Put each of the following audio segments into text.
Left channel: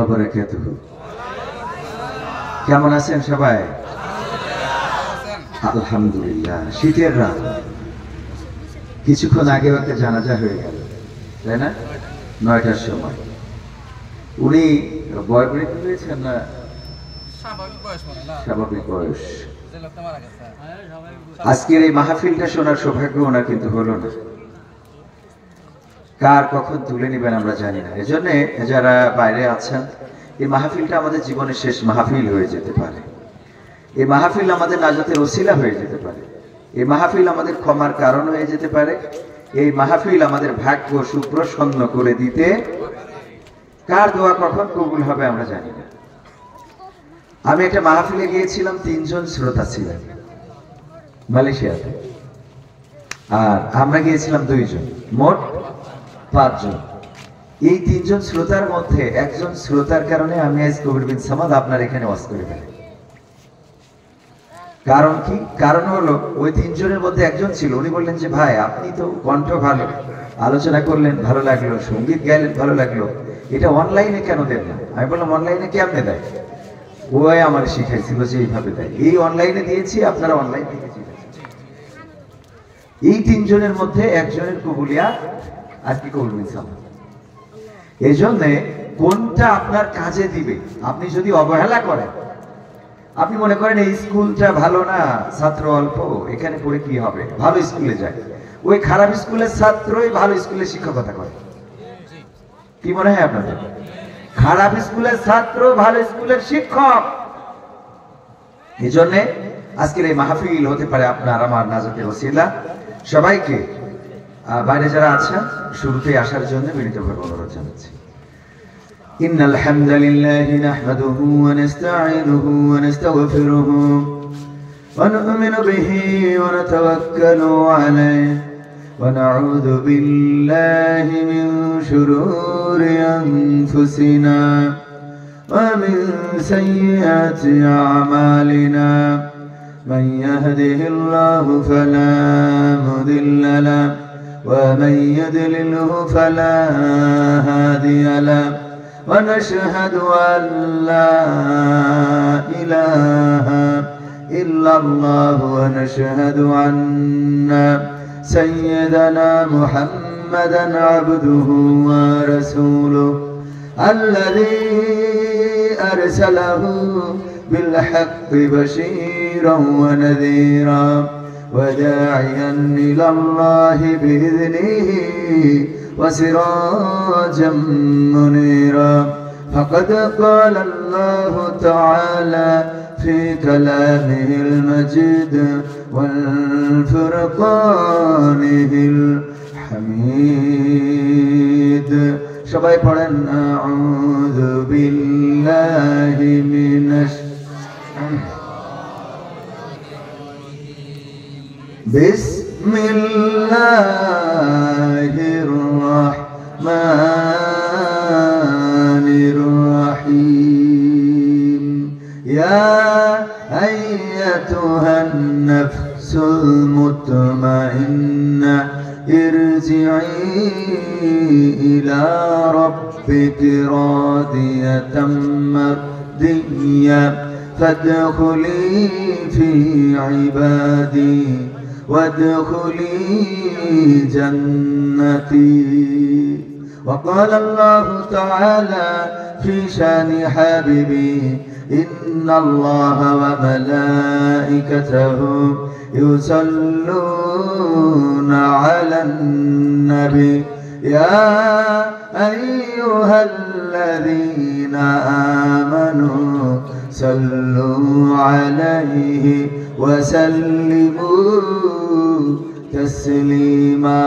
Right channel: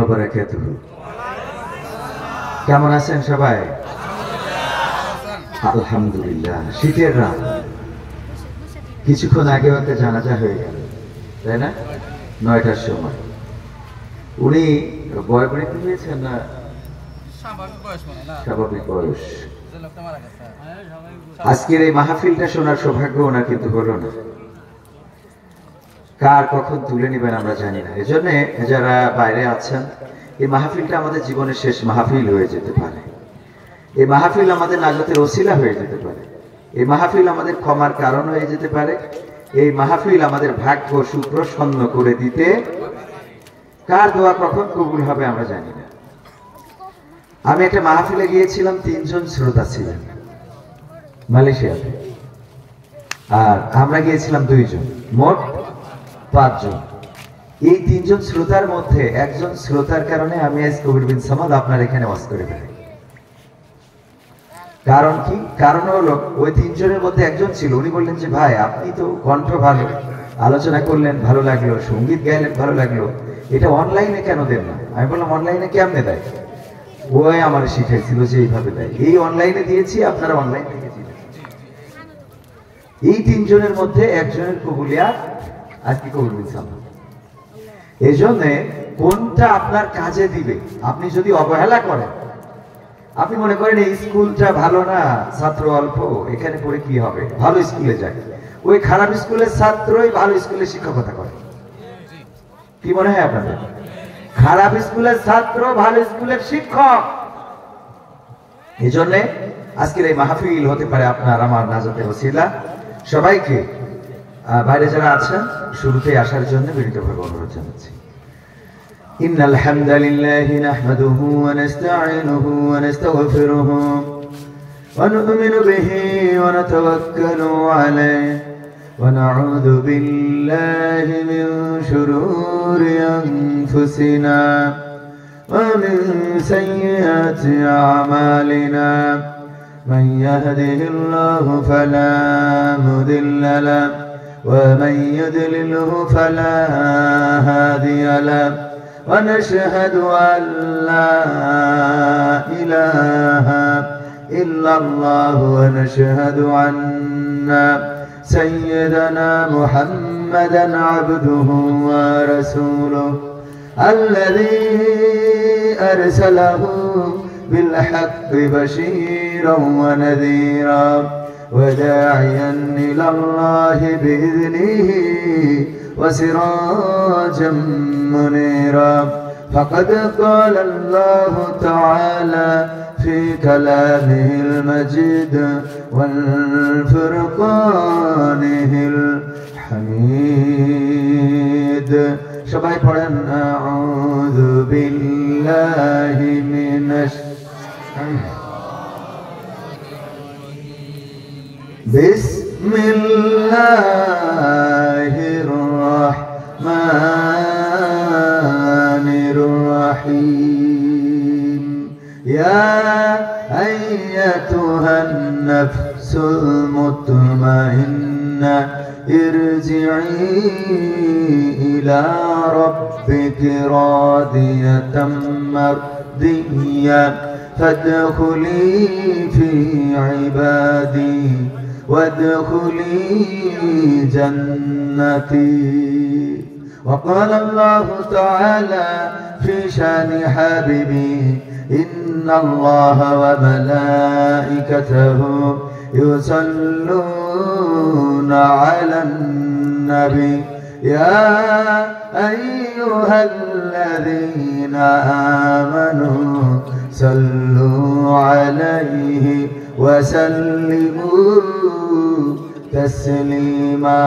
ওয়া বারাকাতুহু। কেমন আছেন সবাই? আলহামদুলিল্লাহ। শীতের রাত, কিছুক্ষণ আগে একটা জানাজা হয়ে গেল, তাই না? 9টার সময়। উনি বয়বৃদ্ধ হয়েছেন না স্বাভাবিক বয়স? আজকের এই মাহফিলটা শোনার সৌভাগ্য ওনার কিন্তু হলো না। কার কখন তুলে নিবেন আমরা জানি না। এজন্য যারা বাইরে আছেন, এই মাহফিলটা আমাদের জীবনের শেষ মাহফিল হয়ে যেতে পারে। এই মাহফিল আমাদের নাজাতের ওসিলা হয়ে যেতে পারে। এই মাহফিল আমাদের ক্ষমার কারণ হয়ে যেতে পারে। এই মাহফিল আমাদের ভাগ্য সুপ্রসন্ন করে দিতে, কার দোয়া কখন কবুল হবে আমরা জানি না। আমি একটা মাহফিলে গিয়েছিলাম, 3 জন শ্রোতা ছিলেন মালয়েশিয়াতে, আর আমরা গিয়েছিলাম 2 জন, মোট 5 জন। এই 3 জন শ্রোতার মধ্যে একজন শ্রোতার কারণে আমি আজ কবির বিন সামাদ আপনার এখানে ওয়াজ করে ফেলি। কারণ কি? কারণ হলো ওই 3 জনের মধ্যে একজন ছিল, উনি বললেন যে ভাই আপনি তো কণ্ঠ ভালো, আলোচনা করলেন ভালো লাগলো, সঙ্গীত গাইলেন ভালো লাগলো, এটা অনলাইনে কেন দেন না? আমি বললাম অনলাইনে কেমনে দেয়? ওই আমার শিখাইছিল যে এইভাবে দেয়। এই অনলাইনে দিয়েছি, আপনারা অনলাইন থেকে দিয়েছেন। এই 3 জনের মধ্যে একজনের কবুলিয়া আজকে কবুল বিন সামাদ। এই জন্য কোনটা আপনার কাজে দিবে, আপনি যদি অবহেলা করেন, আপনি মনে করেন এই স্কুলটা ভালো না, ছাত্র অল্প, এখানে পড়ে কি হবে, ভালো স্কুলে যায়, ওই খারাপ স্কুলের ছাত্রই ভালো স্কুলে শিক্ষকতা করে। কি মনে হয় আপনাদের? খারাপ স্কুলের ছাত্র ভালো স্কুলের শিক্ষক। এই জন্য আজকের এই মাহফিল হতে পারে আপনার আমার নাজাতের ওসিলা। সবাইকে বাইরে যারা আছেন শুরুতেই আসার জন্য বিনীতভাবে অনুরোধ জানাচ্ছি। ইন্নাল হামদালিল্লাহি নাহমাদুহু ওয়া নাস্তাঈনুহু ওয়া নাস্তাগফিরুহু ওয়া নু'মিনু বিহি ওয়া নাতাওয়াক্কালু আলাইহি ওয়া নাউযু বিল্লাহি মিন শুরুরি আনফুসিনা ওয়া মিন সাইয়্যাতি আমালিনা মান ইয়াহদিহিল্লাহু ফালা মুদিল্লা লাহু ওয়া মান ইউদ্লিলহু ফালা হাদিয়া লাহু ওয়া নাশহাদু আন লা ইলাহা ইল্লাল্লাহু ওয়া নাশহাদু আন্না সাইয়্যিদানা মুহাম্মাদান আবদুহু ওয়া রাসূলুহু আল্লাযী আরসালাহু বিল হাক্কি বাশীরান ওয়া নাযীরা ওয়া দাঈয়ান ইলাল্লাহি বিইذনিহি ওয়া সিরাজাম মুনীরা। ফাকাদ ক্বালা আল্লাহু তাআলা في كلامه المجيد والفرقانه الحميد. সবাই পড়েন আউযু বিল্লাহি মিনাশ বিসমিল্লাহির রাহমানির রাহিম। ইয়া أيتها النفس المطمئنة ارجعي إلى ربك راضية مرضية فادخلي في عبادي وادخلي جنتي. وقال الله تعالى في شان حبيبي إن الله وملائكته يصلون على النبي يا أيها الذين آمنوا صلوا عليه وسلموا تسليما.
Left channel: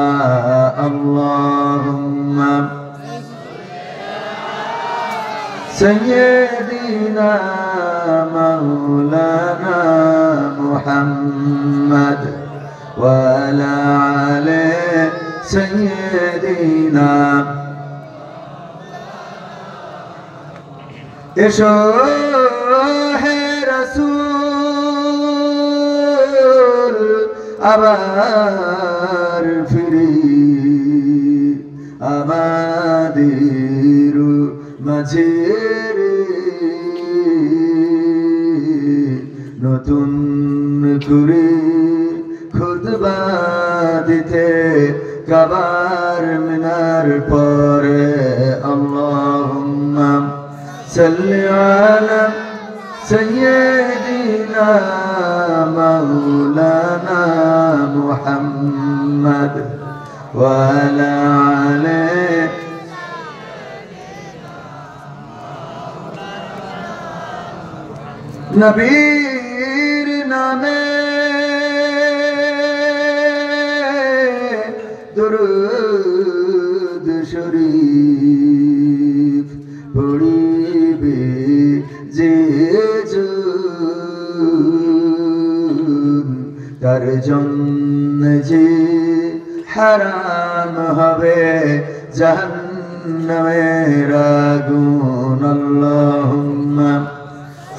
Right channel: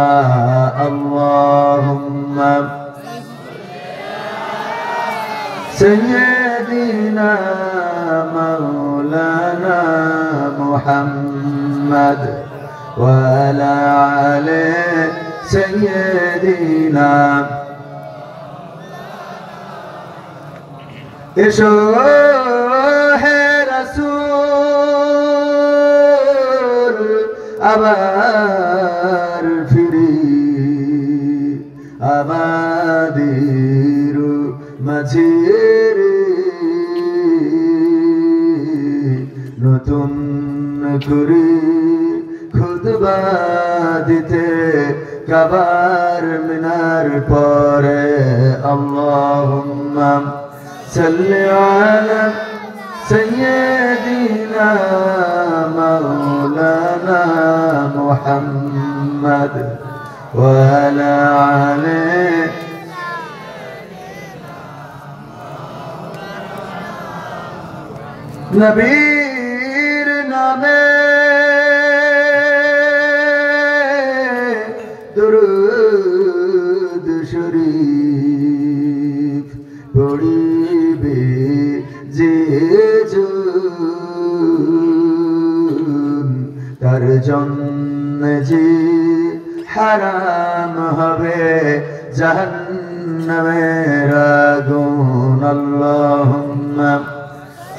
اللهم سيدنا مولانا محمد وعلى آل سيدنا এসো হে রাসূল আবার ফিরি আমাদের মাঝে কুরকুরির খুতবা দিতে কাবার মিনার পরে আল্লাহুম্মা সাল্লি আলা সাইয়্যিদিনা মাওলানা মুহাম্মদ ওয়া আলা আলিহি নবীর নামে দুরূদ শরীফ পড়িবে যে জন তার জন্য যে হারাম হবে জাহান্নামের আগুন আল্লাহুম্মা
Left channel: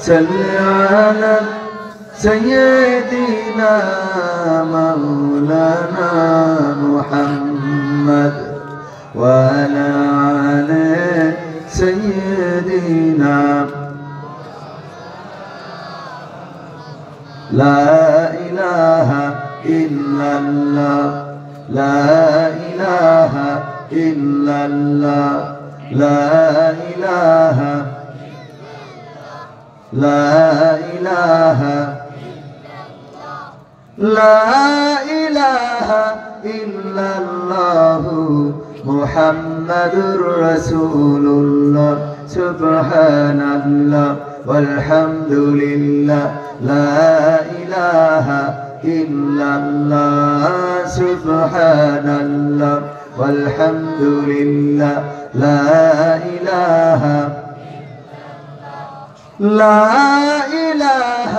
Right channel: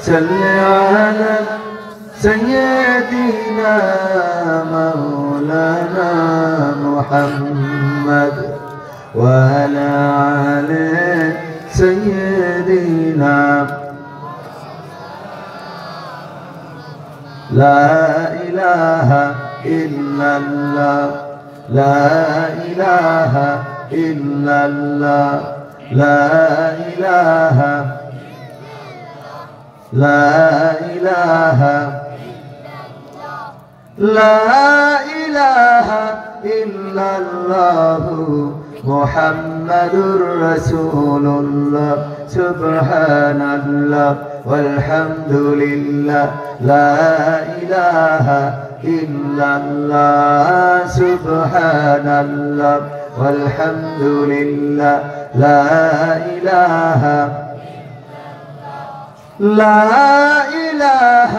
সাল্লি আলা সাইয়্যিদিনা মাওলানা মুহাম্মদ ওয়া আলা আলি সাইয়্যিদিনা লা ইলাহা ইল্লাল্লাহ লা ইলাহা ইল্লাল্লাহ লা ইলাহা لا إله لا إله إلا الله محمد رسول الله سبحان الله والحمد لله لا إله إلا الله سبحان الله والحمد لله لا إله لا إله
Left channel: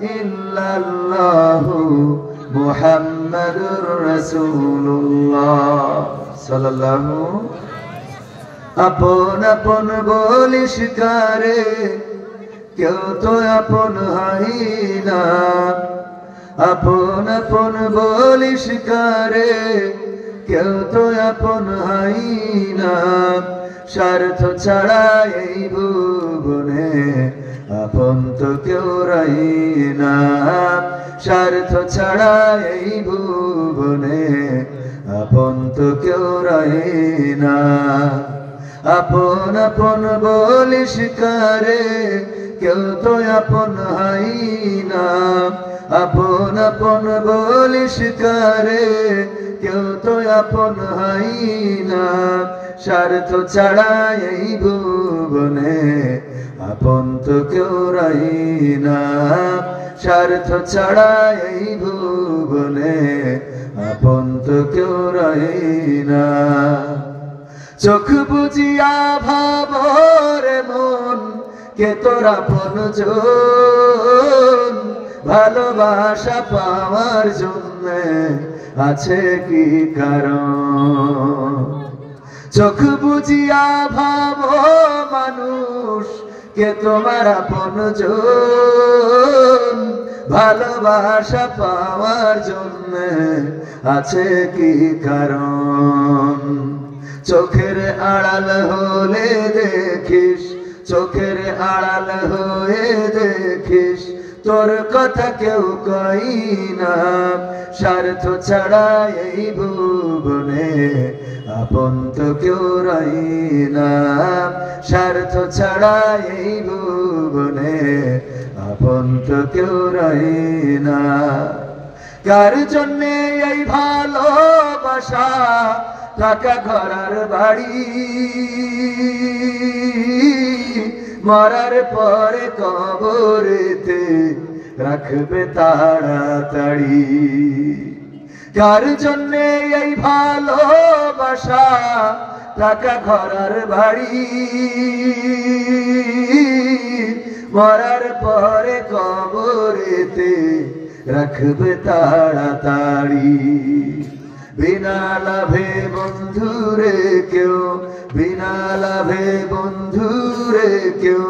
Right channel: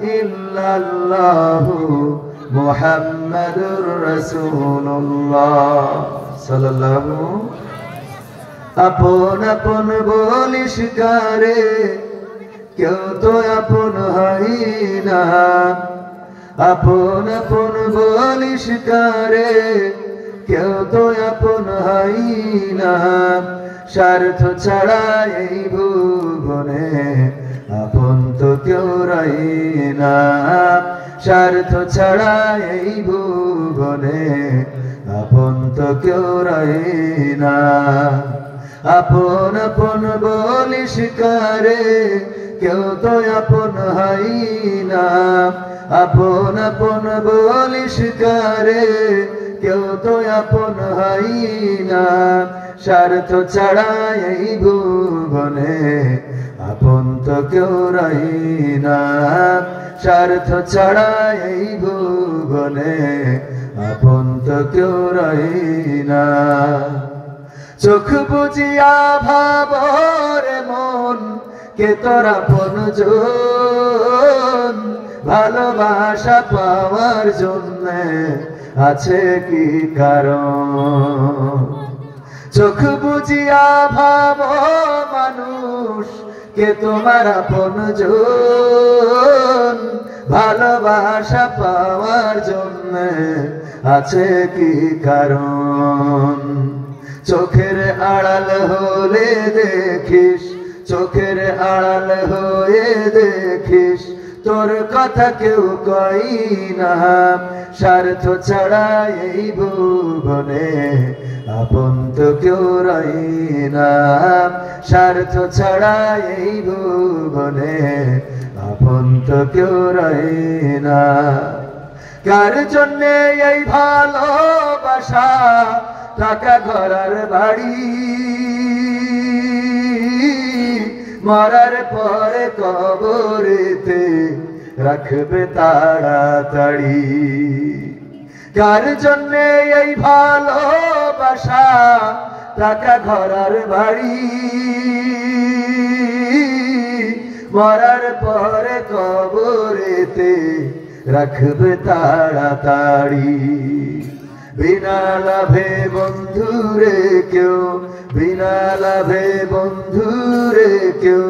إلا الله محمد رسول الله صلى الله আপন আপন বলিস কারে কেউ তো আপন হয় না আপন আপন বলিস কারে কেউ তো আপন হয় না স্বার্থ ছাড়া এই ভুবনে আপন তো কেউ রাই না স্বার্থ ছাড়া এই ভুবনে আপন তো কেউ রাই না আপন আপন বলিস কারে কেউ তো আপন হয় না আপন আপন বলিস কারে কেউ তো আপন হয় না স্বার্থ ছাড়া এই ভুবনে আপন তো কেউ রাই না স্বার্থ ছাড়া এই ভুবনে আপন তো কেউ রাই না চোখ বুঝিয়া ভাবরে মন কে তোর আপন জন ভালোবাসা পাওয়ার জন্য আছে কি কারণ চোখ বুঝিয়া ভাব মানুষ কে তোমার আপন জন ভালোবাসা পাওয়ার জন্য আছে কি কারণ চোখের আড়াল হলে দেখিস চোখের আড়াল হয়ে দেখিস তোর কথা কেউ কই না স্বার্থ ছাড়া এই ভুবনে আপন তো কেউ রাই না স্বার্থ ছাড়া এই ভুবনে আপন তো কেউ রাই না কার জন্যে এই ভালোবাসা টাকা ঘরার বাড়ি মরার পরে কবরেতে রাখবে তাড়াতাড়ি কার জন্যে এই ভালোবাসা টাকা ঘরার বাড়ি মরার পরে কবরেতে রাখবে তাড়াতাড়ি বিনা লাভে বন্ধুরে কেউ বিনা লাভে বন্ধুরে কেউ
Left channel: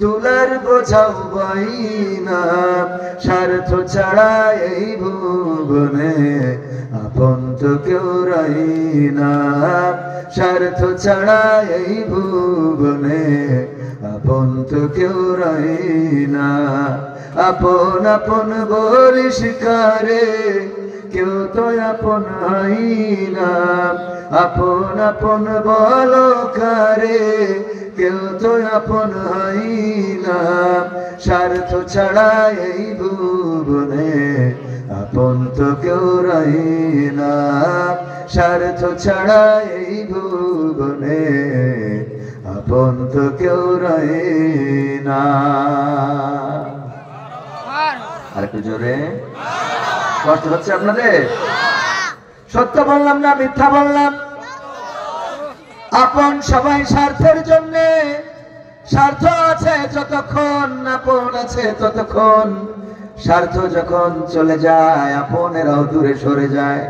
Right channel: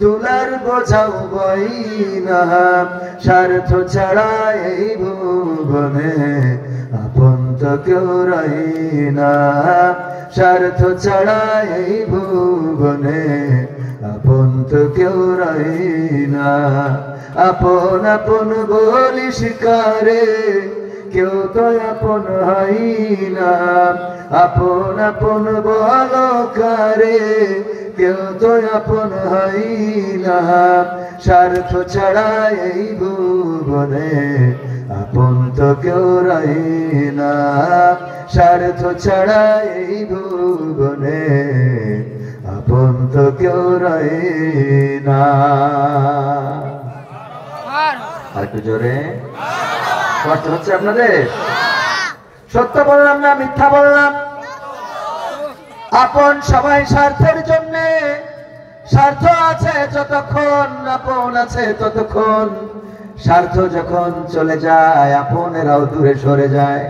তুলার বোঝাও বই না স্বার্থ ছাড়া এই ভুবনে আপন তো কেউ রাই না স্বার্থ ছাড়া এই ভুবনে আপন তো কেউ রাই না আপন আপন বলিস কারে, কেউ তো আপন হয় না। আপন আপন বল কারে, কেউ তো আপন হয় না। স্বার্থ ছাড়া এই ভুবনে আপন তো কেউ রয় না। স্বার্থ ছাড়া এই ভুবনে আপন তো কেউ রয় না। আর একটু জোরে, কষ্ট হচ্ছে আপনাদের? সত্য বললাম না মিথ্যা বললাম? আপন সবাই স্বার্থের জন্য, স্বার্থ আছে যতক্ষণ আপন আছে ততক্ষণ। স্বার্থ যখন চলে যায় আপনেরাও দূরে সরে যায়।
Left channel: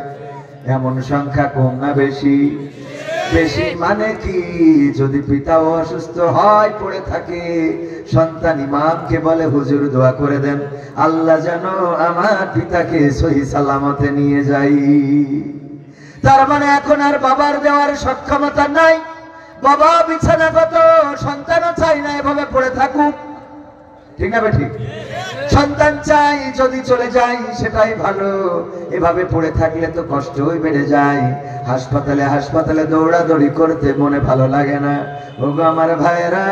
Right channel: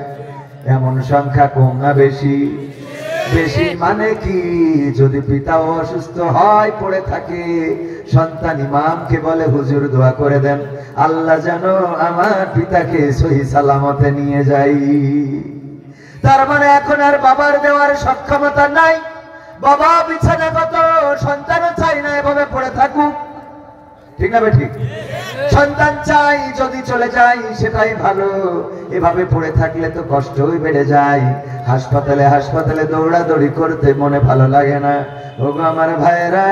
এমন সংখ্যা কম না বেশি? বেশি মানে কি, যদি পিতাও অসুস্থ হয় পড়ে থাকে, সন্তান ইমামকে বলে হুজুর দোয়া করে দেন, আল্লাহ যেন আমার পিতাকে সহি সালামতে নিয়ে যাই। তার মানে এখন আর বাবার দেওয়ার সক্ষমতা নাই। বাবা বিছানাগত, সন্তানও চাই না এভাবে পড়ে থাকুক, ঠিক না ঠিক? সন্তান চাই যদি চলে যায় সেটাই ভালো, এভাবে পড়ে থাকলে তো কষ্টই বেড়ে যায়। হাসপাতালে হাসপাতালে দৌড়াদৌড়ি করতে মনে ভালো লাগে না। ওগো আমার ভাইয়েরা,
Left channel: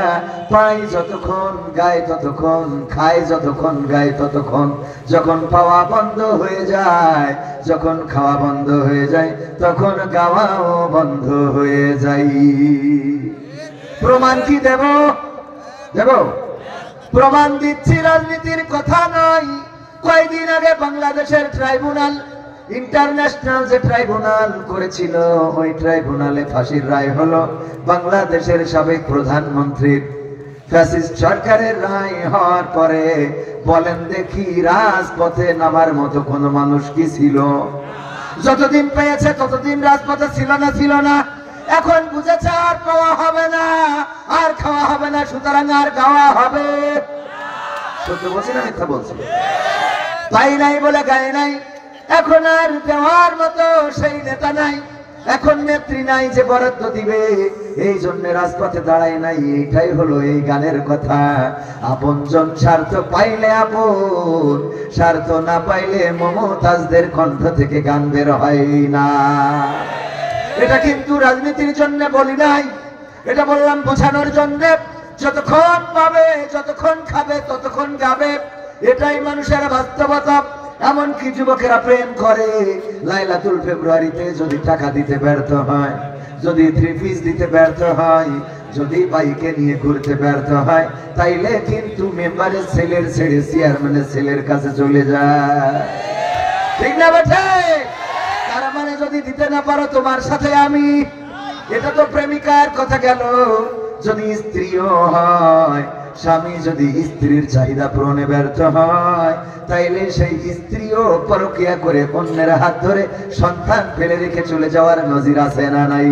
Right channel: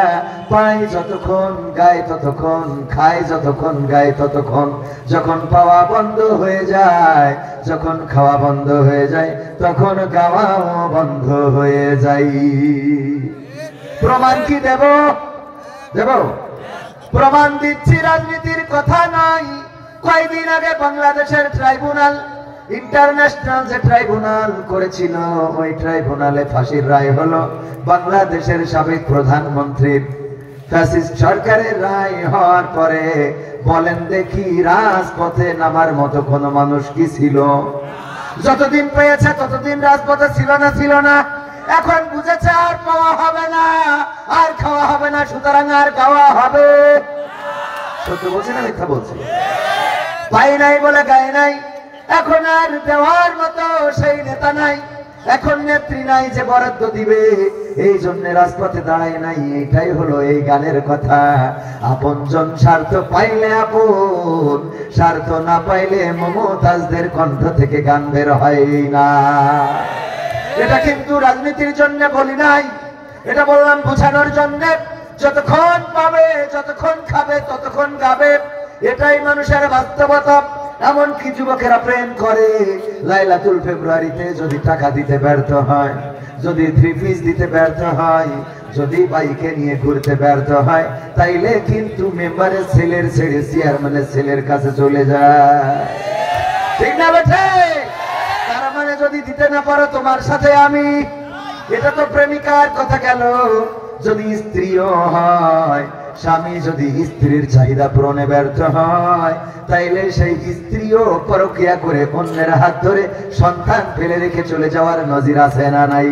পাই যতক্ষণ গায়ে ততক্ষণ, খাই যতক্ষণ গায়ে ততক্ষণ। যখন পাওয়া বন্ধ হয়ে যায়, যখন খাওয়া বন্ধ হয়ে যায়, তখন গাওয়াও বন্ধ হয়ে যায়। প্রমাণ কি দেব? দেব? প্রমাণ দিচ্ছি, রাজনীতির কথা নাই। কয়েকদিন আগে বাংলাদেশের ট্রাইব্যুনাল, ইন্টারন্যাশনাল যে ট্রাইব্যুনাল করেছিল, ওই ট্রাইব্যুনালে ফাঁসির রায় হলো বাংলাদেশের সাবেক প্রধানমন্ত্রীর। ফ্যাসিস্ট সরকারের রায় হওয়ার পরে বলেন দেখি রাজপথে নামার মতো কোন মানুষ কি ছিল? যতদিন পেয়েছে ততদিন রাজপথে ছিল না? ছিল না। এখন বুঝেছে আর পাওয়া হবে না, আর খাওয়া হবে না, সুতরাং আর খাওয়া হবে। সত্য বলছি না মিথ্যা বলছি? পাই নাই বলে গাই নাই। এখন আর দেওয়ার মতো সেই নেতা নাই, এখন নেত্রী নাই যে বরাদ্দ দিবে, এই জন্য রাজপথে দাঁড়ায় নাই। এইটাই হলো এই গানের কথা। আপনজন স্বার্থ পাইলে আপন, স্বার্থ না পাইলে মমতাজদের কণ্ঠ থেকে গান বের হয় না। এটা কিন্তু রাজনীতির জন্য বলি নাই, এটা বললাম বোঝানোর জন্য। যতক্ষণ পাবে, যতক্ষণ খাবে, ততক্ষণ গাবে, এটাই মানুষের বাস্তবতা। এমনকি যুবকেরা প্রেম করে, লাইলাতুল ফেব্রুয়ারিতে যদি টাকা দিতে ব্যর্থ হয়, যদি 3 পিস দিতে ব্যর্থ হয়, যদি বাইকে নিয়ে ঘুরতে ব্যর্থ হয়, তাইলে কিন্তু মেম্বারের ছেলের ছেড়ে চেয়ারম্যানের ছেলের কাছে চলে যায়, ঠিক না বেঠে? তার মানে যদি দিতে না পারো তোমার সাথে আমি, এটা তো প্রেমিকার কথা গেল। যদি স্ত্রীও হয়, স্বামী যদি স্ত্রীর চাহিদা পূরণে ব্যর্থ হয়, তাইলে সেই স্ত্রীও পরকিয়া করে অন্যের হাত ধরে সন্তান ফেলে রেখে চলে যাওয়ার নজির আছে না নাই?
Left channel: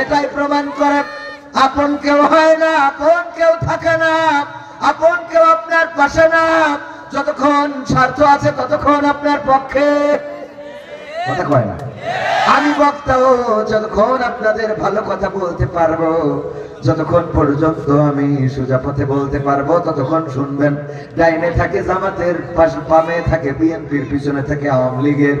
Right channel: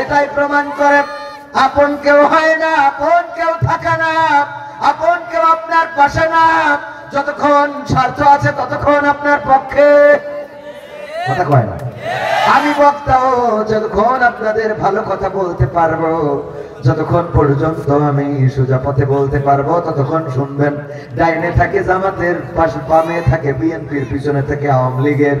এটাই প্রমাণ করে আপন কেউ হয় না, আপন কেউ থাকে না, আপন কেউ আপনার পাশে না। যতক্ষণ স্বার্থ আছে ততক্ষণ আপনার পক্ষে কথা কয় না। আমি বক্তাও যতক্ষণ আপনাদের ভালো কথা বলতে পারবো, যতক্ষণ পর্যন্ত আমি সোজা পথে বলতে পারবো, ততক্ষণ শুনবেন। ডাইনে থাকে জামাতের, পাশে বামে থাকে বিএনপির, পিছনে থাকে আওয়ামী লীগের।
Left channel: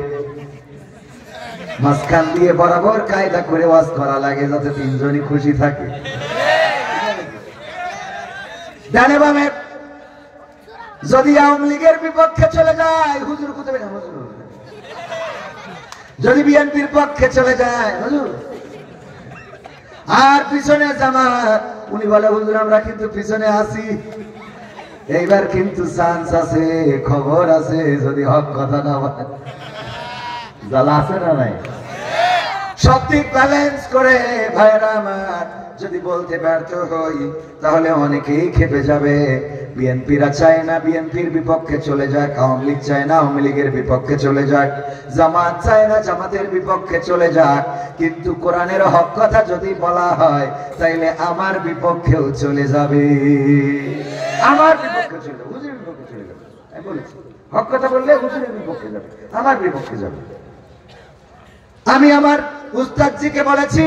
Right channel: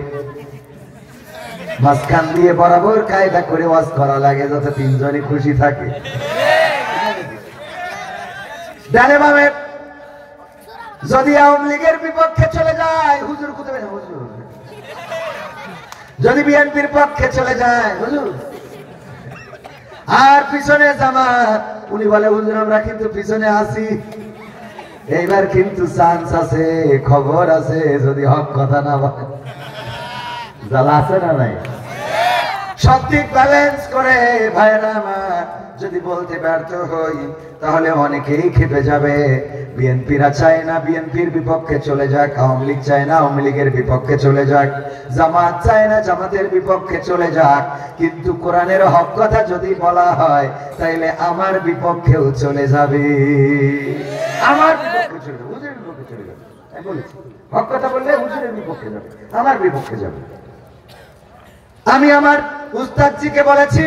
মাঝখান দিয়ে বরাবর কায়দা করে ওয়াজ করা লাগে যাতে তিনজনই খুশি থাকে। ডানে বামে যদি আওয়ামী লীগের বিপক্ষে চলে যায় হুজুর কোথায়, হুজুর যদি বিএনপির পক্ষে চলে যায় হুজুর, আর পিছনে জামাত, উনি বলে হুজুর আমরা কিন্তু পিছনে আছি। এইবার কিন্তু চান্স আছে, খবর আছে, যদি হক কথা না বলে। জ্বালা আছে না নাই? সব দিক ব্যালেন্স করে ভাইরা আমার যদি বলতে ব্যর্থ হই, তাহলে অনেকেই খেপে যাবে। বিএনপিরা চায় না বিএনপির বিপক্ষে চলে যাক, আওয়ামী লীগ চায় না আওয়ামী লীগের বিপক্ষে চলে যাক, জামাত চায় না জামাতের বিপক্ষে চলে যাক। কিন্তু কোরআনের হক কথা যদি বলা হয়, তাইলে আমার বিপক্ষেও চলে যাবে, আমার বিপক্ষে চলে যাবে, হুজুরের বিপক্ষে চলে যাবে। আমি বলেছি হক কথা বললে হুজুরের বিপক্ষে যাবে, আমার বিপক্ষে যাবে। আমি আমার উস্তাদজিকে বলেছি,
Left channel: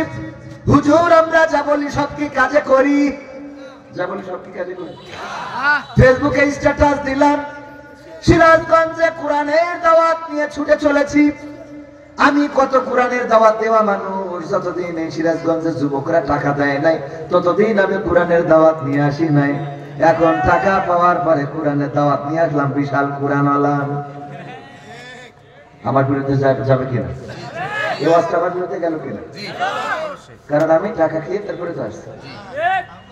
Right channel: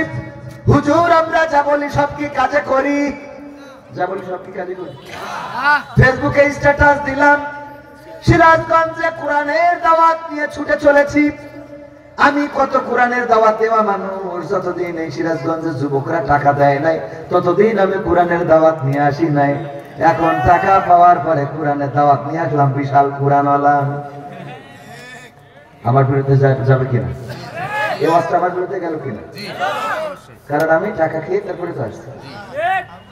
হুজুর আমরা যা বলি সব কি কাজে করি? যা বলি সব কি কাজে করি? ফেসবুকে স্ট্যাটাস দিলাম, সিরাজগঞ্জে কোরআনের দাওয়াত নিয়ে ছুটে চলেছি। আমি কত কোরআনের দাওয়াত দেওয়া মানুষ, যতদিন এই সিরাজগঞ্জের যুবকরা টাকা দেয় নাই ততদিন আমি কোরআনের দাওয়াত নিয়ে আসি নাই। এখন টাকা পাওয়ার পরে কোরআনের দাওয়াত নিয়ে আসলাম, বিশাল কোরআনওয়ালা। আমার বিরুদ্ধে যাবে কিনা? এই অবস্থা আমার বিরুদ্ধে গেল কিনা? কারণ আমি টাকা খেয়ে তারপরে তো আসছি।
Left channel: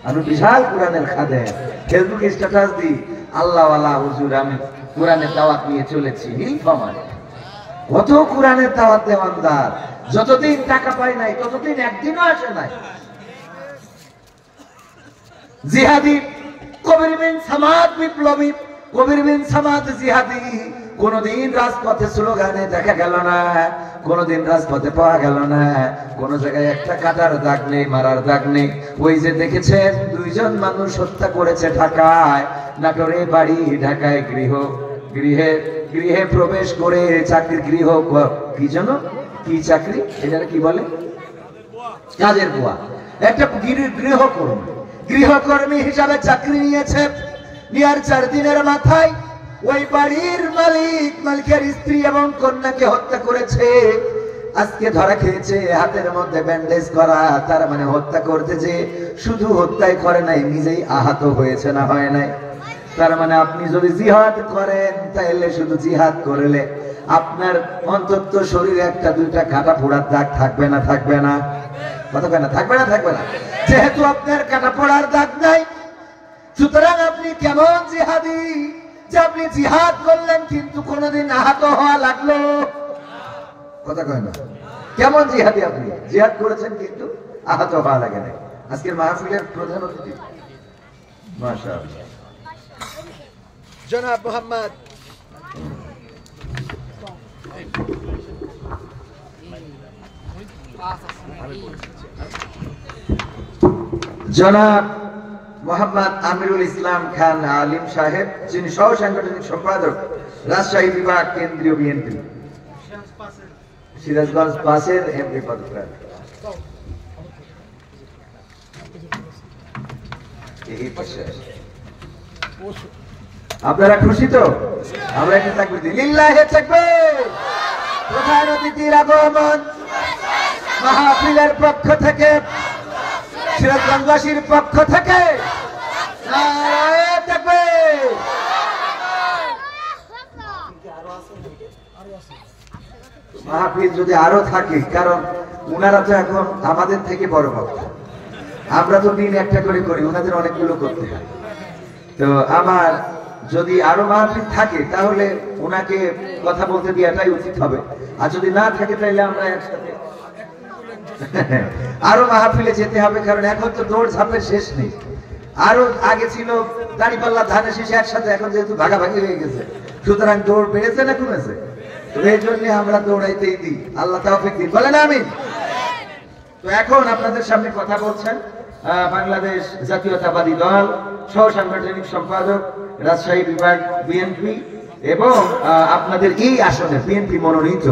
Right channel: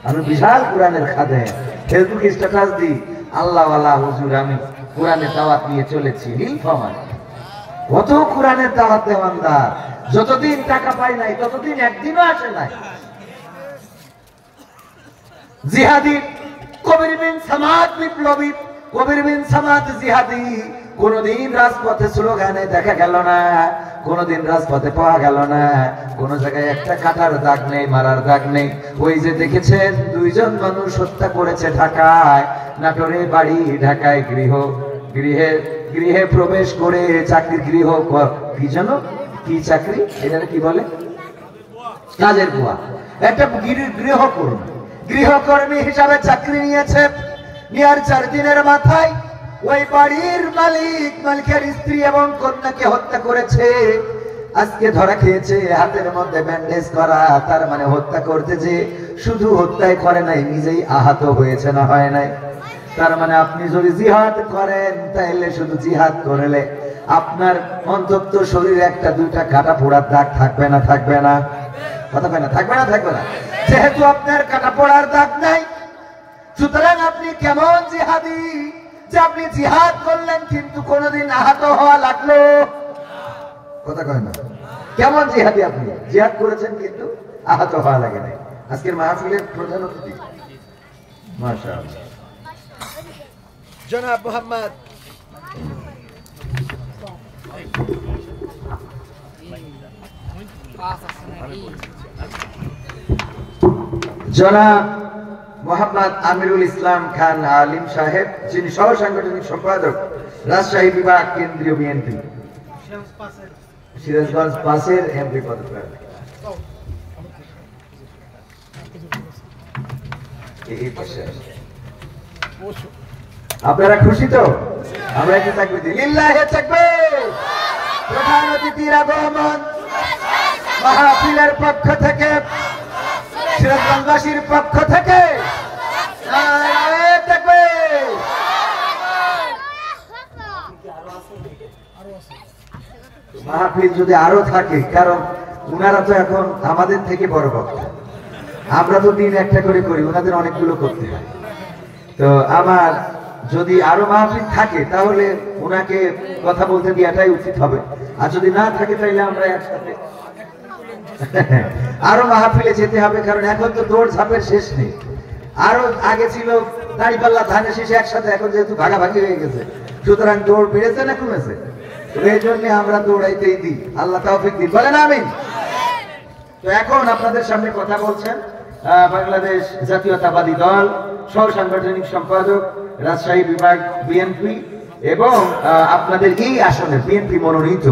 আমি বিশাল কোরআনের খাদে, ফেসবুকে স্ট্যাটাস দিই, আল্লাহওয়ালা হুজুর আমি কোরআনের দাওয়াত নিয়ে চলেছি। নীলফামারী কত কোরআনের দাওয়াত দেওয়ানদার, যতদিন টাকা পাই নাই ততদিন একদিনও আসে নাই। জিহাদি কবির বিন সামাদ বিপ্লবী, কবির বিন সামাদ জিহাদি কোনদিন রাজপথে স্লোগানে দেখা গেল না, কোনদিন রাজপথে পাওয়া গেল না, কোন জায়গায় একটা কাটার দাগ নেই, মারার দাগ নেই। ওই যে দেখেছেন 2 জন মানুষ হত্যা করেছে ঢাকায়, নাটোরে বাড়ি, ঢাকায় গৃহে প্রবেশ করে চাকরির গৃহ, কি জানো কি চাকরি, এটা কি বলে, কাজের বুয়া, একটা গৃহকর্মী হিসাবে চাকরি নিয়েছে। নেওয়ার 4 দিনের মাথায় ওই বাড়ির মালিকের স্ত্রী এবং কন্যাকে হত্যা করেছে। আজকে ধরা খেয়েছে, হাতের মধ্যে ব্যান্ডেজ করা, তার মানে হত্যা করতে যে শুধু হত্যাই করে নাই, নিজেই আহত হয়েছে না হয় নাই। তার মানে আপনি যদি জিহাদ করেন তাইলে শুধু জিহাদ করলে আপনার অন্তত শরীরে 1-2টা কাটা পোড়ার দাগ থাকবে না? থাকবে না? কথা কয় না? থাকবে না? থাকবে না? যেহেতু আপনার কাটা পোড়ার দাগ নাই, সুতরাং আপনি কেমন জিহাদি যে আপনি জিহাদ করলেন কিন্তু কোনদিন আহত হওয়া লাগলো? কথা কয় না? কেমন জিহাদি আপনি? জিহাদ করেছেন কিন্তু আহত হওয়া লাগে নাই। আজকের মাহফিলের প্রধান অতিথি মাশাআল্লাহ জনাব মোহাম্মদ জনাব মোহাম্মদ আমিরুল ইসলাম খান আলিম সাহেব, যিনি সহ সাংগঠনিক সম্পাদক, রাজশাহী বিভাগ, কেন্দ্রীয় বিএনপি, সিরাজগঞ্জ 5-এর এমপি পদপ্রার্থী। আপনারা খুশি তো? আমরা একটু তাকবীর দিই, লিল্লাহি তাকবীর। প্রধান অতিথির আগমন, মাহফিলের পক্ষ থেকে, সিরাজগঞ্জবাসীর পক্ষ থেকে নারায়ে তাকবীর। মাহফিল যদি আরো থাকে, কারণ উনারা তো এখন আমাদের থেকে বড় বক্তা, আমরা তো দিন একটা করে করি, ওনাদের অনেকগুলো করতে হয়। তো আমার যদি আরো মাহফিল থাকে তাহলে ওনাকে কথা বলতে দেওয়াটাই উচিত হবে, আর যদি না থাকে তাহলে আমরা একসাথে আরো মাহফিলে যেতে হবে। কারণ এখন তো দৌড় ঝাঁপের শেষ নেই। আরো আগে ছিল দাঁড়িপাল্লা, ধানের শীষ একসাথে, এখন যেহেতু ভাগাভাগি হয়ে গেছে, সুতরাং দৌড় বেড়েছে না কমেছে? এই জন্য আমরা দৌড়াইতেই দিই। আল্লাহ তাওফিক দিন, বলেন আমিন। তো এখন আপনাদের সামনে কথা বলছেন বাংলাদেশ জাতীয়তাবাদী দল সহ সাংগঠনিক সম্পাদক, রাজশাহী বিভাগ, বিএনপি, এবং আপনাদের এই আসনে বিএনপি মনোনীত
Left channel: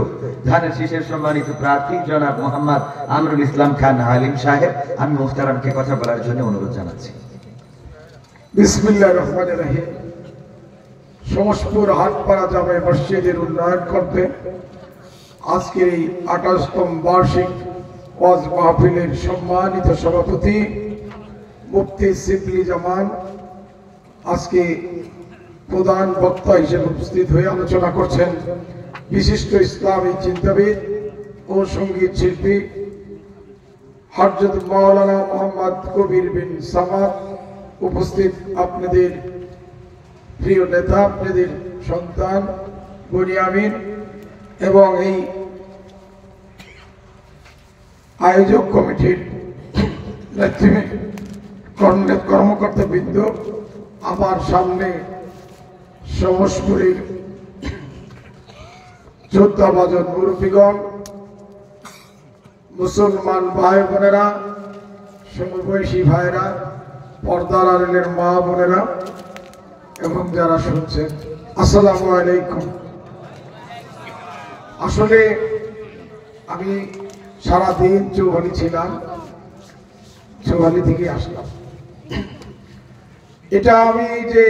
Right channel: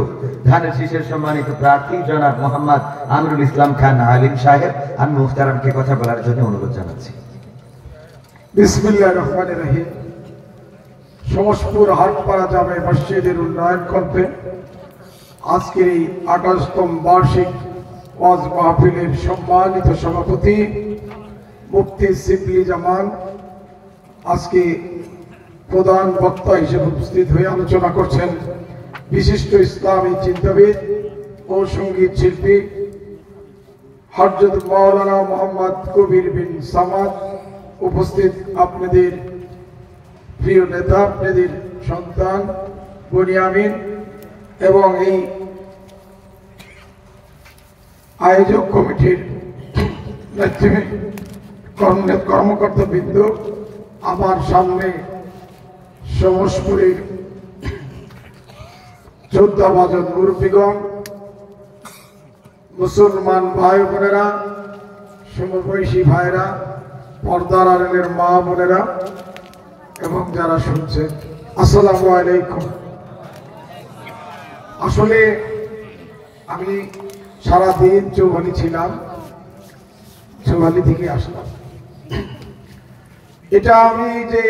ধানের শীষের সম্মানিত প্রার্থী জনাব মোহাম্মদ আমিরুল ইসলাম খান আলিম সাহেব। আমি মুখতারামকে কথা বলার জন্য অনুরোধ জানাচ্ছি। বিসমিল্লাহির রহমানির রহিম। সমসপুর হাটপাড়া জামে মসজিদের উন্নয়ন কল্পে আজকের এই 28তম বার্ষিক ওয়াজ মাহফিলের সম্মানিত সভাপতি মুফতি সিবলি জামান আজকে প্রধান বক্তা হিসেবে উপস্থিত হয়ে আলোচনা করছেন। বিশিষ্ট ইসলামী চিন্তাবিদ ও সঙ্গীত শিল্পী হযরত মাওলানা মোহাম্মদ কবির বিন সামাদ, উপস্থিত আপনাদের প্রিয় নেতা, আপনাদের সন্তান বুনিয়ামিন, এবং এই আয়োজক কমিটির কর্মকর্তা বৃন্দ, আমার সামনে সমসপুরের যোদ্ধাবাজন মুরব্বীগণ, মুসলমান ভাই বোনেরা, সমবয়সী ভাইরা, পর্দার আড়ালের মা বোনেরা এবং যারা শুনছেন, আসসালামু আলাইকুম। আসলে আমি সারাদিন চৌহালি ছিলাম, চৌহালি থেকে আসলাম। এটা আমি যে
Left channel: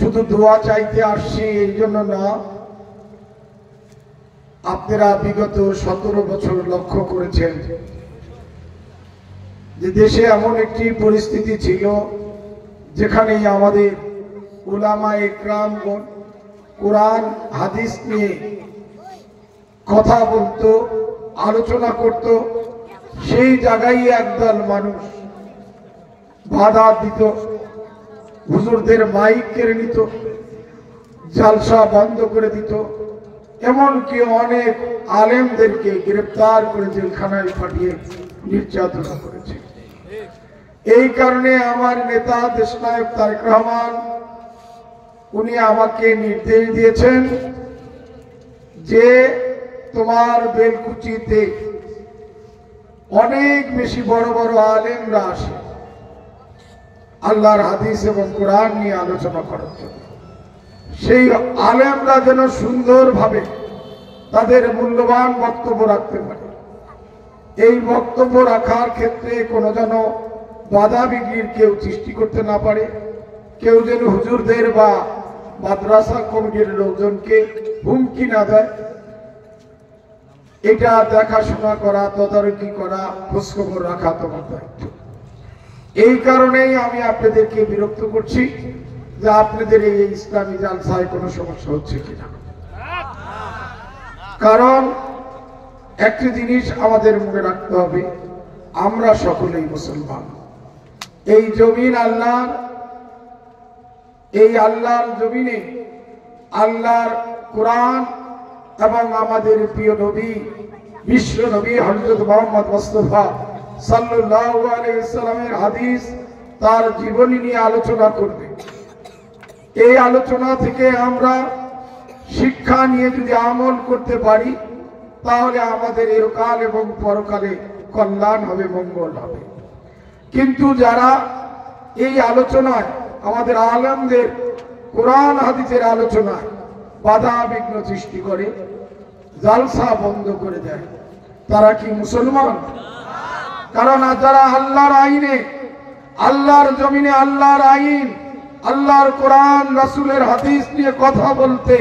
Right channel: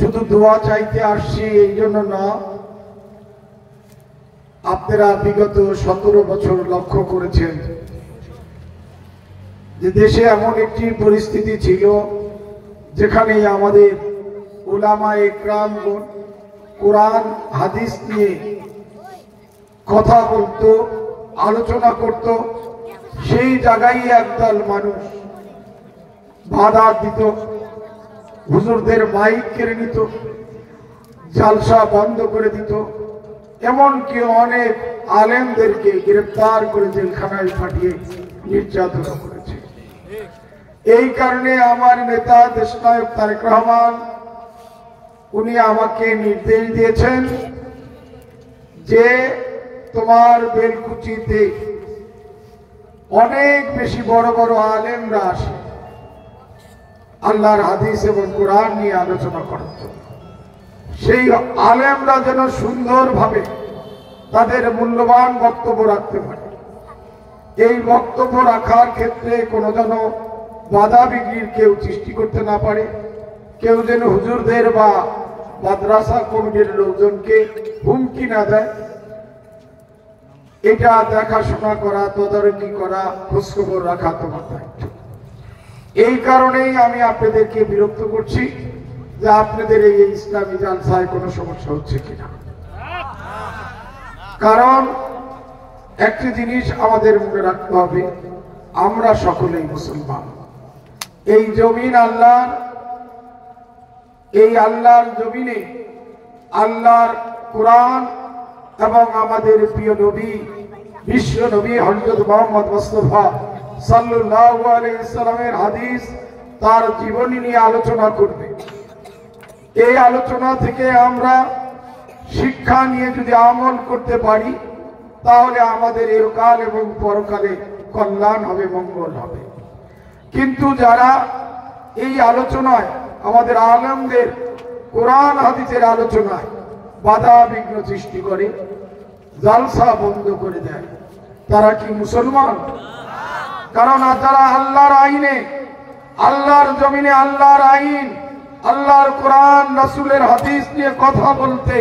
শুধু দোয়া চাইতে আসছি এই জন্য না, আপনারা বিগত 17 বছর লক্ষ্য করেছেন যে দেশে এমন একটি পরিস্থিতি ছিল যেখানে আমাদের উলামায়ে কেরামগণ কোরআন হাদিস নিয়ে কথা বলতো, আলোচনা করত। সেই জায়গায় একদল মানুষ বাধা দিত, হুজুরদের মাইক কেড়ে নিত, জালসা বন্ধ করে দিত, এমনকি অনেক আলেমদেরকে গ্রেফতার করে জেলখানায় পাঠিয়ে নির্যাতন করেছে। এই কারণে আমার নেতা দেশনায়ক তারেক রহমান উনি আমাকে নির্দেশ দিয়েছেন যে তোমার বেলকুচিতে অনেক বেশি বড় বড় আলেমরা আসে, আল্লাহর হাদিস এবং কোরআন নিয়ে আলোচনা করত। সেই আলেমরা যেন সুন্দরভাবে তাদের মূল্যবান বক্তব্য রাখতে পারে। এই বক্তব্য রাখার ক্ষেত্রে কোনো যেন বাধা বিঘ্নির কেউ সৃষ্টি করতে না পারে, কেউ যেন হুজুরদের বা মাদ্রাসা কমিটির লোকজনকে হুমকি না দেয়, এটা দেখাশোনা করা, তদারকি করা, খোঁজখবর রাখা তোমার দায়িত্ব। এই কারণেই আমি আপনাদেরকে বিরক্ত করছি যে আপনাদের এই ইসলামী জালসায় কোনো সমস্যা হচ্ছে কিনা। কারণ একটি জিনিস আমাদের মনে রাখতে হবে, আমরা সকলেই মুসলমান। এই জমিন আল্লাহর, এই আল্লাহর জমিনে আল্লাহর কোরআন এবং আমাদের প্রিয় নবী বিশ্ব নবী হযরত মুহাম্মদ মুস্তাফা সাল্লাল্লাহু আলাইহি ওয়াসাল্লামের হাদিস, তার জীবনী নিয়ে আলোচনা করবে। এই আলোচনা থেকে আমরা শিক্ষা নিয়ে যদি আমল করতে পারি তাহলে আমাদের ইহকাল এবং পরকালে কল্যাণ হবে, মঙ্গল হবে। কিন্তু যারা এই আলোচনায়, আমাদের আলেমদের কোরআন হাদিসের আলোচনায় বাধা বিঘ্ন সৃষ্টি করে, জালসা বন্ধ করে দেয়, তারা কি মুসলমান? কারণ যারা আল্লাহর আইনে, আল্লাহর জমিনে আল্লাহর আইন, আল্লাহর কোরআন রাসূলের হাদিস নিয়ে কথা বলতে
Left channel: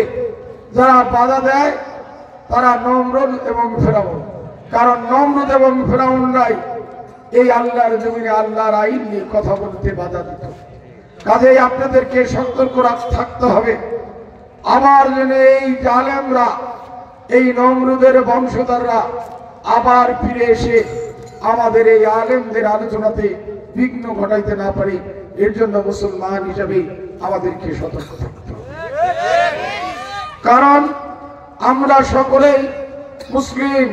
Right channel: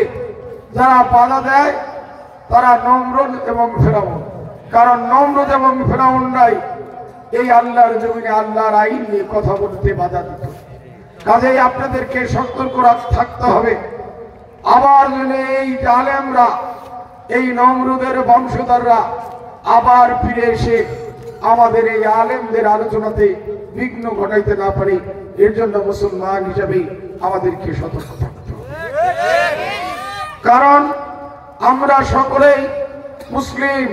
যারা বাধা দেয় তারা নমরুদ এবং ফেরাউন। কারণ নমরুদ এবং ফেরাউনরাই এই আল্লাহর জমিনে আল্লাহর আইন নিয়ে কথা বলতে বাধা দিত। কাজেই আপনাদেরকে সতর্ক থাকতে হবে। আবার যেন এই আলেমরা, এই নমরুদের বংশধররা আবার ফিরে এসে আমাদের এই আলেমদের আলোচনাতে বিঘ্ন ঘটাইতে না পারে, এর জন্য মুসলমান হিসেবে আমাদেরকে সতর্ক থাকতে হবে। কারণ আমরা সকলেই মুসলিম,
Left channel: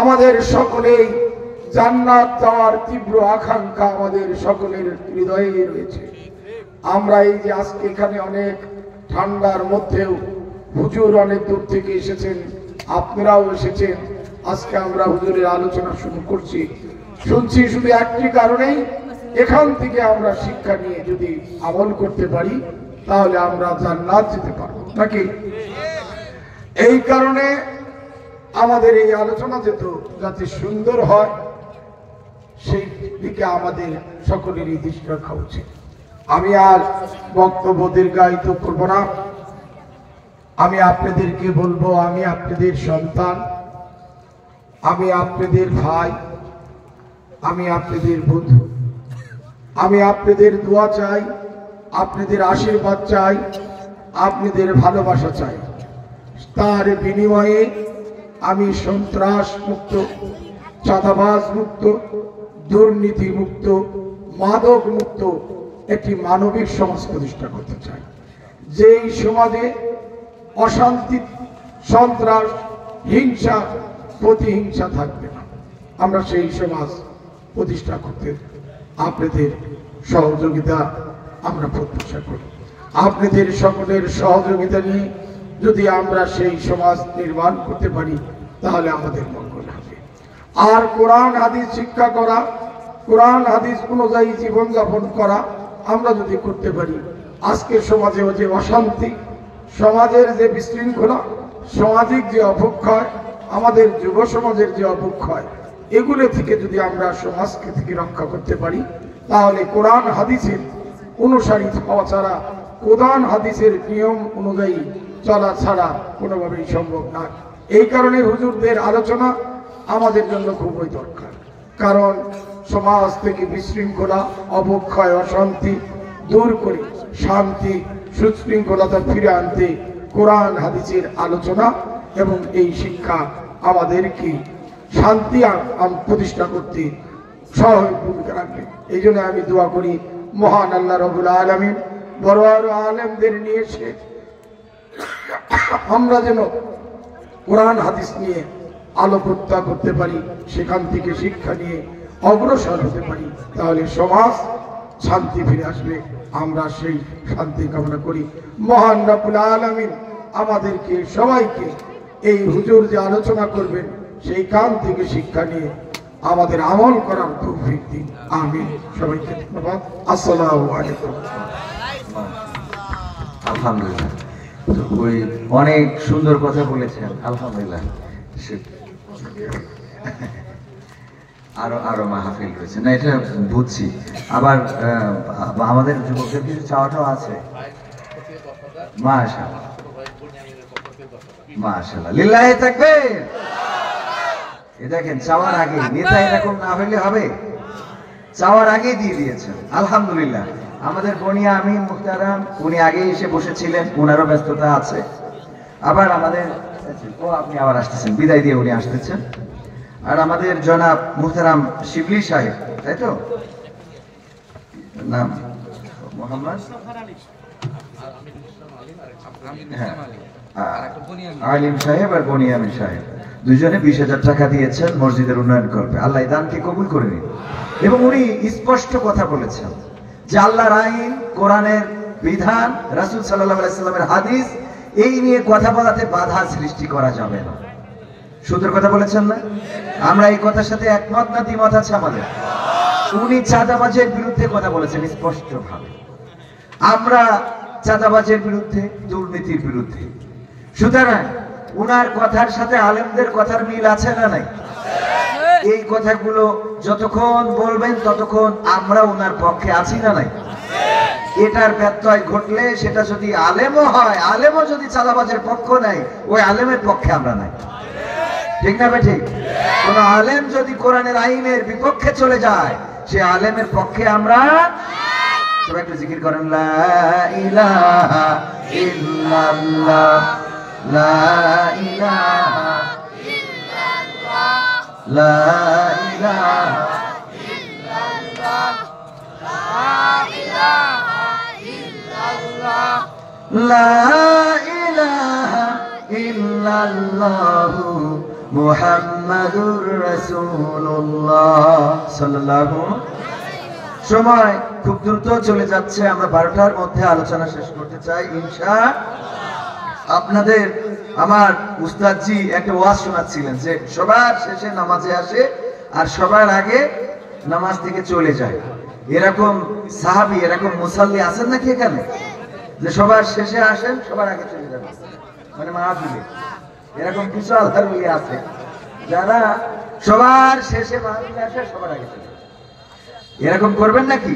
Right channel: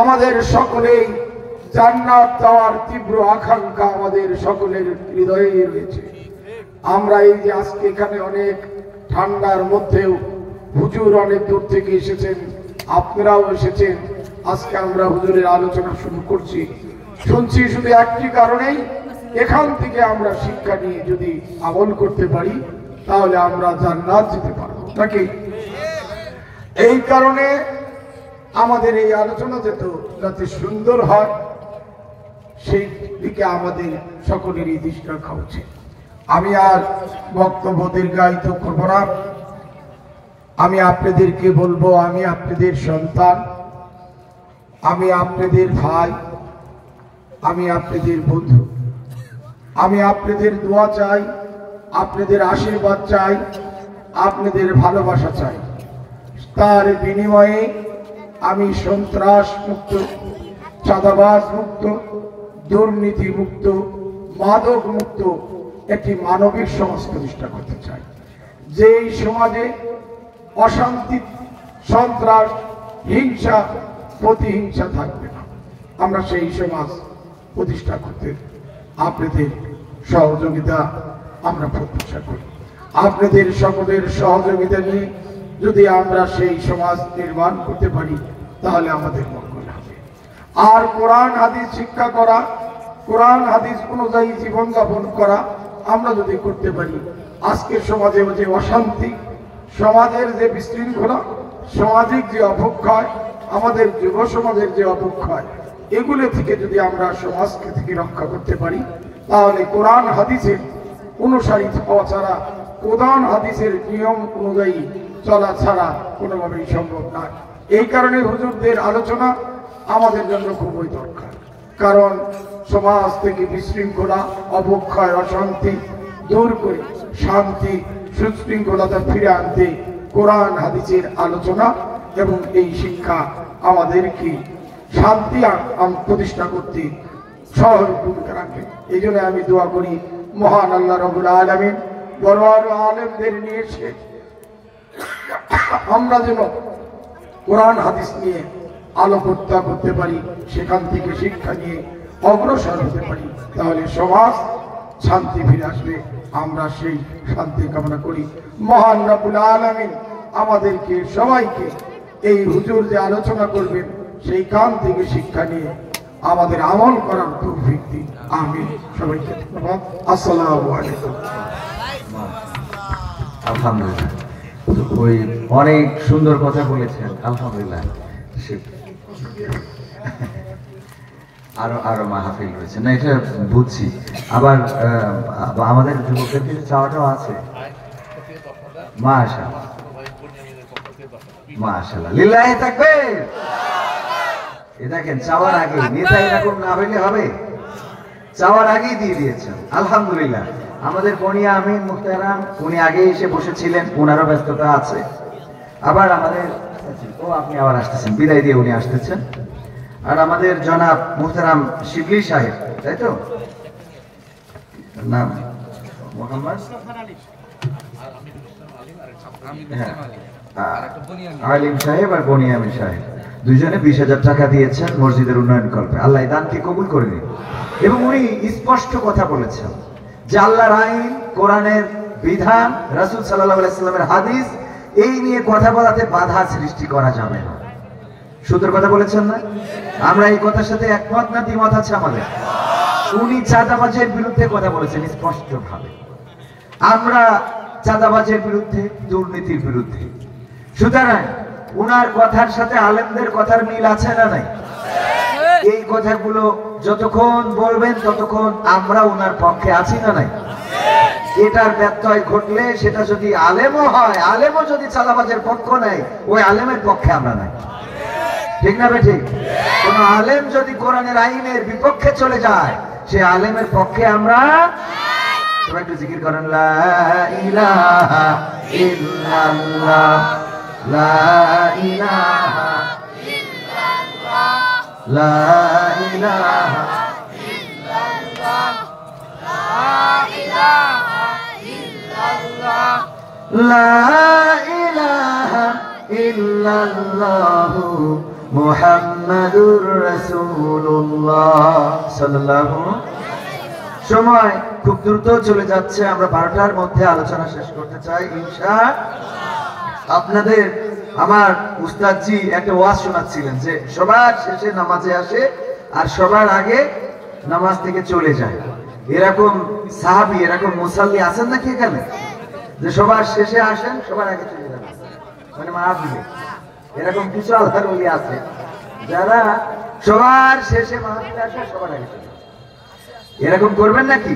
আমাদের সকলেই জান্নাত যাওয়ার তীব্র আকাঙ্ক্ষা আমাদের সকলের হৃদয়ে রয়েছে। আমরা এই যে আজকে এখানে অনেক ঠান্ডার মধ্যেও হুজুর অনেক দূর থেকে এসেছেন, আপনারাও এসেছেন, আজকে আমরা হুজুরের আলোচনা শুরু করছি, শুনছি শুধু একটি কারণেই, এখান থেকে আমরা শিক্ষা নিয়ে যদি আমল করতে পারি তাহলে আমরা জান্নাত যেতে পারবো নাকি? এই কারণে আমাদের এই আলোচনা যাতে সুন্দর হয় সেই দিকে আমাদের সকলেরই দৃষ্টি রাখা উচিত। আমি আর বক্তব্য দীর্ঘায়িত করব না। আমি আপনাদেরকে বলবো, আমি আপনাদের সন্তান, আমি আপনাদের ভাই, আমি আপনাদের বন্ধু। আমি আপনাদের দোয়া চাই, আপনাদের আশীর্বাদ চাই, আপনাদের ভালোবাসা চাই। তার বিনিময়ে আমি সন্ত্রাস মুক্ত, চাঁদাবাজ মুক্ত, দুর্নীতি মুক্ত, মাদক মুক্ত একটি মানবিক সমাজ প্রতিষ্ঠা করতে চাই। যেই সমাজে অশান্তি, সন্ত্রাস, হিংসা, প্রতিহিংসা থাকবে না, আমরা সেই সমাজ প্রতিষ্ঠা করতে আপনাদের সহযোগিতা আমরা প্রত্যাশা করি। আপনাদের সকলের সহযোগিতা নিয়ে যদি আমরা সেই সমাজ নির্মাণ করতে পারি তাহলে আমাদের মঙ্গল হবে। আর কোরআন হাদিস শিক্ষা করা, কোরআন হাদিস অনুযায়ী জীবনযাপন করা আমরা যদি করতে পারি, আজকের সমাজে যে অশান্তি, সমাজের যে বিশৃঙ্খলা, সামাজিক যে অবক্ষয়, আমাদের যুব সমাজের যে অবক্ষয়, এগুলো থেকে যদি আমরা সমাজকে থেকে রক্ষা করতে পারি, তাহলে কোরআন হাদিসের অনুসারী হওয়া ছাড়া, কোরআন হাদিসের নিয়ম অনুযায়ী চলা ছাড়া কোনোভাবেই সম্ভব না। এই কারণে হুজুরদের আলোচনা আমাদের জন্য খুবই দরকার। কারণ সমাজ থেকে বিশৃঙ্খলা, অবক্ষয়, অশান্তি দূর করে শান্তি, সুশৃঙ্খলতা ফিরে আনতে কোরআন হাদিসের আলোচনা এবং এই শিক্ষা আমাদেরকে শান্তি প্রতিষ্ঠা করতে সহায়ক ভূমিকা রাখবে। এই জন্য আমি দোয়া করি মহান আল্লাহ রাব্বুল আলামিন বড় বড় আলেমদের নিয়ে এসে আমরা যেন কোরআন হাদিস নিয়ে আলোকপাত করতে পারি, সেখান থেকে শিক্ষা নিয়ে অগ্রসর হতে পারি, তাহলে সমাজ শান্তি ফিরে আসবে। আমরা সেই শান্তি কামনা করি। মহান রাব্বুল আলামিন আমাদেরকে সবাইকে এই হুজুর যে আলোচনা করবেন সেই কান থেকে শিক্ষা নিয়ে আমাদের আমল করার তৌফিক দিন। আমিন। সবাইকে ধন্যবাদ। আসসালামু আলাইকুম। আলহামদুলিল্লাহ, ওই অনেক সুন্দর কথা বলেছেন, আলহামদুলিল্লাহ। আরো আরো মাহফিল করেছেন না, এটা বুঝছি। আবার আমাদের যুবকদের কিছু চাওয়াটাও আছে। মাশাআল্লাহ মাশাআল্লাহ, লিল্লাহি তাকবীর। এই দেখেন, চাওয়ার আগে নেতা এরকম না হইলে হবে, চাওয়ার আগেই দিয়ে দিয়েছেন, আলহামদুলিল্লাহ। আমাদের বনিয়া আমিন মুহতারাম, উনি আগে এসে বসেছিলেন, ওনারও ব্যস্ততা আছে। আবার আমাদের আপনি আবার আসতেছেন, বিদায় দিয়ে উনি আসতেছেন। আর আমাদের জনাব মুহতারাম শিবলি সাহেব, তাই তো নাম? মোহাম্মদ আলিম সাহেব আর বনিয়ামিন সাহেব দুজনে 20,000 টাকা দিয়েছেন মসজিদের উন্নয়ন করবে। আল্লাহ দানকে কবুল করে নিন। এবং উনি স্পষ্ট কথা বলেছেন যে আল্লাহর আইন, কোরআনের বিধান, রাসূল সাল্লাল্লাহু আলাইহি সাল্লামের হাদিস, এই নিয়ে কথা বলাতে বাধা সৃষ্টি করা যাবে না। সুন্দর কথা বলেছেন না? আমরা এই কথার সাথে একমত না দ্বিমত আছে আমাদের? উনি চাঁদাবাজের বিরুদ্ধে কথা বলেছেন স্পষ্ট ভাবে, আমরা চাঁদাবাজের বিরুদ্ধে, দুর্নীতির বিরুদ্ধে। সুতরাং উনার কথার সাথে আলেমদের কথার মিল আছে না নাই? এই কথাগুলো যতক্ষণ বলবেন ততক্ষণ আমরা উনার পক্ষে আছি না নাই? এটার ব্যত্যয় ঘটলে সেটা যদি আলেমও হয়, আলেমও যদি চাঁদাবাজের পক্ষ নেয়, ওই আলেমের পক্ষে আমরা নাই। ঠিক না ঠিক? কোন আলেম যদি কোরআনের আইনের বিপক্ষে চলে যায়, সে আলেমের পক্ষে আমরা। সবাই একটু জিকির করেন, লা ইলাহা ইল্লাল্লাহ, লা ইলাহা ইল্লাল্লাহ, লা ইলাহা ইল্লাল্লাহ, লা ইলাহা ইল্লাল্লাহ, লা ইলাহা ইল্লাল্লাহু মুহাম্মাদুর রাসূলুল্লাহ সাল্লাল্লাহু। সময় খুব দ্রুত চলে যাচ্ছে, আমরা 12টার মধ্যে আলোচনা শেষ করতে চাই ইনশাআল্লাহ। আপনাদের আমার উস্তাদজি একটা ওয়াজ শোনাচ্ছিলেন যে সবার শেষে নামাজে আসে আর সবার আগে নামাজ থেকে চলে যায়। এরকম সাহাবী, এরকম মুসাল্লি আছেন নাকি এখানে, যে সবার শেষে আসেন সবার আগে চলে যাবেন? মানে মাহফিলে এরকম কিছু আল্লাহর ওলি আছে যারা সবার শেষে মাহফিলে আসে, সবার আগে চলে যাবে। এরকম করবেন নাকি?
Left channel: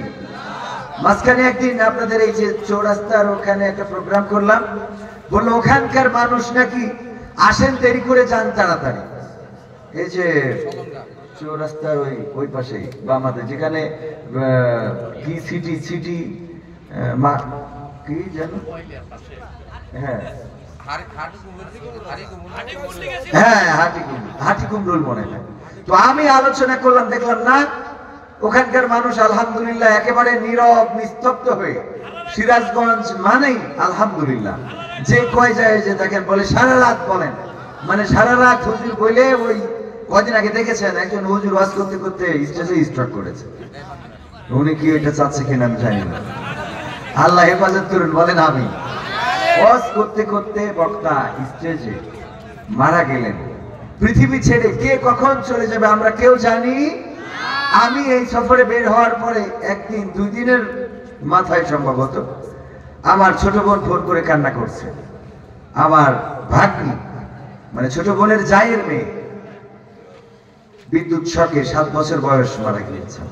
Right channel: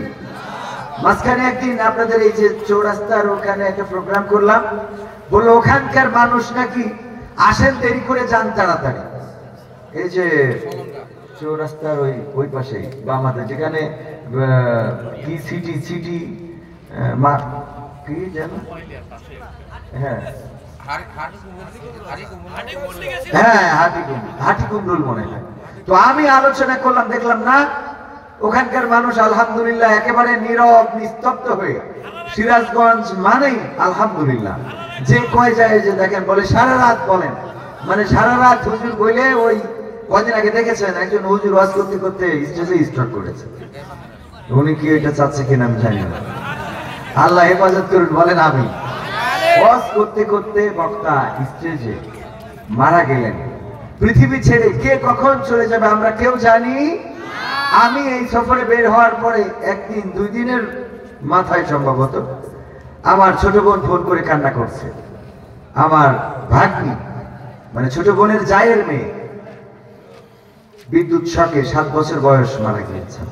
মাঝখানে একদিন আপনাদের এই যে চৌরাস্তার ওখানে একটা প্রোগ্রাম করলাম, বললো ওখানকার মানুষ নাকি আসেন দেরি করে যান তাড়াতাড়ি। এই যে চৌরাস্তার ওই পাশেই বামাতে, যেখানে কি সিটি সিটি কি যেন, হ্যাঁ হাটি কুমরুল মনে হয়। তো আমি আলোচনা করলাম, দেখলাম না ওখানকার মানুষ আলহামদুলিল্লাহ একেবারে নীরব নিস্তব্ধ হয়ে, সিরাজগঞ্জ মানেই আলহামদুলিল্লাহ। যে কয় যায় যে দেখেন বলে সারা রাত বলেন, মানে সারা রাত হুজুর বলে। ওই কদিন আগে দেখেছেন একজন হুজুর ওয়াজ করতে করতে স্টেজে স্ট্রোক করেছে। উনি কি এটা চাচ্ছে কিনা আমি জানি না, আল্লাহ হেফাজত করুন। বলেন আমি ওয়াজ করতে করতে বক্তা স্টেজে মারা গেলেন। পৃথিবী ছেড়ে কে কখন চলে যাবে আমরা কেউ জানি। আমি এই সফরে বের হওয়ার পরে একদিন 2 দিনের মাথায় সম্ভবত আমার ছোট বোন ফোন করে কান্না করছে। আমার ভাগ্নি, মানে ছোট বোনের জায়ের মেয়ে, বিদ্যুৎ শকে 7 বছর বয়স মারা গিয়েছেন।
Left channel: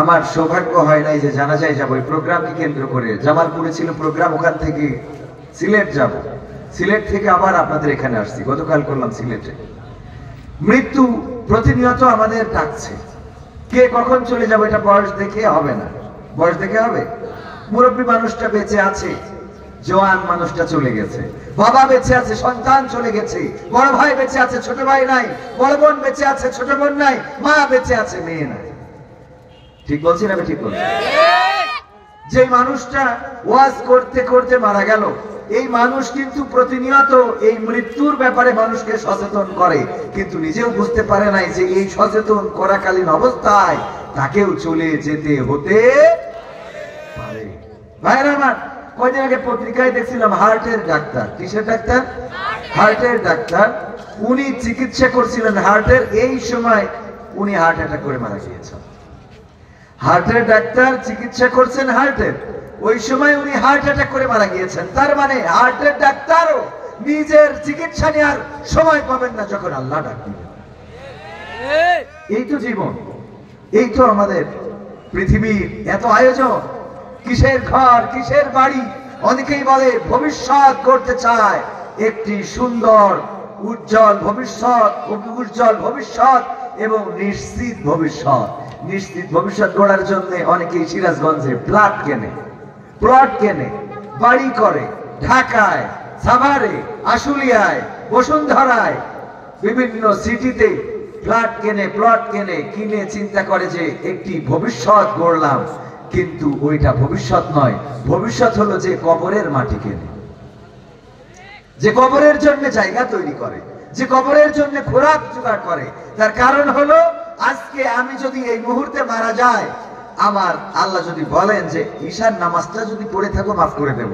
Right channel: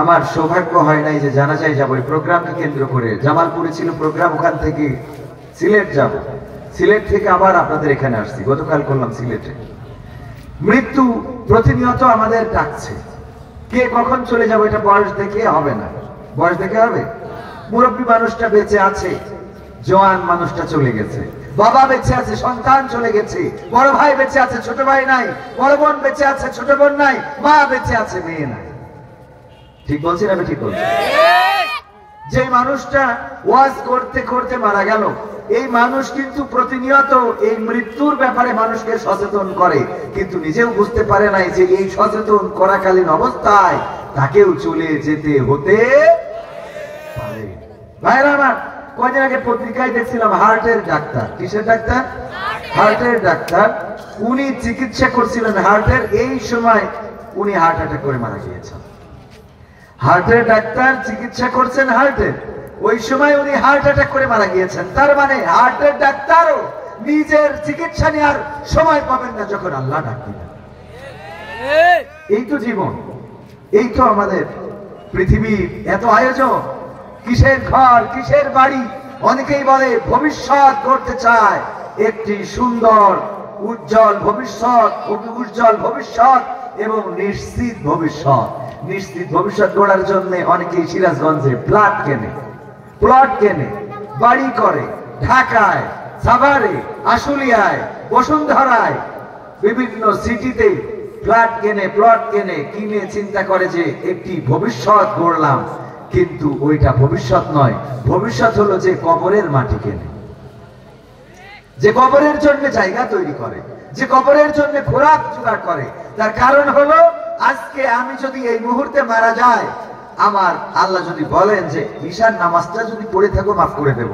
আমার সৌভাগ্য হয় নাই যে জানাজায় যাবো। এই প্রোগ্রামকে কেন্দ্র করে জামালপুরে ছিল প্রোগ্রাম, ওখান থেকে সিলেট যাব, সিলেট থেকে আবার আপনাদের এখানে আসছি, গতকাল করলাম সিলেটে। মৃত্যু প্রতিনিয়ত আমাদের ডাকছে। কে কখন চলে যাবে এটা বয়স দেখে হবে না, বয়স দেখে হবে। মুরব্বী মানুষটা বেঁচে আছে, জওয়ান মানুষটা চলে গেছে, বাবা বেঁচে আছে, সন্তান চলে গেছে, বড় ভাই বেঁচে আছে, ছোট ভাই নাই, বড় বোন বেঁচে আছে, ছোট বোন নাই, মা বেঁচে আছে, মেয়ে নাই। ঠিক বলছি না? ঠিক বলছি। যে মানুষটা ওয়াজ করতে করতে মারা গেল, এই মানুষ কিন্তু প্রতিনিয়ত এই মৃত্যুর ব্যাপারে মানুষকে সচেতন করে, কিন্তু নিজেও বুঝতে পারে নাই যে এই সচেতন করাকালীন অবস্থায় তাকেও চলে যেতে হতে পারে। ভাইরা আমার, কয়েকদিন আগে পত্রিকায় দেখছিলাম হার্টের ডাক্তার। কিসের ডাক্তার? হার্টের ডাক্তার। উনি চিকিৎসা করছিলেন হার্টের, এই সময় উনি হার্ট অ্যাটাক করে মারা গিয়েছেন। হার্টের ডাক্তার চিকিৎসা করছেন হার্টের, ওই সময় উনি হার্ট অ্যাটাক করে মারা গিয়েছেন। তার মানে হার্টের ডাক্তারও নিজের চিকিৎসা নেওয়ার সময় পাবেন না যখন আল্লাহ ডাক দিবেন। এই তো জীবন, এই তো আমাদের পৃথিবীর এত আয়োজন। কিসের ঘর, কিসের বাড়ি? অনেকেই বলে ভবিষ্যৎ করতে চায়, একটি সুন্দর উজ্জ্বল ভবিষ্যৎ, উজ্জ্বল ভবিষ্যৎ এবং নিশ্চিত ভবিষ্যৎ। নিশ্চিত ভবিষ্যৎ গড়ার জন্য অনেকেই সিরাজগঞ্জে প্লট কেনে, বাড়ি করে, ঢাকায়, সাভারে, আশুলিয়ায়, বসুন্ধরায়, বিভিন্ন সিটিতে প্লট কেনে, কিনে চিন্তা করে যে একটি ভবিষ্যৎ গড়লাম, কিন্তু ওইটা ভবিষ্যৎ নয়। ভবিষ্যৎ হলো যে কবরের মাটি কেনে, যে কবরের জন্য জায়গা তৈরি করে, যে কবরের জন্য খোরাক জোগাড় করে। তার কারণ হলো আজকে আমি যদি এই মুহূর্তে মারা যাই, আমার আল্লাহ যদি বলেন যে ঈশার নামাজটা যদি পড়ে থাকো মাফ করে দেব,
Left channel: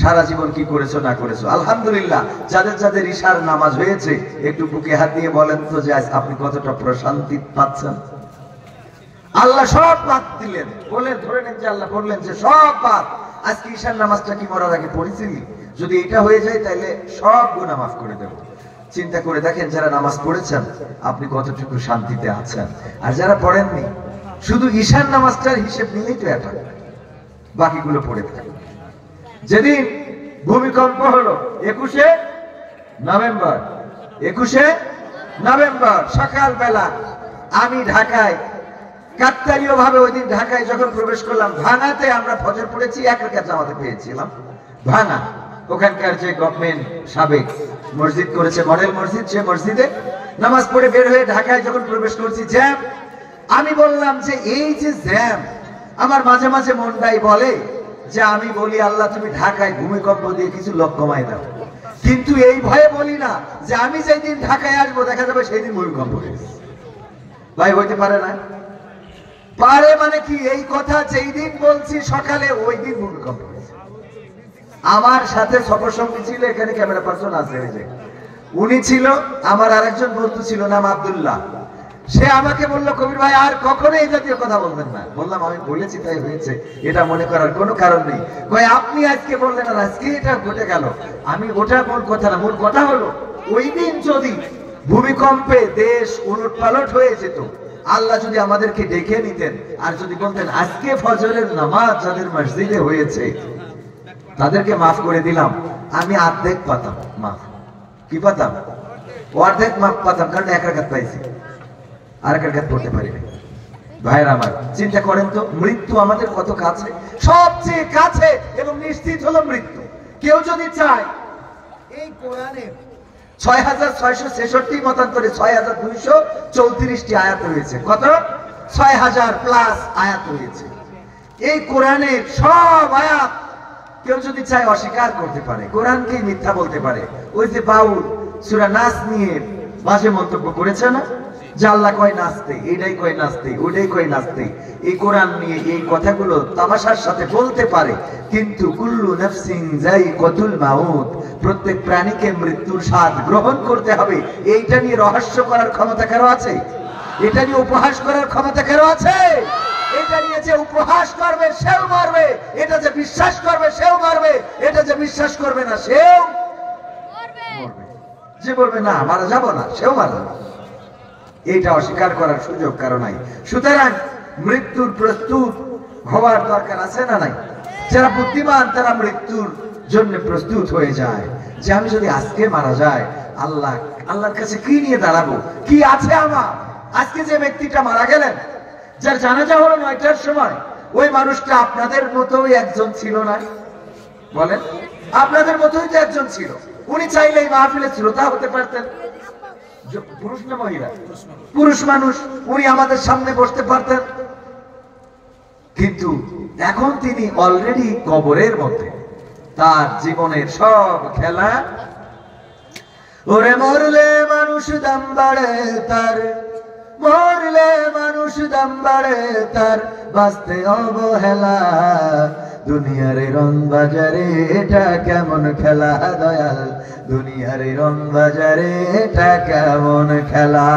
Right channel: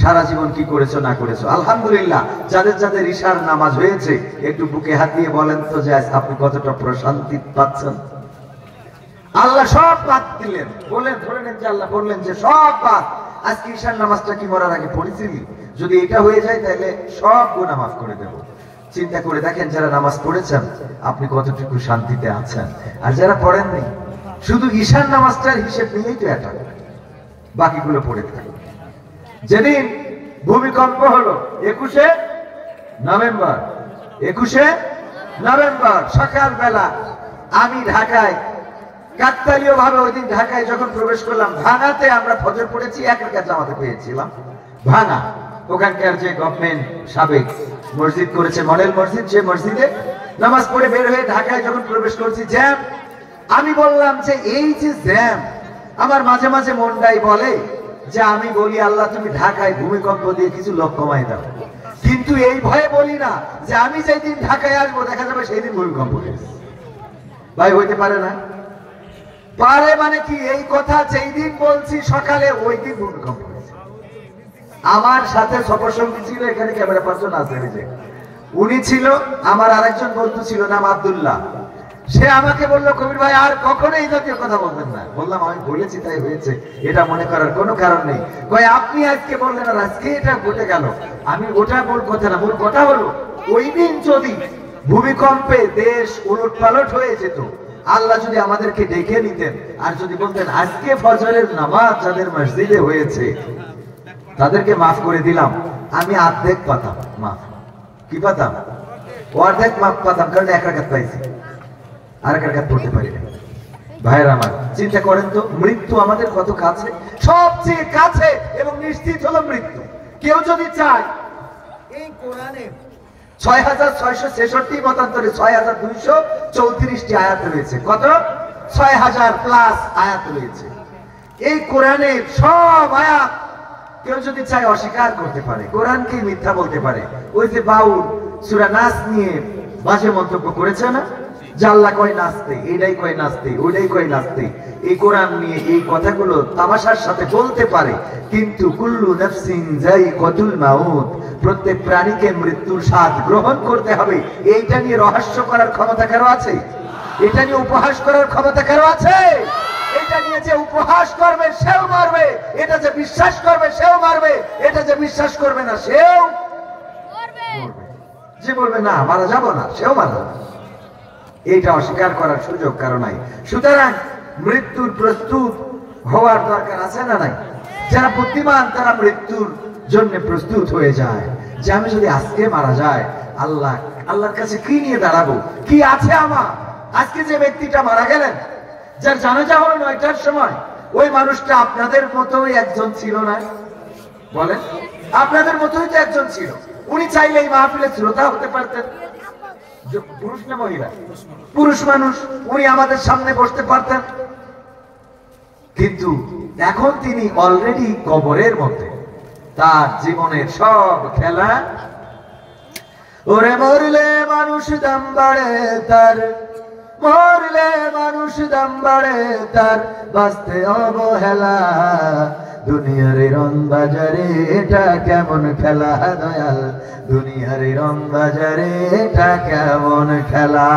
সারা জীবন কি করেছো না করেছো। আলহামদুলিল্লাহ, যাদের যাদের ঈশার নামাজ হয়েছে একটু বুকে হাত দিয়ে বলেন তো যে আপনি কতটা প্রশান্তি পাচ্ছেন। আল্লাহ সব বাদ দিলেন, বললেন, ধরে নেন যে আল্লাহ বললেন যে সব বাদ। আজকে ঈশার নামাজটা কি মরার আগে পড়েছিলি? যদি এটা হয়ে যায় তাহলে সব গুনাহ মাফ করে দেব। চিন্তা করে দেখেন, যারা নামাজ পড়েছেন আপনি কতটুকু শান্তিতে আছেন, আর যারা পড়েননি শুধু ঈশার নামাজটার হিসেব নিলেই তো এটা, বাকিগুলো পড়ে থাকে। যেদিন ভূমিকম্প হলো 21শে নভেম্বর সকালবেলা, আমি ঢাকায় কাকতালীয় ভাবে ওই দিন ঢাকায় যখন প্রবেশ করলাম, ভাঙাতে আমরা ফজর পড়েছি, এক রাকাত জামাতে পেয়েছিলাম। ভাঙা ওখানকার যে গভর্নমেন্ট সাবেক মসজিদ করেছে, মডেল মসজিদ, সে মসজিদে নামাজ পড়ে বের হয়ে ঢাকায় যখন প্রবেশ করছি, জ্যাম। আমি বললাম যে এই যে জ্যাম, আমার মাঝে মাঝে মনটাই বলে যে আমি বলি আল্লাহ তুমি ঢাকায় ভূমিকম্প দিয়ে কিছু লোক কমাই দাও, কিন্তু এই ভয়ে বলি না যে আমি যেই দিন ঢাকায় আসবো দেখা যাবে সেই দিন ভূমিকম্প হয়েছে। ভাই হইতে পারে না? পারে মানে কি, এই কথা যেই দিন বলছি সকালে ওই দিন ভূমিকম্প হয়েছে। আমার সাথে সফরসঙ্গী ছিল, এখানে ক্যামেরা পার্সন আছে, উনি ছিল, আমার আরেকজন বন্ধু ছিল নাম আব্দুল্লাহ। সে আমাকে বললো, কবির ভাই আর কখনো এই জাতীয় কথা বলবেন না। বললাম আমি বলেছি তাই হয়েছে, এটা মনে করার কোনো কারণ নেই। কয় আপনি আজকে বললেন আর আজকে এটা ঘটে গেল। আমি ওটা মূল কথা না, মূল কথা হলো ওই দিন যদি ভূমিকম্পে দেশ উলটপালট হয়ে যেত, আল্লাহ যদি আমাদেরকে ডেকে নিতেন আর যদি বলতেন আজকে ফজরের নামাজ যাদের মসজিদে হয়েছে তাদেরকে মাফ করে দিলাম, আমি অর্ধেক পাতাম মাফ। কি পাতাম? অর্ধেক মাফ পাতাম, কারণ এক রাকাত পাইছি, আর এক রাকাত পড়তে পারি না। ভাইয়ের আমার, চিন্তা করেন তো মৃত্যু আমাদের কত কাছে, সবচেয়ে কাছে এবং নিশ্চিত হলো মৃত্যু। কেউ যদি চায়, এই কোরআনে 6666 মতান্তরে 6234টি আয়াত রয়েছে। কত? 6000 প্লাস আয়াত রয়েছে। এই কোরআনের সব আয়াত কেউ যদি চায় অস্বীকার করতে পারে, কোরআনকে মিথ্যা বলতে পারে। ওই যে বাউল সূরা নাস নিয়ে বাজে মন্তব্য করেছে না, যে আল্লাহ কয় নাচতে, এইটাই কয় নাচতে, ওইটাই কয় নাচতে। এই কোরআন নিয়ে এই কথাগুলো তামাশার সাথে বলতে পারে, কিন্তু কুল্লু নাফসিন যায়িকাতুল মাউত, প্রত্যেক প্রাণীকে মৃত্যুর স্বাদ গ্রহণ করতে হবে। এইটা নিয়ে রহস্য করার ক্ষমতা কারো আছে? এটা নিয়ে উপহাস করার ক্ষমতা কারো আছে? এটা নিয়ে যে উপহাস করবে সেও মারবে, এটা যে বিশ্বাস করবে সেও মারবে, এটা যে বিশ্বাস করবে না সেও মারবে। যে বলবে না মারা যাব না, সেও মারবে। এটা অস্বীকার করার সুযোগ কারো নাই। সুতরাং মৃত্যুর প্রস্তুত হওয়ার দরকার আছে না নাই? যারা বুদ্ধিমান তারা মৃত্যুর জন্য প্রস্তুত হয়ে যায় যে আমি যদি আজকে মারা যায় আল্লাহর কাছে কি নিয়ে দাঁড়াবো, কি আছে আমার। আজকে যে ব্যক্তিটা মারা গেলেন, যার জানাজা হলো 9টার সময়, ওই মানুষটা আপনাদের মতোই একজন ছিল না? বলেন, আপনাদের মতোই তো একজন ছিল। উনি চাইলে এই মাহফিলের শ্রোতা হতে পারতেন। পুরুষ না মহিলা? পুরুষ মানুষ। উনি আমাদের সামনে বসতে পারতেন, কিন্তু এখন তিনি অলরেডি কবরের মধ্যে। তার জীবনের সব খেলা। ওরে মরলে মানুষ দাম বাড়ে তার, মরলে মানুষ দাম বাড়ে তার, বাঁচতে অবহেলা। দুনিয়ার রং বাজারে এটা কেমন খেলা দয়াল, দুনিয়ার রং বাজারে এটা কেমন খেলা।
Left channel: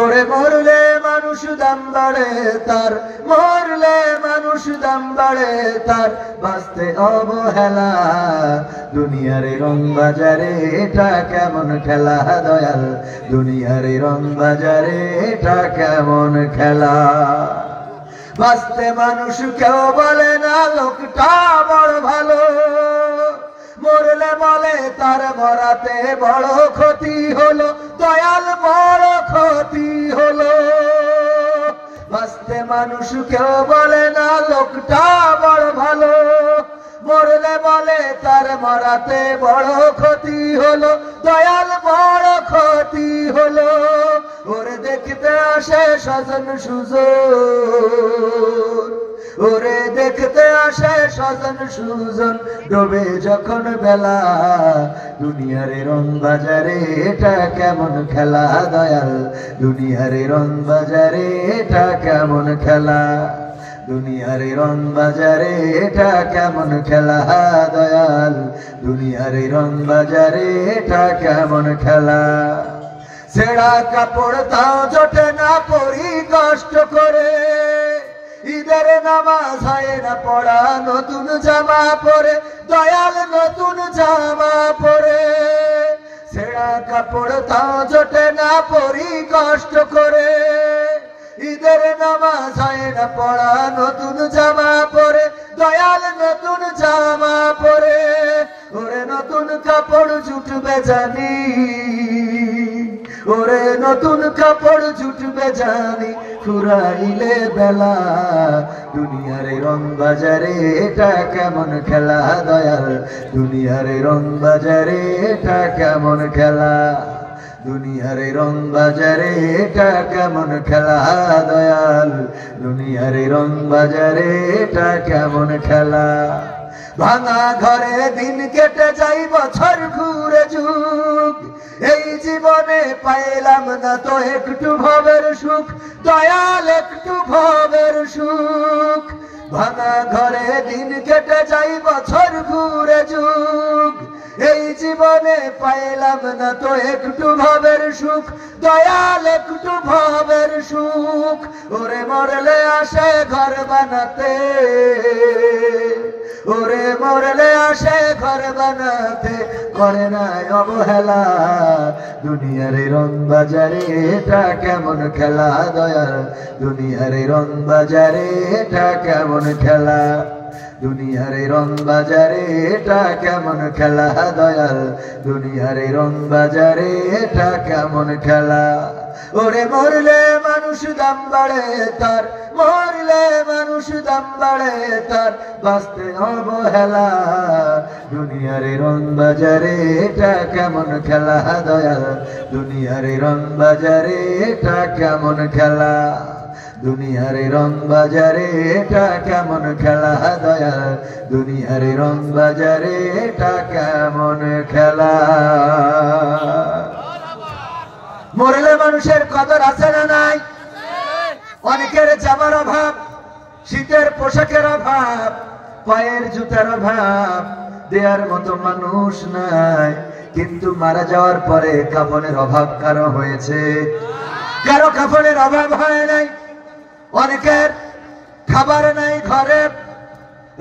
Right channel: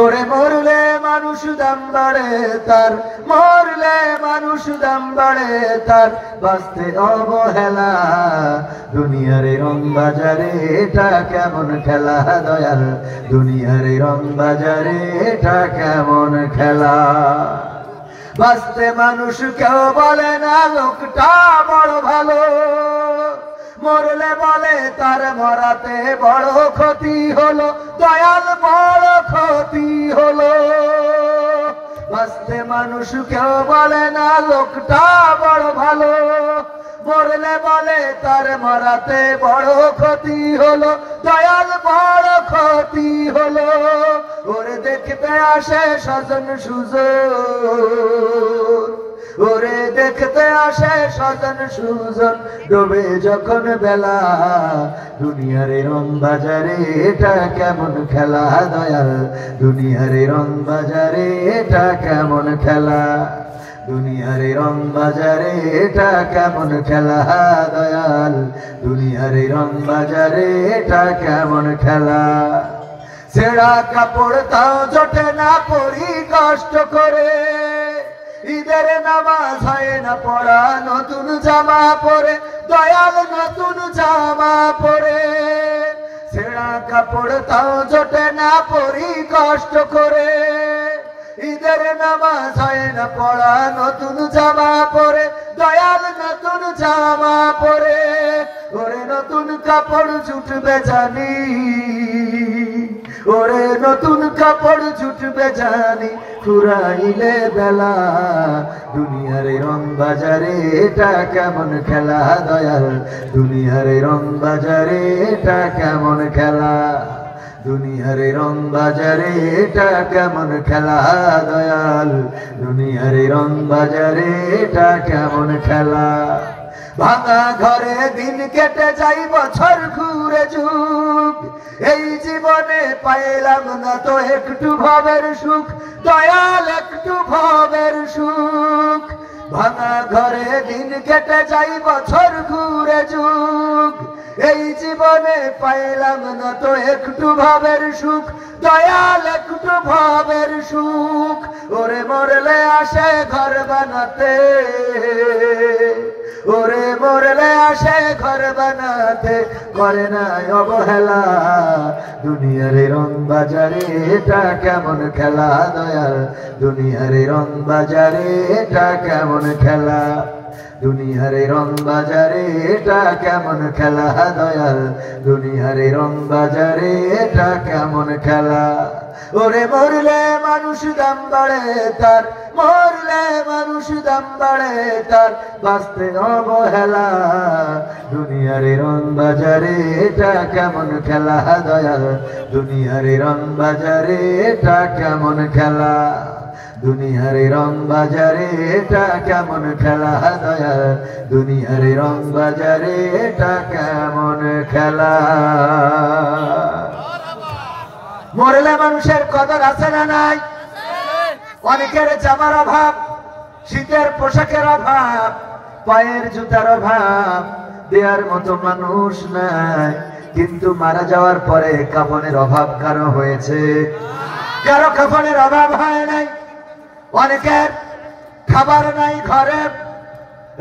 ওরে মরলে মানুষ দাম বাড়ে তার, মরলে মানুষ দাম বাড়ে তার, বাঁচতে অবহেলা। দুনিয়ার রং বাজারে এটা কেমন খেলা দয়াল, দুনিয়ার রং বাজারে এটা কেমন খেলা। বাঁচতে মানুষ কেউ বলে না লোকটা বড় ভালো, মরলে বলে তার মরাতে বড় ক্ষতি হলো, দয়াল বড় ক্ষতি হলো। বাঁচতে মানুষ কেউ বলে না লোকটা বড় ভালো, মরলে বলে তার মরাতে বড় ক্ষতি হলো, দয়াল বড় ক্ষতি হলো। ওরে দেখতে আসে স্বজন সুজন, ওরে দেখতে আসে স্বজন সুজন, ডোবে যখন বেলা। দুনিয়ার রং বাজারে এটা কেমন খেলা দয়াল, দুনিয়ার রং বাজারে এটা কেমন খেলা। দুনিয়ার রং বাজারে এটা কেমন খেলা দয়াল, দুনিয়ার রং বাজারে এটা কেমন খেলা। ছেঁড়া কাপড় তাও জোটে না পরি কষ্ট করে, ঈদের নামাজ হয় না পড়া নতুন জামা পরে, দয়াল নতুন জামা পরে। ছেঁড়া কাপড় তাও জোটে না পরি কষ্ট করে, ঈদের নামাজ হয় না পড়া নতুন জামা পরে, দয়াল নতুন জামা পরে। ওরে নতুন কাপড় জুটবে জানি, ওরে নতুন কাপড় জুটবে জানি, ফুরাইলে বেলা। দুনিয়ার রং বাজারে এটা কেমন খেলা দয়াল, দুনিয়ার রং বাজারে এটা কেমন খেলা। দুনিয়ার রং বাজারে এটা কেমন খেলা দয়াল, দুনিয়ার রং বাজারে এটা কেমন খেলা। ভাঙা ঘরে দিন কেটে যাই বছর ঘুরে যুগ, এই জীবনে পাইলাম না তো একটু ভবের সুখ, দয়াল একটু ভবের সুখ। ভাঙা ঘরে দিন কেটে যাই বছর ঘুরে যুগ, এই জীবনে পাইলাম না তো একটু ভবের সুখ, দয়াল একটু ভবের সুখ। ওরে মরলে আসে ঘর বানাতে, ওরে মরলে আসে ঘর বানাতে, করে না অবহেলা। দুনিয়ার রং বাজারে এটা কেমন খেলা দয়াল, দুনিয়ার রং বাজারে এটা কেমন খেলা। দুনিয়ার রং বাজারে এটা কেমন খেলা দয়াল, দুনিয়ার রং বাজারে এটা কেমন খেলা। ওরে মরলে মানুষ দাম বাড়ে তার, মরলে মানুষ দাম বাড়ে তার, বাঁচতে অবহেলা। দুনিয়ার রং বাজারে এটা কেমন খেলা দয়াল, দুনিয়ার রং বাজারে এটা কেমন খেলা। দুনিয়ার রং বাজারে এটা কেমন খেলা দয়াল, দুনিয়ার রং বাজারে এটা কেমন খেলা। মরলে মানুষের কদর আছে না নাই? অনেকের জামার অভাব, শীতের পোশাকের অভাব, পায়ের জুতার অভাব, দেওয়ার মতো মানুষ নাই। কিন্তু মারা যাওয়ার পরে কাফনের অভাব কারো হয়েছে? কারো কাফনের অভাব হয় নাই। অনেকের খাবার নাই ঘরে,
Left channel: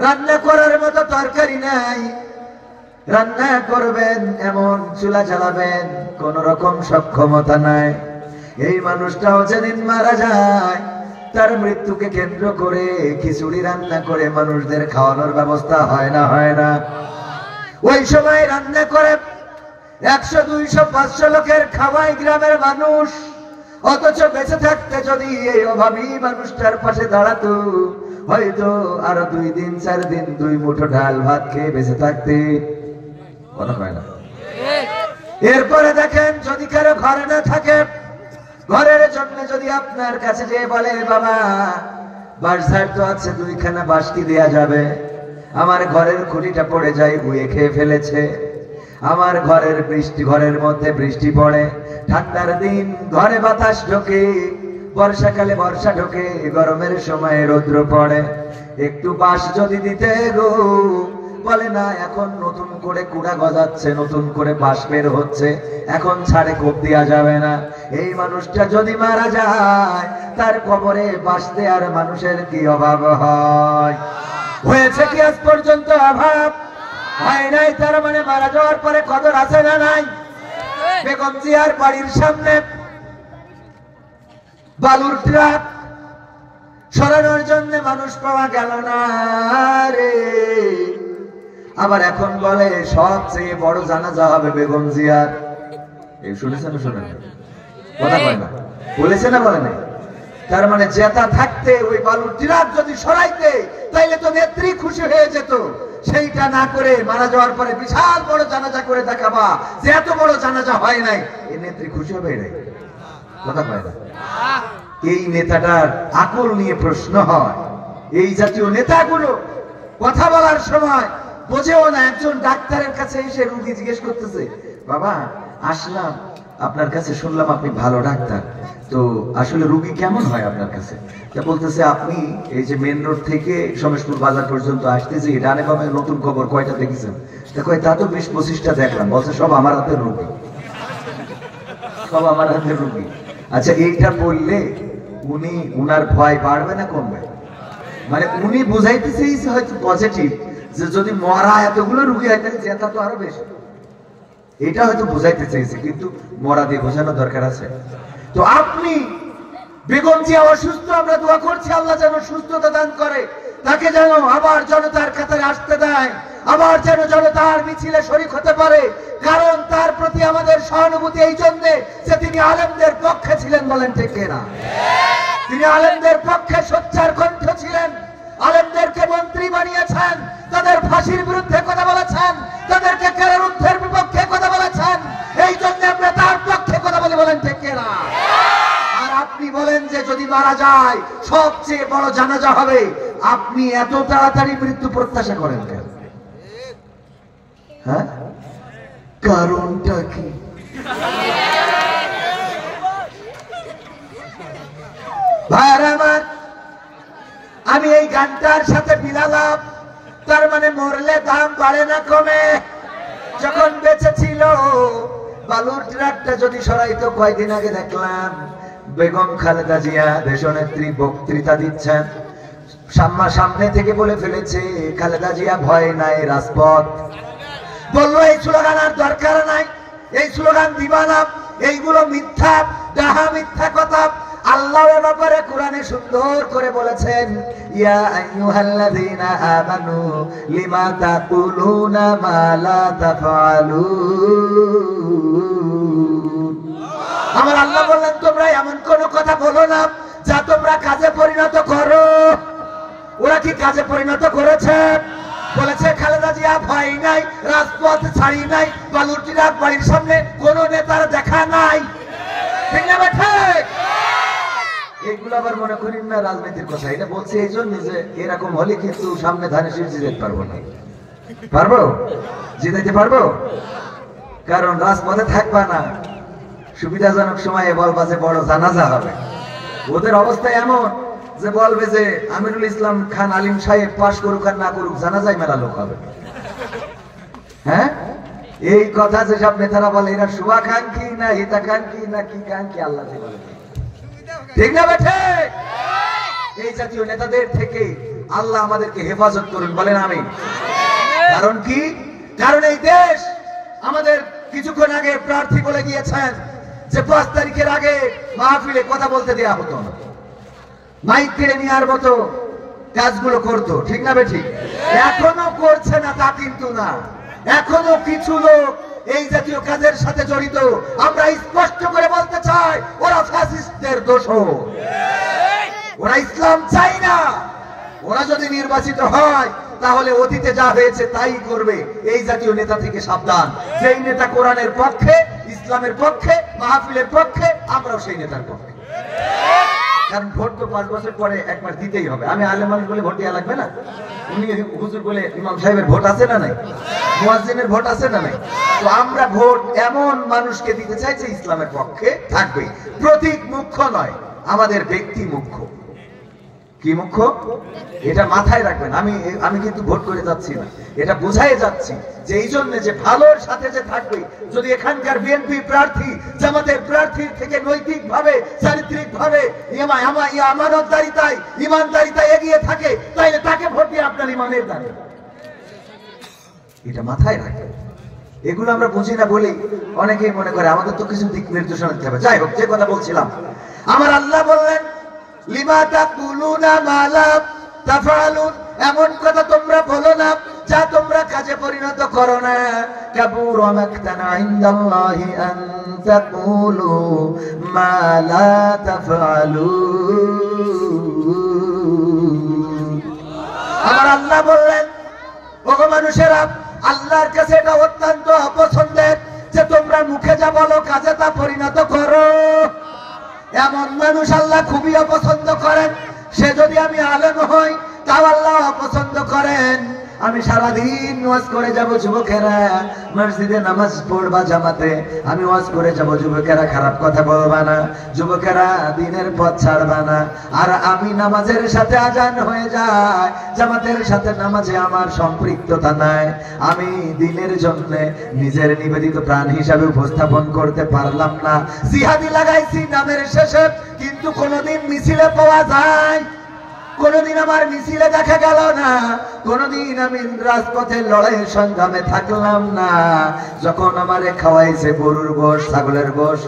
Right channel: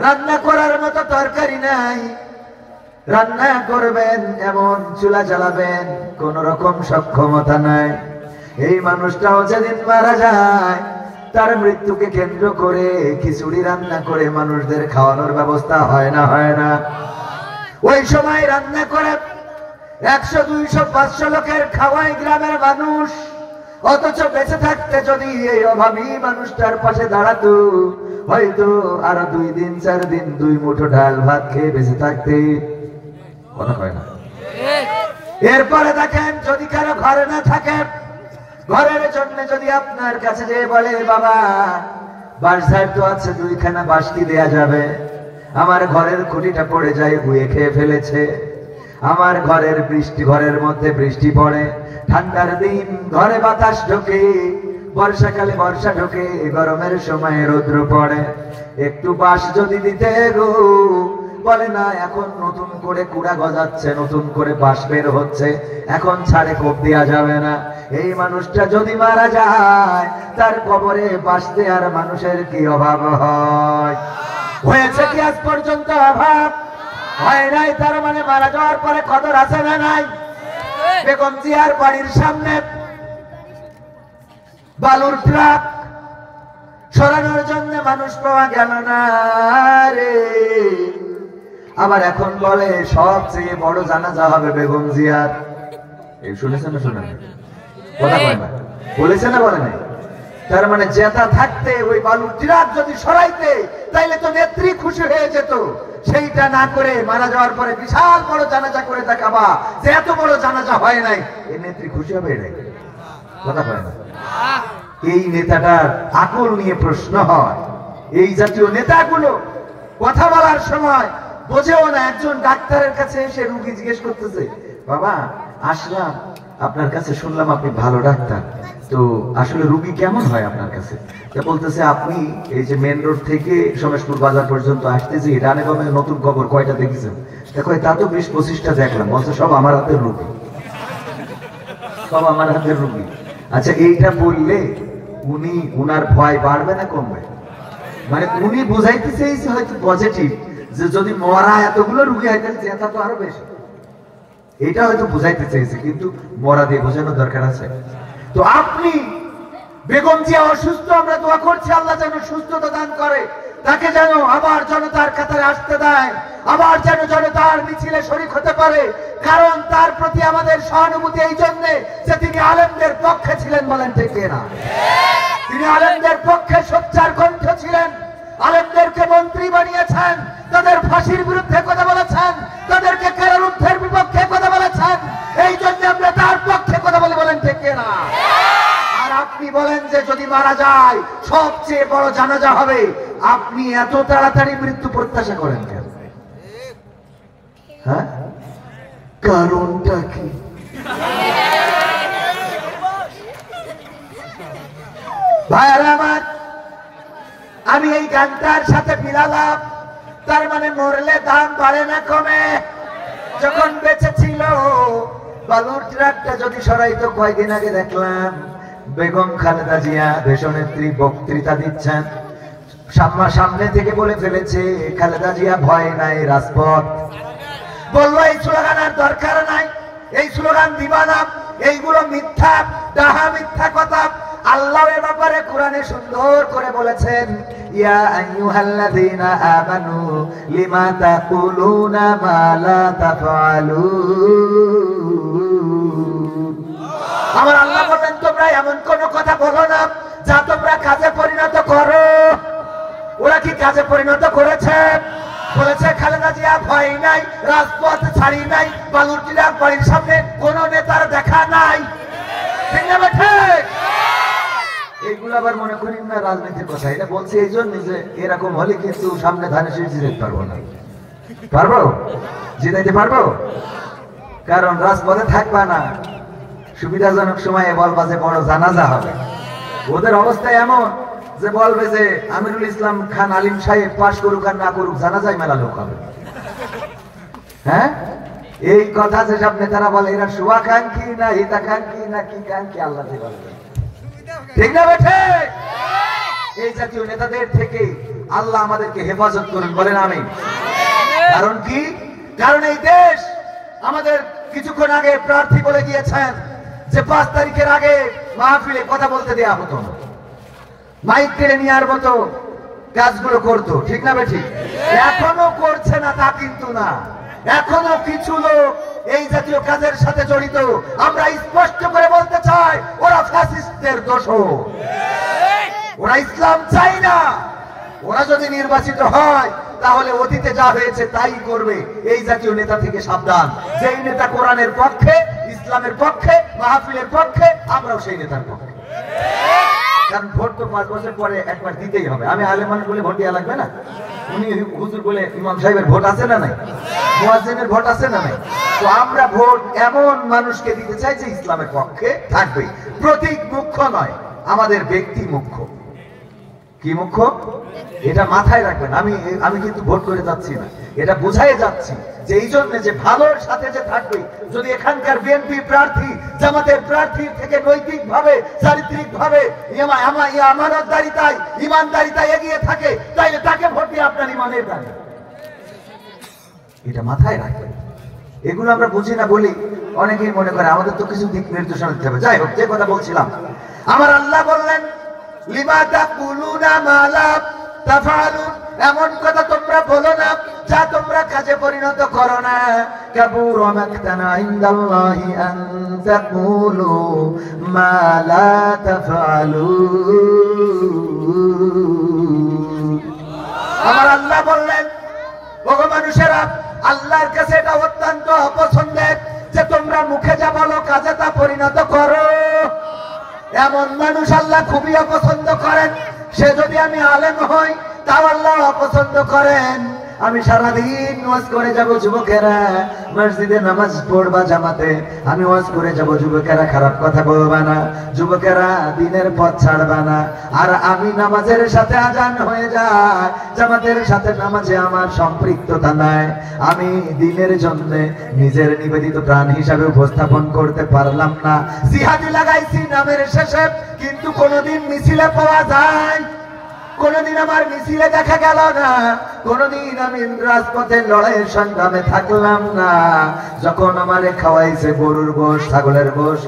রান্না করার মতো তরকারি নাই, রান্না করবেন এমন চুলা জ্বালাবেন কোন রকম সক্ষমতা নাই। এই মানুষটাও যেদিন মারা যায় তার মৃত্যুকে কেন্দ্র করে খিচুড়ি রান্না করে মানুষদের খাওয়ানোর ব্যবস্থা হয় না ওই সময় রান্না করে 100, 200, 500 লোকের খাওয়ায় গ্রামের মানুষ। অথচ বেঁচে থাকতে যদি এই অভাবী মানুষটার পাশে দাঁড়াতো হয়তো আরো 2 দিন 4 দিন 2 মুঠো ডাল ভাত খেয়ে বেঁচে থাকতে কথা হয় না। এরপরে দেখেন যদি কারো ঘরে না থাকে, ঘরের জন্য যদি আপনার কাছে যে বলে বাবা বাঁশঝাড় তো আছে 2খানা বাঁশ কি দেয়া যাবে, আমার ঘরের খুঁটিটা পড়ে যায় ধুয়ে খেয়ে ফেলেছে, আমার ঘরের মধ্যে বৃষ্টি পড়ে, ঠান্ডার দিন ঘরে বাতাস ঢোকে, বর্ষাকালে বর্ষা ঢোকে, গরমের সময় রৌদ্র পড়ে, একটু বাঁশ যদি দিতে গো, বলে না এখন নতুন করে কুড়া গজাচ্ছে, নতুন করে বাঁশ বের হচ্ছে, এখন ছাড়ে কোপ দেওয়া যাবে না। এই মানুষটা যদি মারা যায় তার কবরে বাঁশ দেওয়ার মানুষের কি অভাব হয়? হয়েছে কি আজ পর্যন্ত অভাব? হয় নাই। তার মানে মারা যাওয়ার পরে কদর আছে না নাই? বেগম জিয়ার বাড়ির সামনে বালুর ট্রাক সরানোর জন্য মানুষ পাওয়া গেল না রে। আবার এখন বলে সবচেয়ে বড় জানাজা হবে বেগম জিয়ার। এই শুনেছেন না শুনেন? বলেছে না বলে নাই? তার মানে জেতা থাকতে ওই বালুর ট্রাক যদি সরাইতে তাইলে তো নেত্রী খুশি হয়ে যেত। সেইটা না করে মারা যাওয়ার পরে বিশাল বড় জানাজা করে দেখাবা যে এত বড় জানাজা হয় নাই, এই নেত্রী খুশি হবে নাই? কথা হয় না। এই নেতাটার আকল নিয়ে প্রশ্ন হয়। এই জাতীয় নেতাগুলো কথা বলার সময় বোঝেও না। একজন ডাক্তারের কাছে এসে রোগী জিজ্ঞেস করতেছে, বাবা আসলাম আপনার কাছে, শুনলাম আপনি ভালো ডাক্তার, তো আসলে রোগী কেমন হয় আপনার কাছে? তা বলতেছে আপনি এই যে মেন রোড থেকে সমেশপুর বাজার পর্যন্ত আসতেছি, ডানে বামে নতুন খবর কয়টা দেখেছেন? তা কয় তা তো 20-25টা দেখলাম। বলছে সব আমার হাতের রোগী, সব আমার হাতের রোগী। আচ্ছা এইটা বললে উনার ভয় বাড়বে না কমবে? মানে উনি বুঝাইতে চেয়েছে হয়তো পজিটিভ, যে যদি মরা এতগুলো রুগী হয় তাহলে জেতা তো আরো বেশি, এটা হয়তো বুঝাইতে চেয়েছে, কিন্তু মরা দিয়ে বোঝানোর দরকার আছে। তো আপনি বেগম জিয়া অসুস্থ, আমরা দোয়া করছি আল্লাহ যেন সুস্থতা দান করে, তাকে যেন আবার জনতার কাতারে আসতে দেয়, আবার যেন জনতার মিছিলে শরীক হতে পারে। কারণ তার প্রতি আমাদের সহানুভূতি এই জন্য যে তিনি আলেমদের পক্ষে ছিলেন, বলেন ঠিক না? তিনি আলেমদের পক্ষে সোচ্চার কণ্ঠ ছিলেন, আলেমদেরকে মন্ত্রী বানিয়েছেন, তাদের ফাঁসির বিরুদ্ধে কথা বলেছেন, তাদেরকে কারারুদ্ধের বিপক্ষে কথা বলেছেন। এই জন্য আমরা তার পক্ষে কথা বলি, বলেন ঠিক না? আর আপনি বলেন যে যদি মারা যায় সবচেয়ে বড় জানাজা হবে, আপনি এত তাড়াতাড়ি মৃত্যু প্রত্যাশা করেন কেন? হ্যাঁ, কারণটা কি? ভাইরা আমার, আমি এই গানটার সাথে মিলালাম, তার মানে মরলে দাম বাড়ে না কমে। যখন বেঁচে ছিল বালুর ট্রাকটা যদি সরাইতো, কয়েকদিন আগে দেখলাম বেগম খালেদা জিয়া দেশনেত্রী বক্তৃতা দিচ্ছেন, সামনে থেকে বলে ফেলেছে খালেদা জিয়া ভয় নাই রাজপথ। বললো এই স্লোগান আর দরকার নাই, এই স্লোগান দিবা না, এইগুলো মিথ্যা, ডাহা মিথ্যা কথা। আল্লাহ এর ব্যাপারে কোরআনে সুন্দর করে বলেছেন, ইয়া আইয়ুহাল্লাযীনা আমানু লিমা তাকুলুনা মা লা তাফআলুন। আমার আল্লাহ বললেন তোমরা এমন কোন কথা বলো না যা তোমরা কাজে পরিণত করো। ওরা কি কাজে পরিণত করেছে? বলেছে খালেদা জিয়া ভয় নাই, রাজপথ ছাড়ি নাই, বালুর ট্রাক বাড়ির সামনে কোন নেতার দেখা নাই। ঠিক না বেঠে? এগুলো আবার মনে করেন না রাজনীতির কথা, এটা বলছে এই জন্য যে এরকম হলে কিন্তু সামনে ধানের শীষ জিতাতে পারবো না। পারবো? জিতাইতে পারবো? কারণ রাজপথে থাকবা না, সুবিধাজনক সময়ে বলবা যে বড় জানাজা হবে। ওদের অবস্থা এমন যে বলবে যে আমিরুল ইসলাম খান আলিম সাহেব পাশ করুক আর না করুক, জানাজায় মেলা লোক হবে। হ্যাঁ, এই কথা যেসব নেতারা বলে এরা শুভাকাঙ্ক্ষী না হিতাকাঙ্ক্ষী না কি কাঙ্ক্ষী, আল্লাহ ঠিক না বেঠে? এই জাতীয় নেতাদের থেকে আল্লাহ আমাদেরকে হেফাজত করুন, বলেন আমিন। কারণ কি? কারণ এই দেশ আমাদের কিছুক্ষণ আগে প্রার্থী বলে গিয়েছেন যে 5 তারিখের আগে মাহফিলে কথা বলতে দেয়া হতো না, মাইক কেড়ে নেওয়ার মতো কাজগুলো করতো, ঠিক না বেঠিক? এখনো করছে না তা কিন্তু না, এখনো কিছু লোক এই জাতীয় কাজের সাথে জড়িত। আমরা স্পষ্ট করে বলতে চাই, ওরা ফ্যাসিস্টদের দোষর, ওরা ইসলাম চাই না। ওরা যদি নির্বাচিত হয় তাহলে অতীতে যা হয়েছে তাই করবে। এই জাতীয় নেতা থেকে সাবধান। যেই নেতা কোরআনের পক্ষে, ইসলামের পক্ষে, মাহফিলের পক্ষে, আমরাও সেই নেতার পক্ষে। কারণ ভোট তো 5 বছর পরে একবার দিতেই হবে। আমি আলেমান বলে ভোট দেওয়া লাগবে না, উনি হুজুর বলে ইমাম সাহেবের ভোট আছে না নাই, মুয়াজ্জিনের ভোট আছে না নাই। তো আমরা ভোট এমন মানুষকে দিতে চাই যে ইসলামের পক্ষে থাকবে। প্রতীক মুখ্য নয়, আমাদের ব্যক্তি মুখ্য। কি মুখ্য? এটা মাথায় রাখবেন। আমি কিন্তু ভোট করে যাচ্ছি না, এটা বোঝাই যাচ্ছি যে এই জন্য যে ভালোর সাথে যে থাকবে। যদি এখানকার বিএনপি প্রার্থী জামাতের প্রার্থীর থেকে নৈতিক ভাবে, চারিত্রিক ভাবে, আমানতদারিতায়, ইমানদারিতায় এগিয়ে থাকে, তাইলে তাকে ভোট দিয়ে আপনার ইমানের দান। এটা মাথায় রাখবেন। এগুলো আমরা বুঝি না বলি অনেকেই মনে করে আমাদের তো কিছু দিক নির্দেশনা দিতে হবে। যাই হোক, যে কথা বলছিলাম, আমার আল্লাহ বললেন লিমা তাকুলুনা মা লা তাফআলুন, এমন কথা তোমরা বলো না যা তোমরা কাজে পরিণত করো না। কাবুরা মাকতান ইনদাল্লাহি আন তাকুলু মা লা তাফআলুন। আমার আল্লাহ বললেন, ওগো মানুষেরা, আল্লাহর কাছে এটা অত্যন্ত অপছন্দের যে তোমরা মুখে যা বলো কাজে তা পরিণত করো। এমন মানুষ আল্লাহ খুবই অপছন্দ করেন। সে যদি আমি আলেম হই তাও আল্লাহ অপছন্দ করেন। আমি সারাদিন ওয়াজ করে যাব, যুবকেরা মসজিদে নামাজ পড়বা জামাতে, আমি ওয়াজ করে যাব, যুবকেরা খারাপ কথা বলবে না, যুবকেরা দিনের পথ ছাড়বে না। আর আমি নামাজের সাথে আজান হয়ে যায়, জামাতের সাথে নামাজে আমার সম্পৃক্ততা নাই, আমি দিনের জন্য নিজের নিবেদিত প্রাণ হিসাবে উপস্থাপন করতে পারলাম না। জিহাদি লাগাইছি নামের শেষে, কিন্তু কোনোদিন মিছিলে পাওয়া যায়, কোনদিন আমার মিছিলে দেখা গেল না, কোনদিন আমি রাজপথের লড়াইয়ের সংগ্রামে থাকলাম না। যখন আমারে খাওয়াইছে গরুর গোশ, ছাগলের গোশ,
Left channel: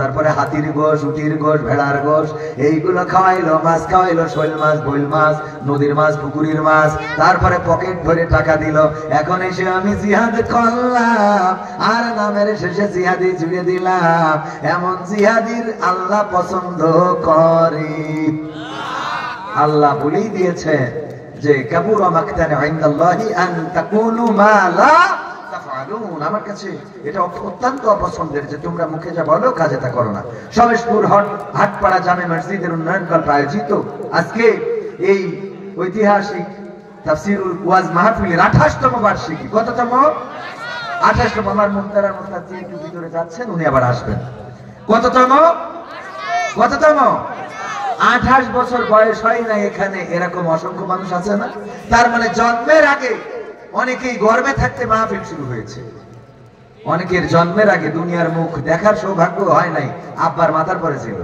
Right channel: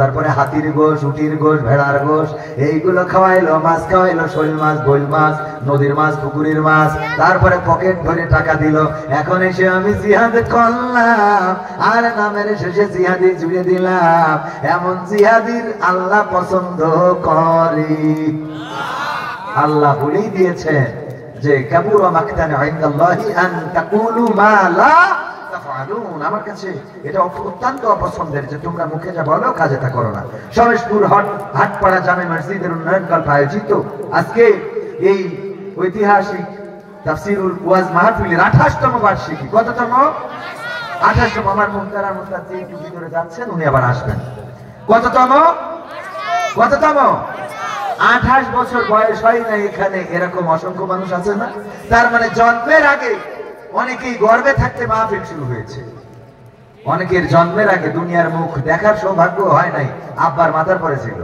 তারপরে হাতির গোশ, উটির গোশ, ভেড়ার গোশ, এইগুলো খাওয়াইলো, মাছ খাওয়াইলো, শৈল মাছ, বৈল মাছ, নদীর মাছ, পুকুরের মাছ, তারপরে পকেট ভরে টাকা দিল। এখন এসে আমি জিহাদ করলাম, আর নামের শেষে জিহাদি জুড়ে দিলাম। এমন জিহাদির আল্লাহ পছন্দ করে। আল্লাহ বলেই দিয়েছে যে কাবুরা মাকতান ইনদাল্লাহি আন তাকুলু মা লা তাফআলুন। আমার কাছে এটা অত্যন্ত অপছন্দের যে তোমরা মুখে যা বলো কাজে তা করো না। সমেশপুর হাটপাড়া জামে মসজিদের উন্নয়ন কল্পে আয়োজিত আজকে এই ঐতিহাসিক তাফসীরুল ওয়াজ মাহফিলের 28তম বার্ষিকী। কততম? 28তম। আমার মুহতারাম মুস্তাদ যিনি ভিতরে যাচ্ছেন উনি আবার আসবেন। কততম? কততম? 28 বছর বয়স হয় না এখানে এরকম অসংখ্য মানুষ আছে না? তার মানে জন্মের আগে অনেকেই গর্বে থাকতে মাহফিল শুরু হয়েছে। অনেকের জন্মের আগে দুনিয়ার মুখ দেখার সৌভাগ্য হয় নাই, আব্বার মাথার পরে ছিল,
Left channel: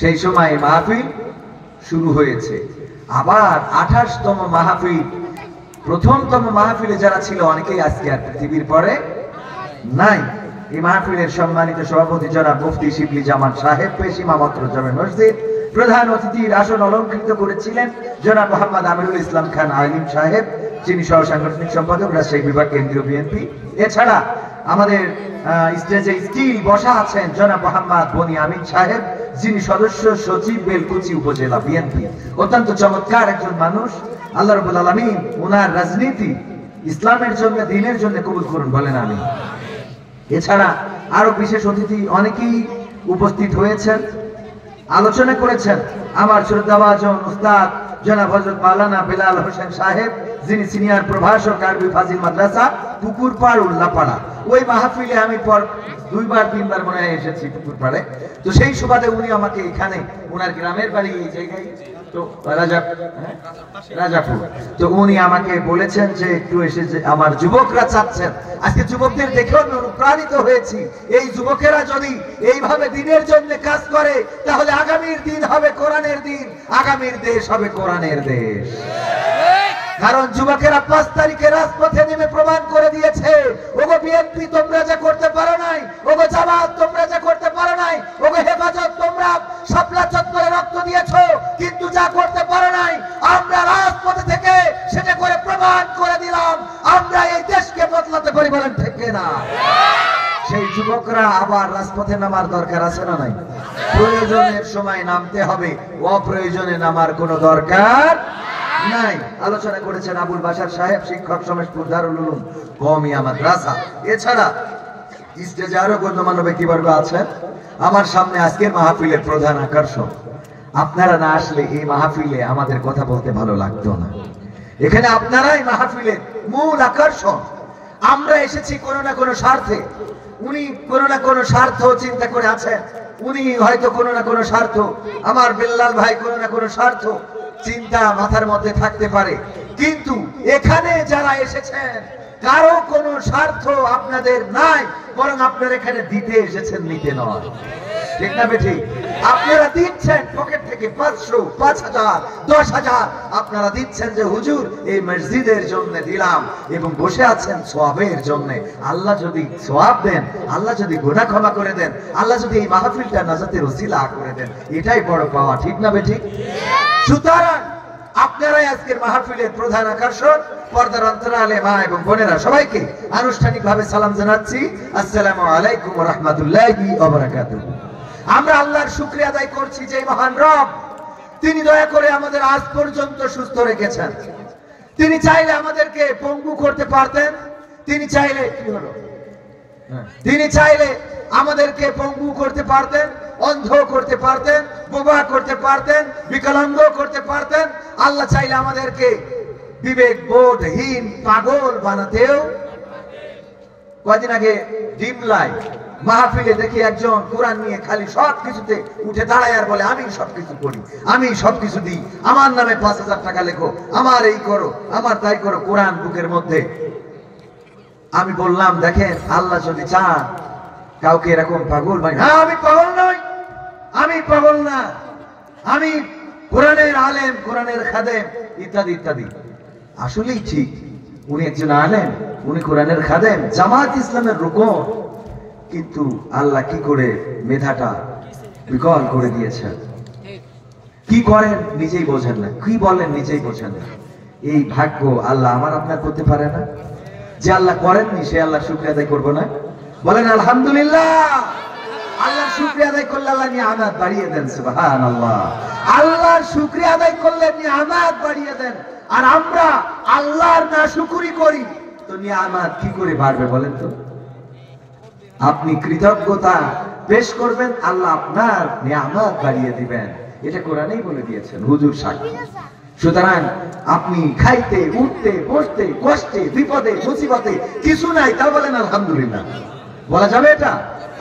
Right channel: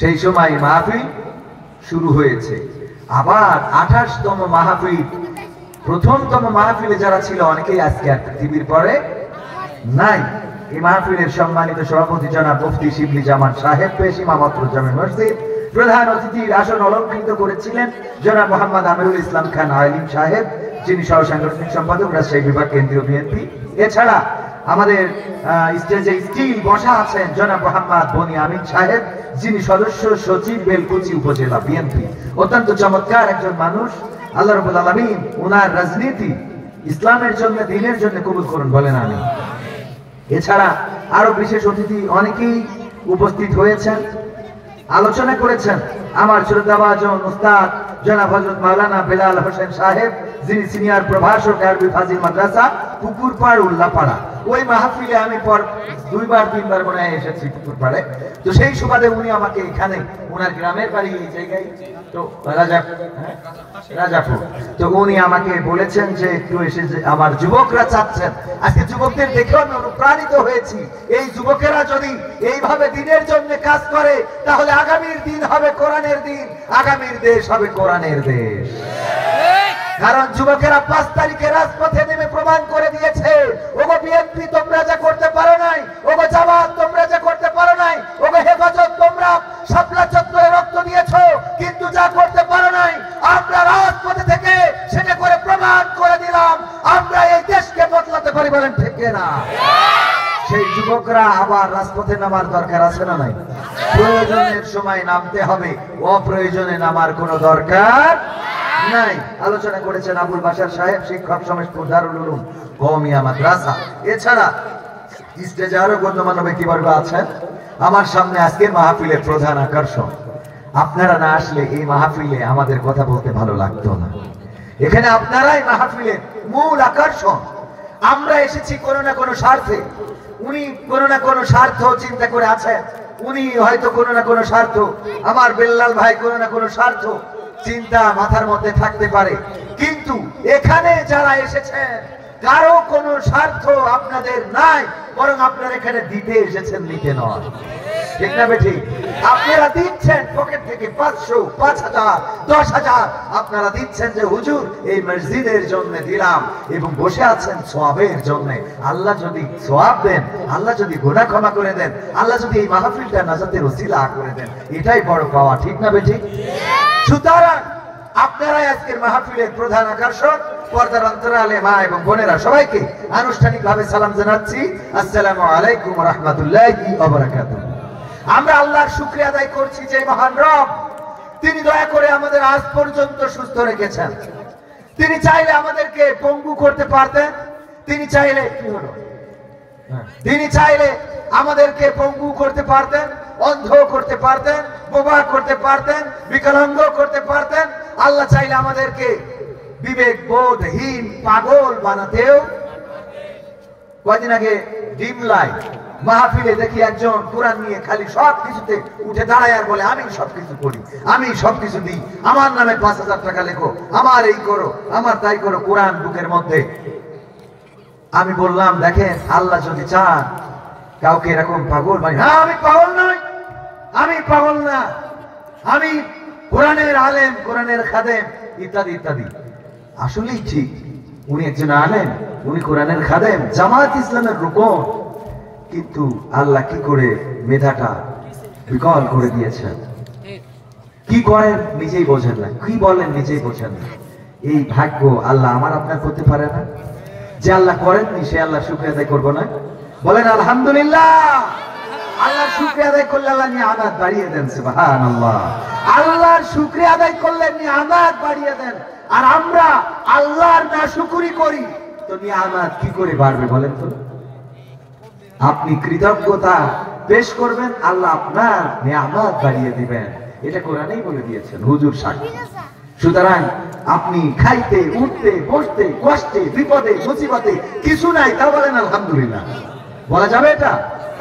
সেই সময় মাহফিল শুরু হয়েছে। আবার 28তম মাহফিল, প্রথমতম মাহফিলে যারা ছিল অনেকেই আজকে আর পৃথিবীর পরে নাই। এই মাহফিলের সম্মানিত সভাপতি জনাব মুফতি শিবলি জামান সাহেব পেশ ইমামত জামে মসজিদ, প্রধান অতিথির আসন অলঙ্কৃত করেছিলেন জনাব মোহাম্মদ আমিরুল ইসলাম খান আলিম সাহেব, যিনি সহ সাংগঠনিক সম্পাদক রাজশাহী বিভাগ কেন্দ্রীয় বিএনপি। এছাড়া আমাদের স্টেজে স্টিল বসা আছেন জনাব মোহাম্মদ বনি আমিন সাহেব, যিনি সদস্য সচিব বেলকুচি উপজেলা বিএনপি। অত্যন্ত চমৎকার একজন মানুষ। আল্লাহ রাব্বুল আলামিন ওনার রাজনীতি ইসলামের জন্য, দ্বীনের জন্য কবুল করুন, বলেন আমিন। এছাড়া আরো বিশেষ অতিথি অনেকেই উপস্থিত হয়েছেন, আলোচনা করেছেন। আমার শ্রদ্ধাভাজন উস্তাদ জনাব হযরত মাওলানা বেলাল হোসেন সাহেব, যিনি সিনিয়র প্রভাষক আরবি ফাজিল মাদ্রাসা পুকুরপাড় উল্লাপাড়া। ওই মাহফিলে আমি পর 2-3 মনে হয় এসেছি পুকুরপাড়ে। তো সেই সুবাদে উনি আমাকে এখানে, ওনার গ্রামের বাড়ি এই জায়গায়, তো রাজাপুর, তো উনি আমাকে বলেছেন যে একটু এসে, যে আমার যুবকরা চাচ্ছেন। আজকে যুবকদের দেখে আমি অনুপ্রাণিত হয়েছি। এই যুবকেরা যদি এইভাবে দিনের জন্য কাজ করে তাহলে আগামীর দিন হবে কোরআনের দিন, আগামীর দেশ হবে কোরআনের দেশ। কারণ যুবকেরা 5 তারিখে রাজপথে নেমে প্রমাণ করে দিয়েছে, ওগো বিএনপি তোমরা যা করতে পারো নাই, ওগো জামাত তোমরা যা করতে পারো নাই, ওগো হেফাজত তোমরা শাপলা চত্বরে রক্ত দিয়েছো, কিন্তু যা করতে পারো নাই আমরা রাজপথে থেকে সেটা করে প্রমাণ করে দিলাম আমরা এই দেশকে বদলাতে পারি। বলেন ঠিক না? সেই যুবকরা আবার রাজপথে নামার দরকার আছে না নাই? প্রয়োজনের সময় নামতে হবে, অপ্রয়োজনে নামার কোনো দরকার নাই। আলোচনা করেছেন আবুল বাশার সাহেব, শিক্ষক সমেশপুর দারুল উলুম কওমিয়া মাদ্রাসা। এছাড়া স্টেজে আরো গণ্যমান্য ব্যক্তিবর্গ আছেন। আমার সামনে আজকের মাহফিলের প্রধান আকর্ষণ। আপনারা না আসলে এই মাহফিলে আমাদের কথা বলতে ভালো লাগতো না। এখানে আপনারাই মাহফিলের মূল আকর্ষণ। আমরা এসেছি কোনো না কোনো স্বার্থে, উনি কোনো না কোনো স্বার্থ চিন্তা করে আছেন, উনি হয়তো কোনো না কোনো স্বার্থ, আমার বেল্লাল ভাই কোনো না কোনো স্বার্থ চিন্তা মাথার মধ্যে থাকতে পারে, কিন্তু এখানে যারা এসেছেন কারো কোনো স্বার্থ আপনাদের নাই, বরং আপনারা এখানে দিতে এসেছেন, নিতে নয়। ঠিক না বেঠিক? আপনারা দিচ্ছেন পকেট থেকে 500, 5000, 10,000 আপনারা দিচ্ছেন যে হুজুর এই মসজিদের জন্য দিলাম, এবং বসে আছেন সওয়াবের জন্য। আল্লাহ যদি সওয়াব দেন, আল্লাহ যদি গুনাহ ক্ষমা করে দেন, আল্লাহ যদি এই মাহফিলটা নাজাতের ওসিলা করে দেন, এটাই বড় পাওয়া। ঠিক না বেঠিক? সুতরাং আপনারাই আজকের মাহফিলের প্রধান আকর্ষণ। পর্দার অন্তরালে মা এবং বোনেরা সবাইকে আনুষ্ঠানিকভাবে সালাম জানাচ্ছি, আসসালামু আলাইকুম ওয়া রাহমাতুল্লাহি ওয়া বারাকাতুহু। আমরা আল্লাহর শুকরিয়া আদায় করছি যে মহান রব তিনি দয়া করে আমাদের আজ পর্যন্ত সুস্থ রেখেছেন। তিনি চাইলে আমাদেরকে পঙ্গু করতে পারতেন, তিনি চাইলে কি হলো, তিনি চাইলে আমাদেরকে পঙ্গু করতে পারতেন, অন্ধ করতে পারতেন, বোবা করতে পারতেন, বিকলাঙ্গ করতে পারতেন। আল্লাহ চাইলে আমাদেরকে বিবেক বোধহীন পাগল বানাতেও। কয়েকদিন আগে ডিমলাই মাহফিলে দেখি একজন কোরআন নিয়ে খালি সবকিছুতে উঠে দাঁড়ায় আর বলে আমি সবকিছু করি, আমি সবকিছু দিই, আমার নামে 5,000 টাকা লেখো, আমার এই করো, আমার তাই করো, কোরআন বুকের মধ্যে। আমি বললাম দেখেন আল্লাহ যদি চান কাউকে এরকম পাগল মানে, হ্যাঁ আমি পাগল নই, আমি পাগল না, আমি কোরআনের আলেম, কোরআনের খাদেম ইত্যাদি ইত্যাদি। আসলেই ঠিক, উনি একজন আলেম, উনি কোরআনের খাদেম, জামাত ইসলামের রুকন, কিন্তু আল্লাহ কি করে মেধাটা বিকল করে দিয়েছেন। কি করেন নিজেই বোঝেন না, কি বলেন নিজেই বোঝেন না। এই ভাগ্য আল্লাহ আমার আপনার করতে পারে না। যে আল্লাহ করেননি সে আল্লাহ শুকরিয়া আদায় করবো না? বলেন আলহামদুলিল্লাহ। আল্লাহ শুকরিয়া আদায় করলে আল্লাহ নিয়ামত বাড়িয়ে দেন, সুবহানাল্লাহ। আল্লাহর শুকরিয়া আদায় করলে নিয়ামত বাড়িয়ে দেন। আর আমরা আল্লাহর নাশুকরি করি তো নিয়ামত কি করে বাড়বে বলেন তো? আপনি কৃতজ্ঞতা পেশ করবেন, আল্লাহ আপনার নিয়ামত বাড়িয়ে দিবেন, এটা কোরআনেই বলে দিয়েছেন, হুজুর সাক্ষী। সুতরাং আপনি খাইতে, উঠতে, বসতে, কষ্টে, বিপদে, মুসিবতে কিছু নাই, তা বলেন আলহামদুলিল্লাহ। বলা যাবে এটা?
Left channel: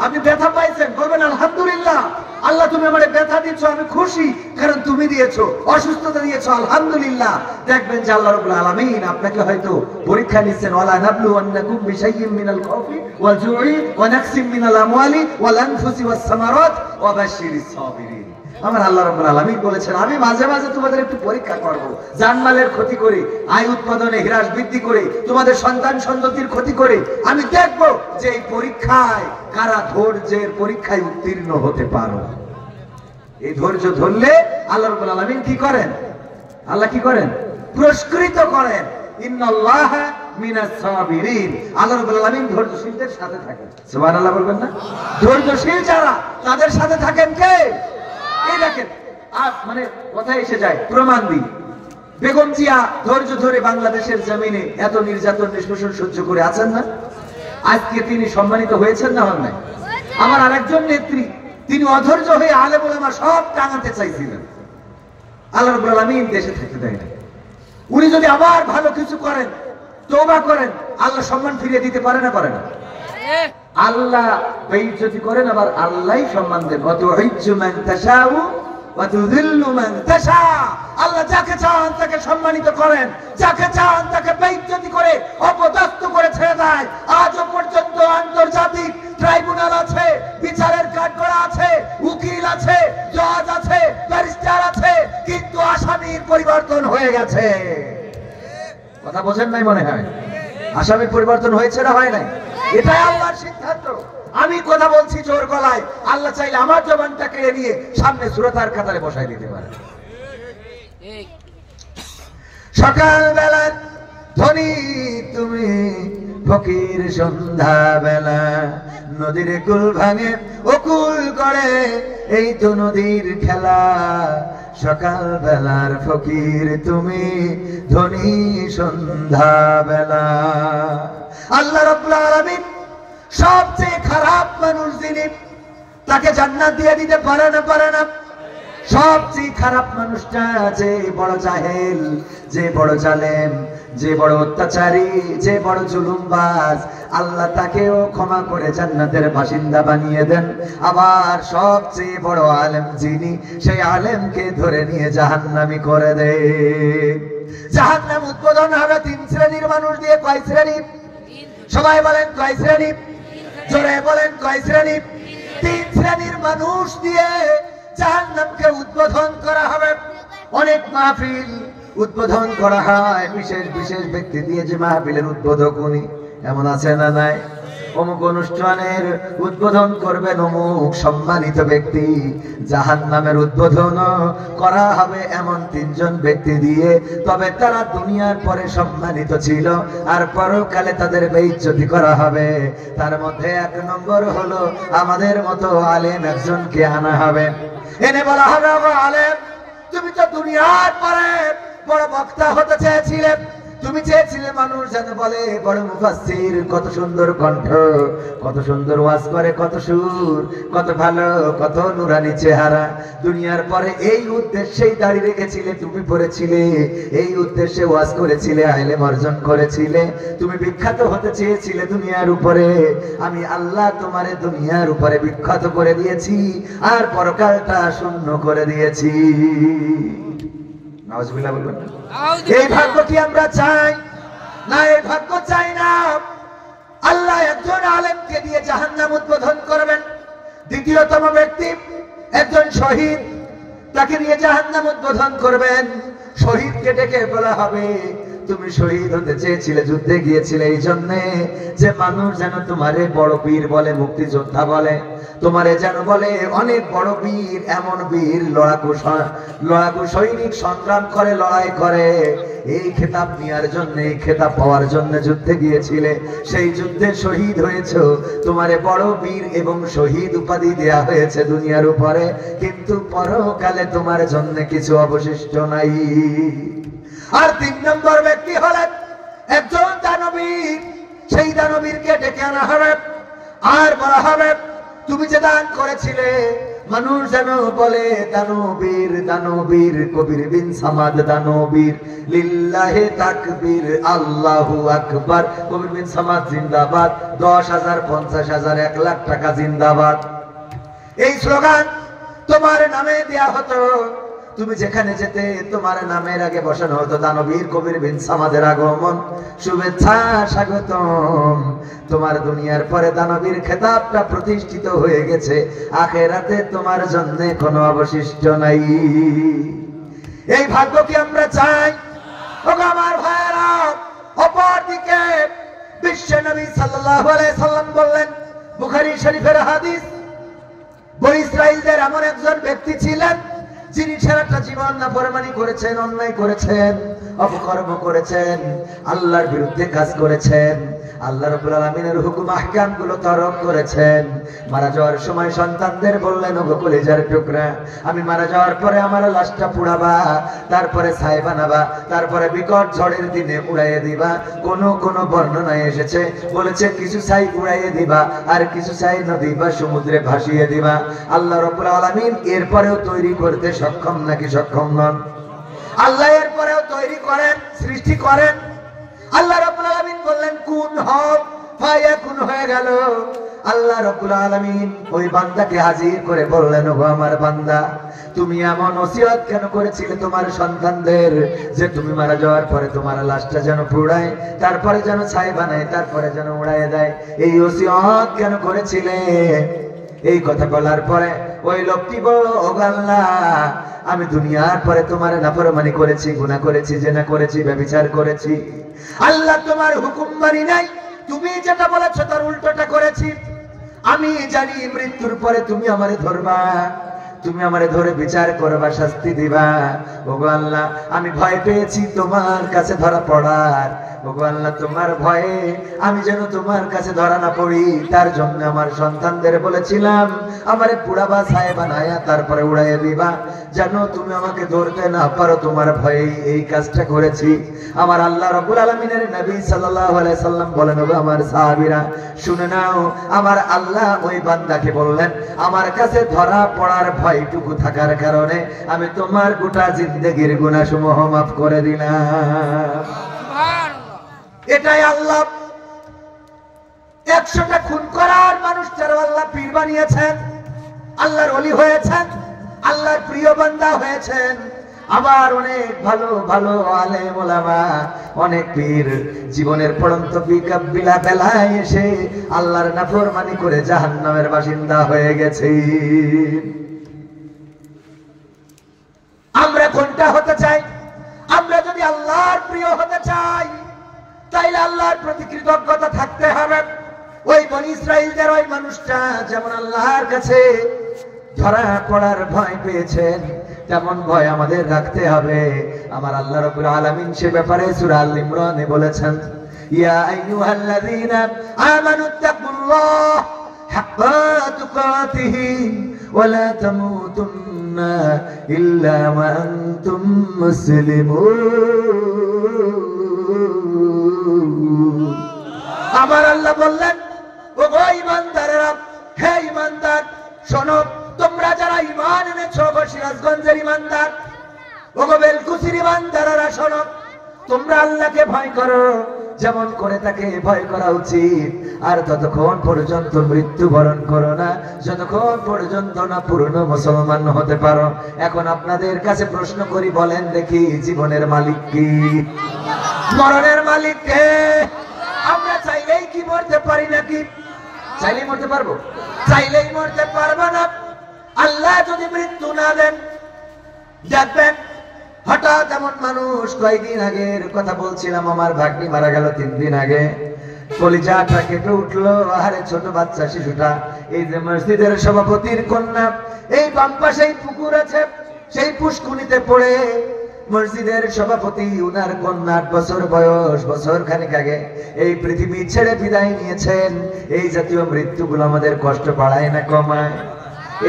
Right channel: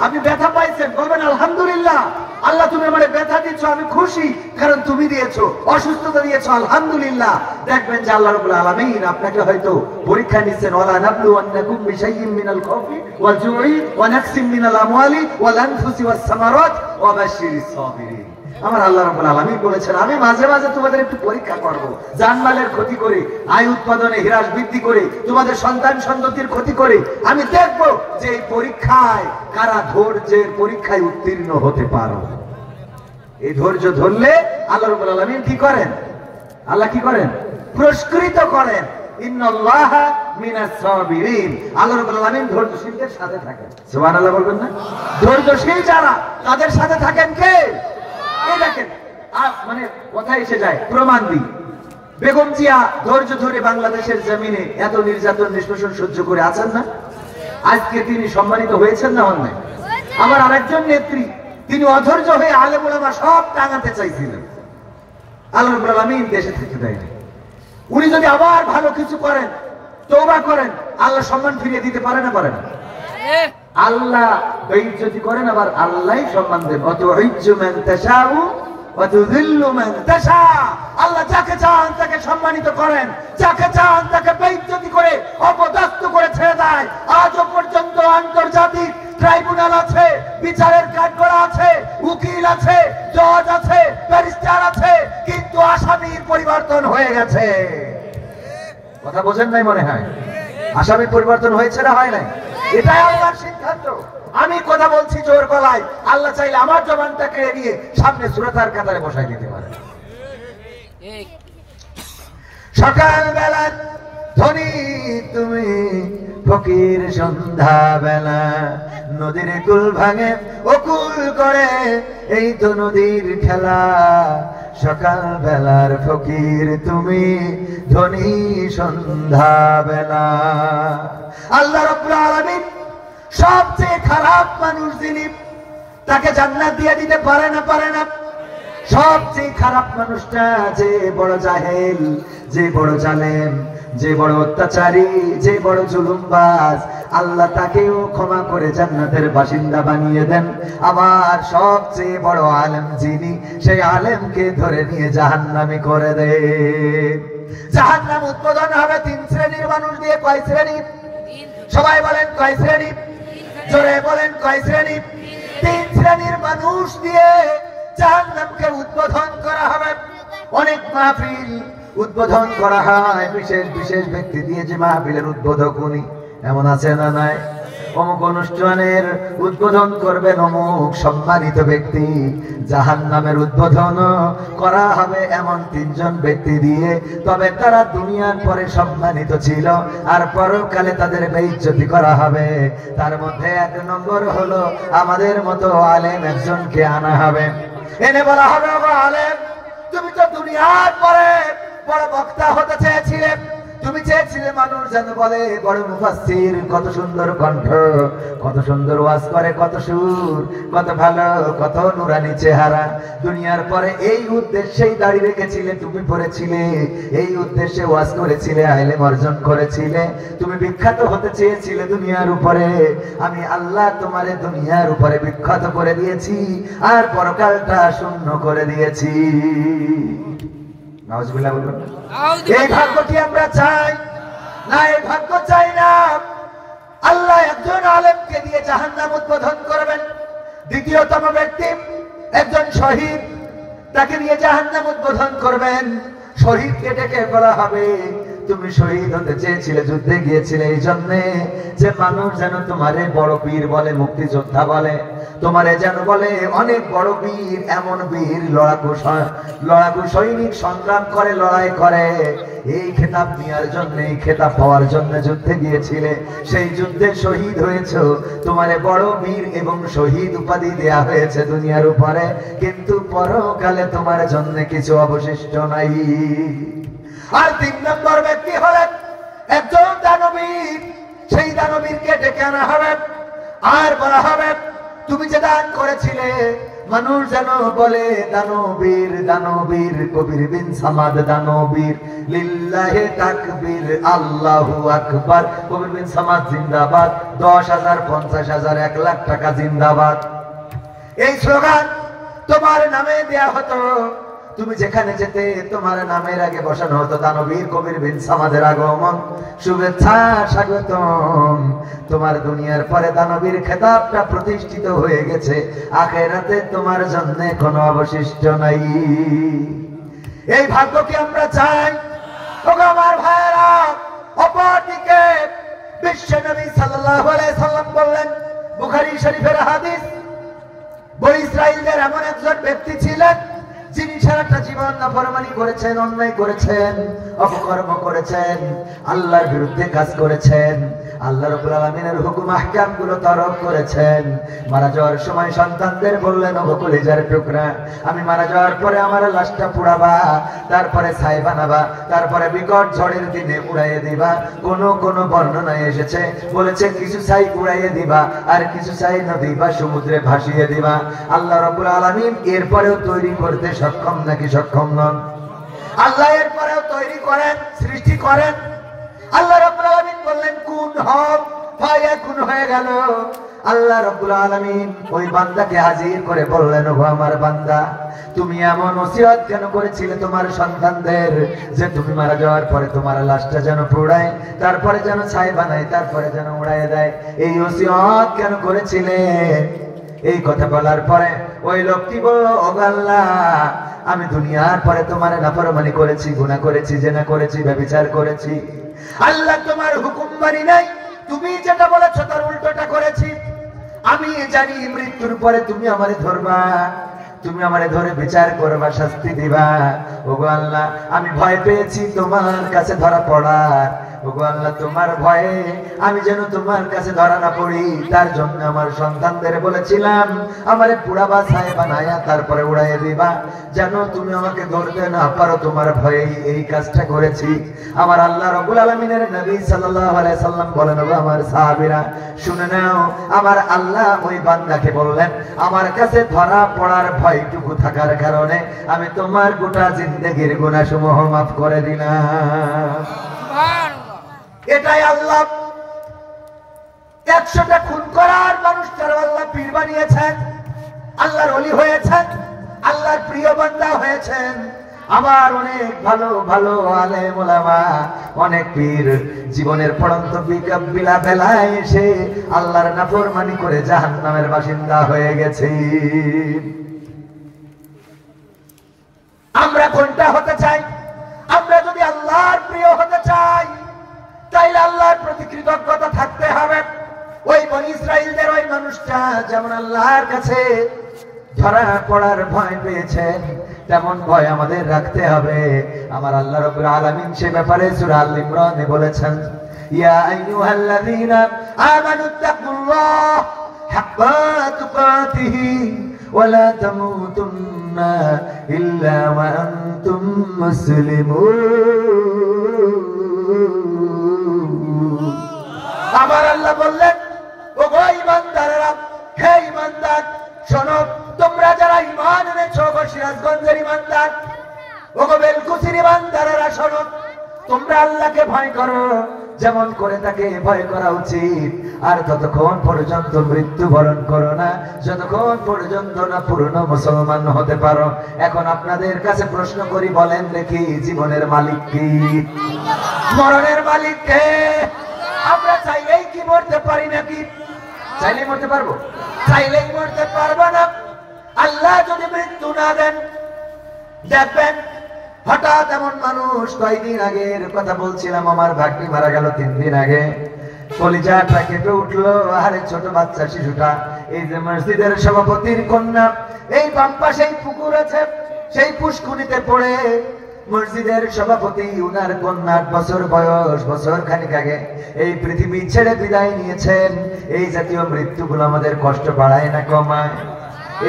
আপনি ব্যথা পাইছেন, বলবেন আলহামদুলিল্লাহ। আল্লাহ তুমি আমারে ব্যথা দিয়েছো, আমি খুশি কারণ তুমি দিয়েছো, অসুস্থতা দিয়েছো, আলহামদুলিল্লাহ। দেখবেন যে আল্লাহ রাব্বুল আলামিন আপনাকে হয়তো পরীক্ষা নিচ্ছেন, ওয়ালা নাবলুওয়ান্নাকুম বিশাইইন মিনাল খাউফি ওয়াল জুই ওয়া নাকসিম মিনাল আমওয়ালি ওয়াল আনফুসি ওয়াস সামারাত ওয়া বাশশিরিস সাবিরিন। আমার আল্লাহ রাব্বুল আলামিন বলেছেন আমি মাঝে মাঝে তোমাদের একটু পরীক্ষা করব, জানমালের ক্ষতি করে, আয় উৎপাদনে হ্রাস বৃদ্ধি করে, তোমাদের সন্তান সন্ততির ক্ষতি করে আমি দেখব যে এই পরীক্ষায় কারা ধৈর্যের পরীক্ষায় উত্তীর্ণ হতে পারো। এই ধৈর্য ধরলে আল্লাহ রাব্বুল আলামিন কি করেন? আল্লাহ কি করেন? পুরস্কৃত করেন। ইন্নাল্লাহা মিনাস সাবিরিন। আল্লাহ রাব্বুল আলামিন ধৈর্যশীলদের সাথে থাকেন। সুবহানাল্লাহ বলবেন না? ধৈর্যশীল যারা তাদের সাথে থাকেন কে? এই দেখেন মানে কথা এসে যায়, প্রমাণ দিই। বেগম জিয়া ধৈর্য ধরে বাংলাদেশের জমিনে এত নির্যাতন নিষ্পেষণ সহ্য করে আছেন না? আজকে তিনি সম্মানিত হয়েছেন না? হয় আমার আরেকজন নেত্রী, তিনি অধৈর্য হয়ে আলেম ওলামা সব টাঙাতে চাইছিলেন, আল্লাহ রাব্বুল আলামিন দেশে থেকে দেয় না। উনি যদি আবার ভালো কিছু করেন, তওবা করেন, আল্লাহ সম্মান ফিরিয়ে দিতে পারে না? পারে না? আল্লাহ বেইজ্জতি করেন, আবার আল্লাহই সম্মান দেন। ওয়া তুইজ্জু মান তাশাউ ওয়া তুযিল্লু মান তাশা। আল্লাহ যাকে চান তাকে সম্মানিত করেন, যাকে চান তাকে বেইজ্জতি করে অপদস্থ করে ছেড়ে দেয়। আজও পর্যন্ত আন্তর্জাতিক ট্রাইব্যুনাল আছে, বিচারের কাঠগড়া আছে, উকিল আছে, জজ আছে, ব্যারিস্টার আছে, কিন্তু আসামির পরিবর্তন হয়ে গেছে। কথা বোঝেন নাই মনে হয়? আসামি পরিবর্তন হয়েছে না হয় নাই? এটাই আল্লাহর সিদ্ধান্ত। আমি কথা বলছি জোর গলায়, আল্লাহ চাইলে আমার জবানটা কেড়ে নিয়ে সামনে সূরাতার কাতারে বসাই দিতে পারে। সকালবেলা ধনী তুমি, ফকির সন্ধ্যা বেলা, নদীর কুল ভাঙে ও কুল করে, এই তো নদীর খেলা। সকাল বেলার ফকির তুমি, ধনী সন্ধ্যা বেলা। আল্লাহ রাব্বুল আলামিন সবচেয়ে খারাপ মানুষ যিনি, তাকে জান্নাত দিয়ে দিতে পারে না? পারে না? সবচেয়ে খারাপ মানুষটা যে বড় জাহেল, যে বড় জালেম, যে বড় অত্যাচারী, যে বড় জুলুমবাজ, আল্লাহ তাকেও ক্ষমা করে জান্নাতের বাসিন্দা বানিয়ে দেন। আবার সবচেয়ে বড় আলেম যিনি, সেই আলেমকে ধরে নিয়ে জাহান্নামী করে দেন। জাহান্নাম উদ্বোধন হবে 3 শ্রেণীর মানুষ দিয়ে। কয় শ্রেণী? সবাই বলেন কয় শ্রেণী? জোরে বলেন কয় শ্রেণী? 3 শ্রেণীর মানুষ দিয়ে জাহান্নামকে উদ্বোধন করা হবে। অনেক মাহফিল উদ্বোধন করা হয় বিশেষ বিশেষ ব্যক্তি দিয়ে, যে মাহফিলের উদ্বোধক উনি, এমন আছে না নাই? অমুক অনুষ্ঠানের উদ্বোধন করবেন অমুক সম্মানিত ব্যক্তি। জাহান্নামের উদ্বোধন করা হবে এমন 3 জন ব্যক্তি দিয়ে, তবে তারা দুনিয়ার পরে সম্মানিত ছিল, আর পরকালে তাদের বেইজ্জতি করা হবে। তার মধ্যে 1 নম্বর হলো আমাদের মতো আলেম একজনকে আনা হবে। এনে বলা হবে, আলেম তুমি তো দুনিয়ার পরে বড় বক্তা হতে চেয়েছিলে, তুমি চেয়েছিলে মানুষ যেন বলে বড় মুফাসসির, কত সুন্দর কণ্ঠ, কত সুন্দর ওয়াজ করে, কত সুর, কত ভালো, কত নুরানি চেহারা। দুনিয়ার পরে এই উদ্দেশ্যেই দাড়ি রেখেছিলে, তুমি পড়েছিলে, এই উদ্দেশ্যে ওয়াজ করেছিলে, ইলম অর্জন করেছিলে, তুমি বিখ্যাত হতে চেয়েছিলে দুনিয়ার উপরে। আমি আল্লাহ তোমারে দুনিয়ার উপরে বিখ্যাত করে দিয়েছি, আর পরকালটা শূন্য করে দিয়েছি। নাউজুবিল্লাহ বলুন। এই ভাগ্য কি আমরা চাই? না, এই ভাগ্য চাই না। আল্লাহ একজন আলেমকে দিয়ে জাহান্নাম উদ্বোধন করবেন। দ্বিতীয়তম ব্যক্তি একজন শহীদ, তাকে নিয়ে জাহান্নাম উদ্বোধন করবেন। শহীদকে ডেকে বলা হবে, তুমি শহীদ হতে চেয়েছিলে, যুদ্ধে গিয়েছিলে এই জন্যে যে মানুষ যেন তোমারে বড় বীর বলে, মুক্তিযোদ্ধা বলে, তোমারে যেন বলে অনেক বড় বীর, এমন বীর, লড়াকু সৈনিক, সংগ্রাম করে, লড়াই করে। এই খেতাব নেওয়ার জন্য, এই খেতাব পাওয়ার জন্য যুদ্ধে গিয়েছিলে, সেই যুদ্ধে শহীদ হয়েছ, তোমারে বড় বীর এবং শহীদ উপাধি দেয়া হয়েছে দুনিয়ার উপরে, কিন্তু পরকালে তোমার জন্য কিছু অবশিষ্ট নাই। আর 3 নম্বর ব্যক্তি হলেন একজন দানবীর। সেই দানবীরকে ডেকে আনা হবে, আর বলা হবে, তুমি যে দান করেছিলে, মানুষ যেন বলে দানবীর, দানবীর, কবির বিন সামাদ দানবীর, লিল্লাহি তাকবীর, আল্লাহু আকবার, কবির বিন সামাদ জিন্দাবাদ, 10,000, 50,000, 1 লাখ টাকা জিন্দাবাদ। এই স্লোগান তোমার নামে দেয়া হতো। তুমি যেখানে যেতে তোমার নামের আগে বসানো হতো দানবীর কবির বিন সামাদের আগমন, শুভেচ্ছা, স্বাগতম। তোমার দুনিয়ার পরে দানবীর খেতাবটা প্রতিষ্ঠিত হয়ে গেছে, আখিরাতে তোমার জন্য কোনো অবশিষ্ট নাই। এই ভাগ্য কি আমরা চাই? ওগো আমার ভাইরা, অপরদিকে বিশ্ব নবী সাল্লাল্লাহু আলাইহি সাল্লাম বললেন, বুখারী শরীফের হাদিস, বনী ইসরাইলদের এমন একজন ব্যক্তি ছিলেন যিনি সারাটা জীবন নাফরমানি করেছেন, অন্যায় করেছেন, অপকর্ম করেছেন, আল্লাহর বিরুদ্ধে কাজ করেছেন, আল্লাহ রাব্বুল আলামিনের হুকুম আহকাম গুলো তরক করেছেন। মারা যাওয়ার সময় সন্তানদের বললেন, ওগো কলিজার টুকরা, আমি মারা যাওয়ার পরে আমার লাশটা পুড়াবা, তারপরে ছাই বানাবা, তারপরে বিকট ঝড়ের দিনে উড়াইয়ে দিবা। কোন বর্ণনায় এসেছে, বলেছে কিছু ছাই উড়াইয়ে দিবা, আর কিছু ছাই নদী বা সমুদ্রে ভাসিয়ে দিবা। আল্লাহ রাব্বুল আলামিন এরপরেও তৈরি করতে সক্ষম নাকি সক্ষম নন? আল্লাহ এরপরেও তৈরি করেন, সৃষ্টি করেন। আল্লাহ রাব্বুল আলামিন বললেন কুন হও, ফায়াকুন হয়ে গেল। আল্লাহ রাব্বুল আলামিন ওই বান্দাকে হাজির করে বললেন, ও আমার বান্দা, তুমি এমন ওসিয়ত কেন করেছিলে তোমার সন্তানদের, যে তুমি মারা যাওয়ার পরে তোমার লাশটা যেন পুড়ায়, তারপরে যেন ছাই বানায়, তারপরে যেন উড়াইয়ে দেয়? এই ওসিয়ত কেন করেছিলে? এই কথা বলার পরে ওই লোকটি বলল, ও আল্লাহ, আমি দুনিয়ার পরে তোমার নাফরমানি করেছি, গুনাহ করেছি, জিনা করেছি, ব্যভিচার করেছি। আল্লাহ তোমার হুকুম মানি নাই, তুমি যেটা বলেছো তার উল্টোটা করেছি। আমি জানি মৃত্যুর পরে তুমি আমারে ধরবা, তুমি আমারে ধরে বিচার করবা, শাস্তি দিবা। ওগো আল্লাহ, আমি ভয় পেয়েছি তোমার কাছে ধরা পড়ার। ওগো আল্লাহ, তোমার ভয়ে আমি যেন তোমার কাছে ধরা না পড়ি, তার জন্য আমার সন্তানদের বলেছিলাম আমারে পুড়াবা, ছায়া বানায়া তারপরে উড়াইয়া দিবা, যেন তুমি আমাকে ধরতে না পারো। তোমার ভয়ে এই কাজটা করেছি। আমার আল্লাহ রাব্বুল আলামিনের নবী সাল্লাল্লাহু আলাইহি সাল্লাম বলেন, ওগো আমার সাহাবীরা শুনে নাও, আমার আল্লাহ ওই বান্দাকে বললেন, আমার কাছে ধরা পড়ার ভয়টুকু থাকার কারণে আমি তোমার গোটা জিন্দেগীর গুনাহসমূহ মাফ করে দিলাম। এটাই আল্লাহ 100টা খুন করার মানুষটার আল্লাহ পীর বানিয়েছেন, আল্লাহর ওলি হয়েছেন, আল্লাহর প্রিয় বান্দা হয়েছেন। আবার অনেক ভালো ভালো আলেম ওলামা, অনেক পীর জীবনের পড়ন্ত বিকাবিলা বেলায় এসে আল্লাহর নাফরমানি করে জাহান্নামের বাসিন্দা হয়ে গেছে। আমরা কোনটা হতে চাই? আমরা যদি আল্লাহর প্রিয় হতে চাই তাইলে আল্লাহর প্রতি কৃতজ্ঞতা থাকতে হবে। ওই বনি ইসরাইলদের ওই মানুষটা যেমন আল্লাহর কাছে ধরা পড়ার ভয় পেয়েছেন, তেমন ভয় আমাদের রাখতে হবে। আমার আল্লাহ রাব্বুল আলামিন সে ব্যাপারে সূরা আল ইমরানে বলেছেন, ইয়া আইয়ুহাল্লাযীনা আমানুত্তাকুল্লাহ হাক্কা তুকাতিহি ওয়া লা তামুতুন্না ইল্লা ওয়া আনতুম মুসলিমুন। আমার আল্লাহ বললেন, ওগো ঈমানদারেরা, হে ঈমানদার শোনো, তোমরা যারা ঈমান এনেছো, ওগো সিরাজগঞ্জের ঈমানদার, ওগো বেলকুচির ঈমানদারেরা শোনো, তোমরা আল্লাহকে ভয় করো যেমন করে তাকে ভয় করা উচিত। আর ততক্ষণ পর্যন্ত মৃত্যুবরণ করো না যতক্ষণ পর্যন্ত না পূর্ণ মুসলমান হতে পারো। এখন আপনাদের কাছে প্রশ্ন করি, বলেন দেখি, জীবনের মালিক কি? মরণের মালিক কে? আমরা চাইলেই কি মরতে পারি নাকি? চাইলেই মরতে পারবো? চাইলেই মরতে পারবো না। আল্লাহ যদি মৃত্যু না দেন, দেখবেন হঠাৎ এমন মানুষ, কয়েকদিন আগের কথা বলছিলাম, আমার ভাগ্নি মারা গেল 3 দিন আগে, কলিজাটা কেটে উঠলো। আরে ছোট বাচ্চা শিশুটা, এই যে মসজিদের সভাপতির কন্যা, এই বাম পাশেই পুকুর আছে, সেই পুষ্কুনিতে পড়ে মসজিদের সভাপতি, উনার কন্যা 8 বছর বয়স, বছর খানিক আগে এই পৃথিবী ছেড়ে বিদায় নিয়েছেন। এই জাতীয় মৃত্যুগুলো আমাদের কষ্ট বাড়ায় না কমায়?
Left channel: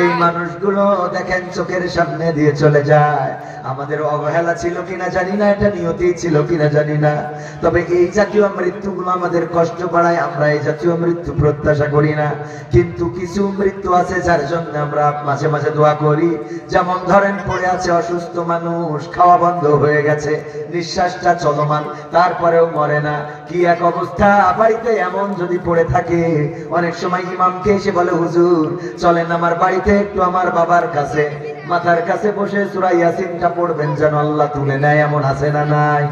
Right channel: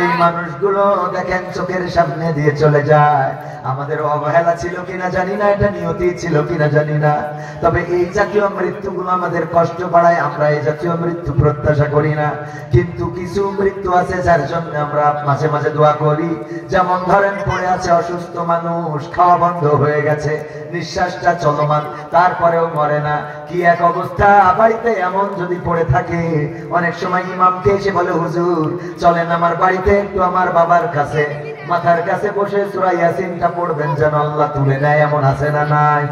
এই মানুষগুলো দেখেন চোখের সামনে দিয়ে চলে যায়। আমাদের অবহেলা ছিল কিনা জানি না, এটা নিয়তি ছিল কিনা জানি না, তবে এই জাতীয় মৃত্যুগুলো আমাদের কষ্ট বাড়ায়। আমরা এই জাতীয় মৃত্যু প্রত্যাশা করি না, কিন্তু কিছু মৃত্যু আছে যার জন্য আমরা মাঝে মাঝে দোয়া করি। যেমন ধরেন, পড়ে আছে অসুস্থ মানুষ, খাওয়া বন্ধ হয়ে গেছে, নিঃশ্বাসটা চলমান, তারপরেও মরে না। কি এক অবস্থা! বাড়িতে এমন যদি পড়ে থাকে, অনেক সময় ইমামকে এসে বলে, হুজুর চলেন আমার বাড়িতে একটু আমার বাবার কাছে, মাথার কাছে বসে সূরা ইয়াসিনটা পড়বেন যেন আল্লাহ তুলে নেয়। এমন আছে না নাই?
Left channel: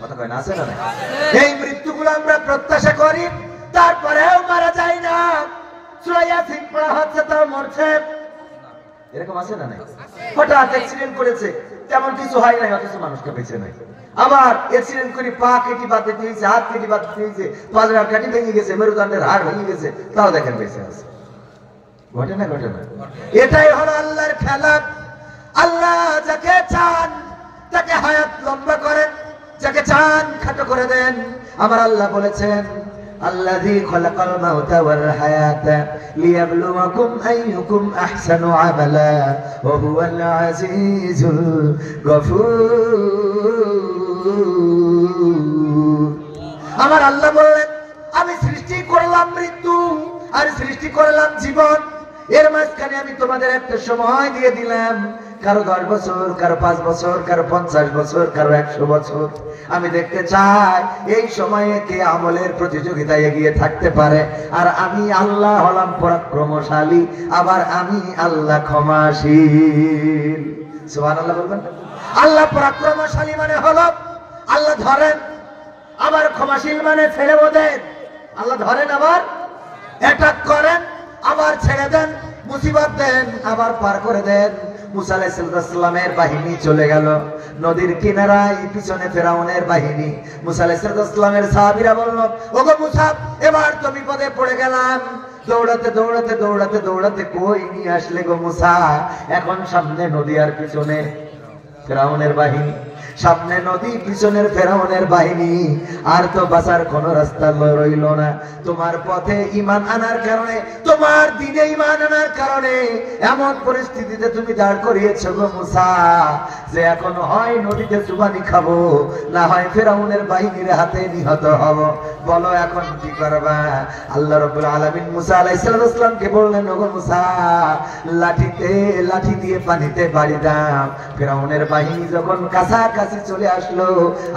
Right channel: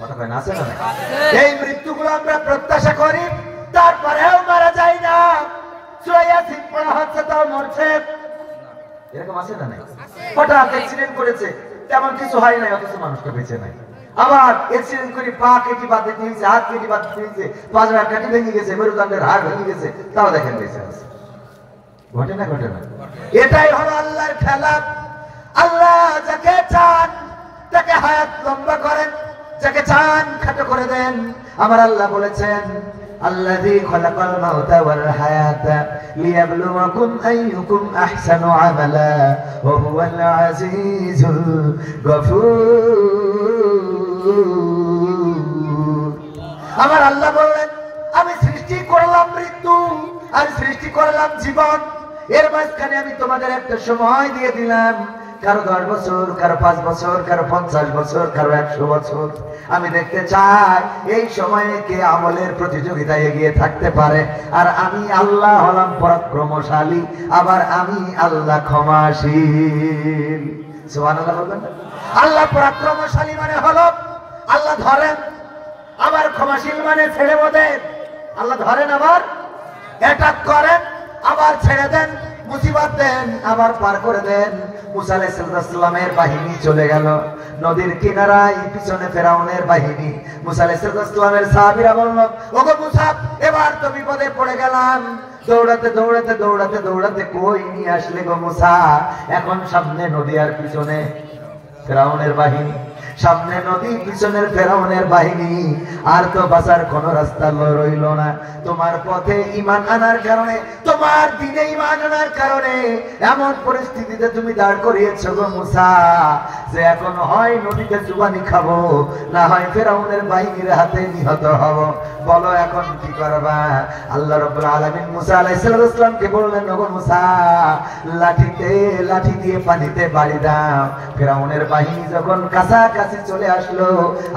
কথা কয় না, আছে না নাই? এই মৃত্যুগুলো আমরা প্রত্যাশা করি, তারপরেও মারা যায় না। সূরা ইয়াসিন পড়া হচ্ছে তাও মরছে, এরকম আছে না নাই? হঠাৎ অ্যাক্সিডেন্ট করেছে, তেমন কিছু হয় না, অথচ মানুষটা বেঁচে নাই। আবার অ্যাক্সিডেন্ট করে পা কেটে বাদ দিয়েছে, হাত কেটে বাদ দিয়েছে, পাঁজরার কাঠি ভেঙে গেছে, মেরুদণ্ডের হাড় ভেঙে গেছে, তাও দেখেন বেঁচে আছে। ঘটে না? ঘটে না? এটাই হলো আল্লাহর খেলা। আল্লাহ যাকে চান তাকে হায়াত লম্বা করেন, যাকে চান খাটো করে দেন। আমার আল্লাহ বলেছেন, আল্লাযী খালাকাল মাউতা ওয়াল হায়াতা লিয়াবলুয়াকুম আইয়ুকুম আহসানু আমালা ওয়া হুয়াল আজিজুল গফুর। আমার আল্লাহ বললেন, আমি সৃষ্টি করলাম মৃত্যু আর সৃষ্টি করলাম জীবন, এর মাঝখানে আমি তোমাদের একটা সময় দিয়ে দিলাম, কারো 10 বছর, কারো 5 বছর, কারো 50 বছর, কারো 100 বছর। আমি দেখতে চাই এই সময়ে কে আমলের প্রতিযোগিতায় এগিয়ে থাকতে পারে। আর আমি আল্লাহ হলাম পরাক্রমশালী, আবার আমি আল্লাহ ক্ষমাশীল। সুবহানাল্লাহ বলবেন। আল্লাহ পরাক্রমশালী মানে হলো আল্লাহ ধরেন, আবার ক্ষমাশীল মানে ছেড়ে দেন। আল্লাহ ধরেন, আবার অ্যাটাক করেন, আবার ছেড়ে দেন। মুসিবত দেন, আবার পার করে দেন। মুসা আলাইহিস সালামের বাহিনী চলে গেল নদীর কিনারায়, পিছনে ফেরাউনের বাহিনী। মুসা আলাইহিস সালামের সাহাবীরা বলল, ওগো মুসা, এবার তো বিপদে পড়ে গেলাম। দৌড়াতে দৌড়াতে দৌড়াতে দৌড়াতে কই নিয়ে আসলে গো মুসা? এখন সামনে নদী আর পিছনে ফেরাউনের বাহিনী, সামনে নদী পিছনের ফেরাউনের বাহিনী, আর তো বাঁচার কোন রাস্তা রইল না। তোমার পথে ঈমান আনার কারণে, তোমার দিনে ঈমান আনার কারণে এমন পরিস্থিতিতে তুমি দাঁড় করিয়েছো গো মুসা, যে এখন হয় নদীতে চুবানি খাবো, না হয় ফেরাউনের বাহিনীর হাতে নিহত হব। বলো এখন কি করবা? আল্লাহ রাব্বুল আলামিন মুসা আলাইহিস সালামকে বললেন, ওগো মুসা, লাঠি দিয়ে পানিতে বাড়ি দাও। ফেরাউনের বাহিনী যখন কাছাকাছি চলে আসলো,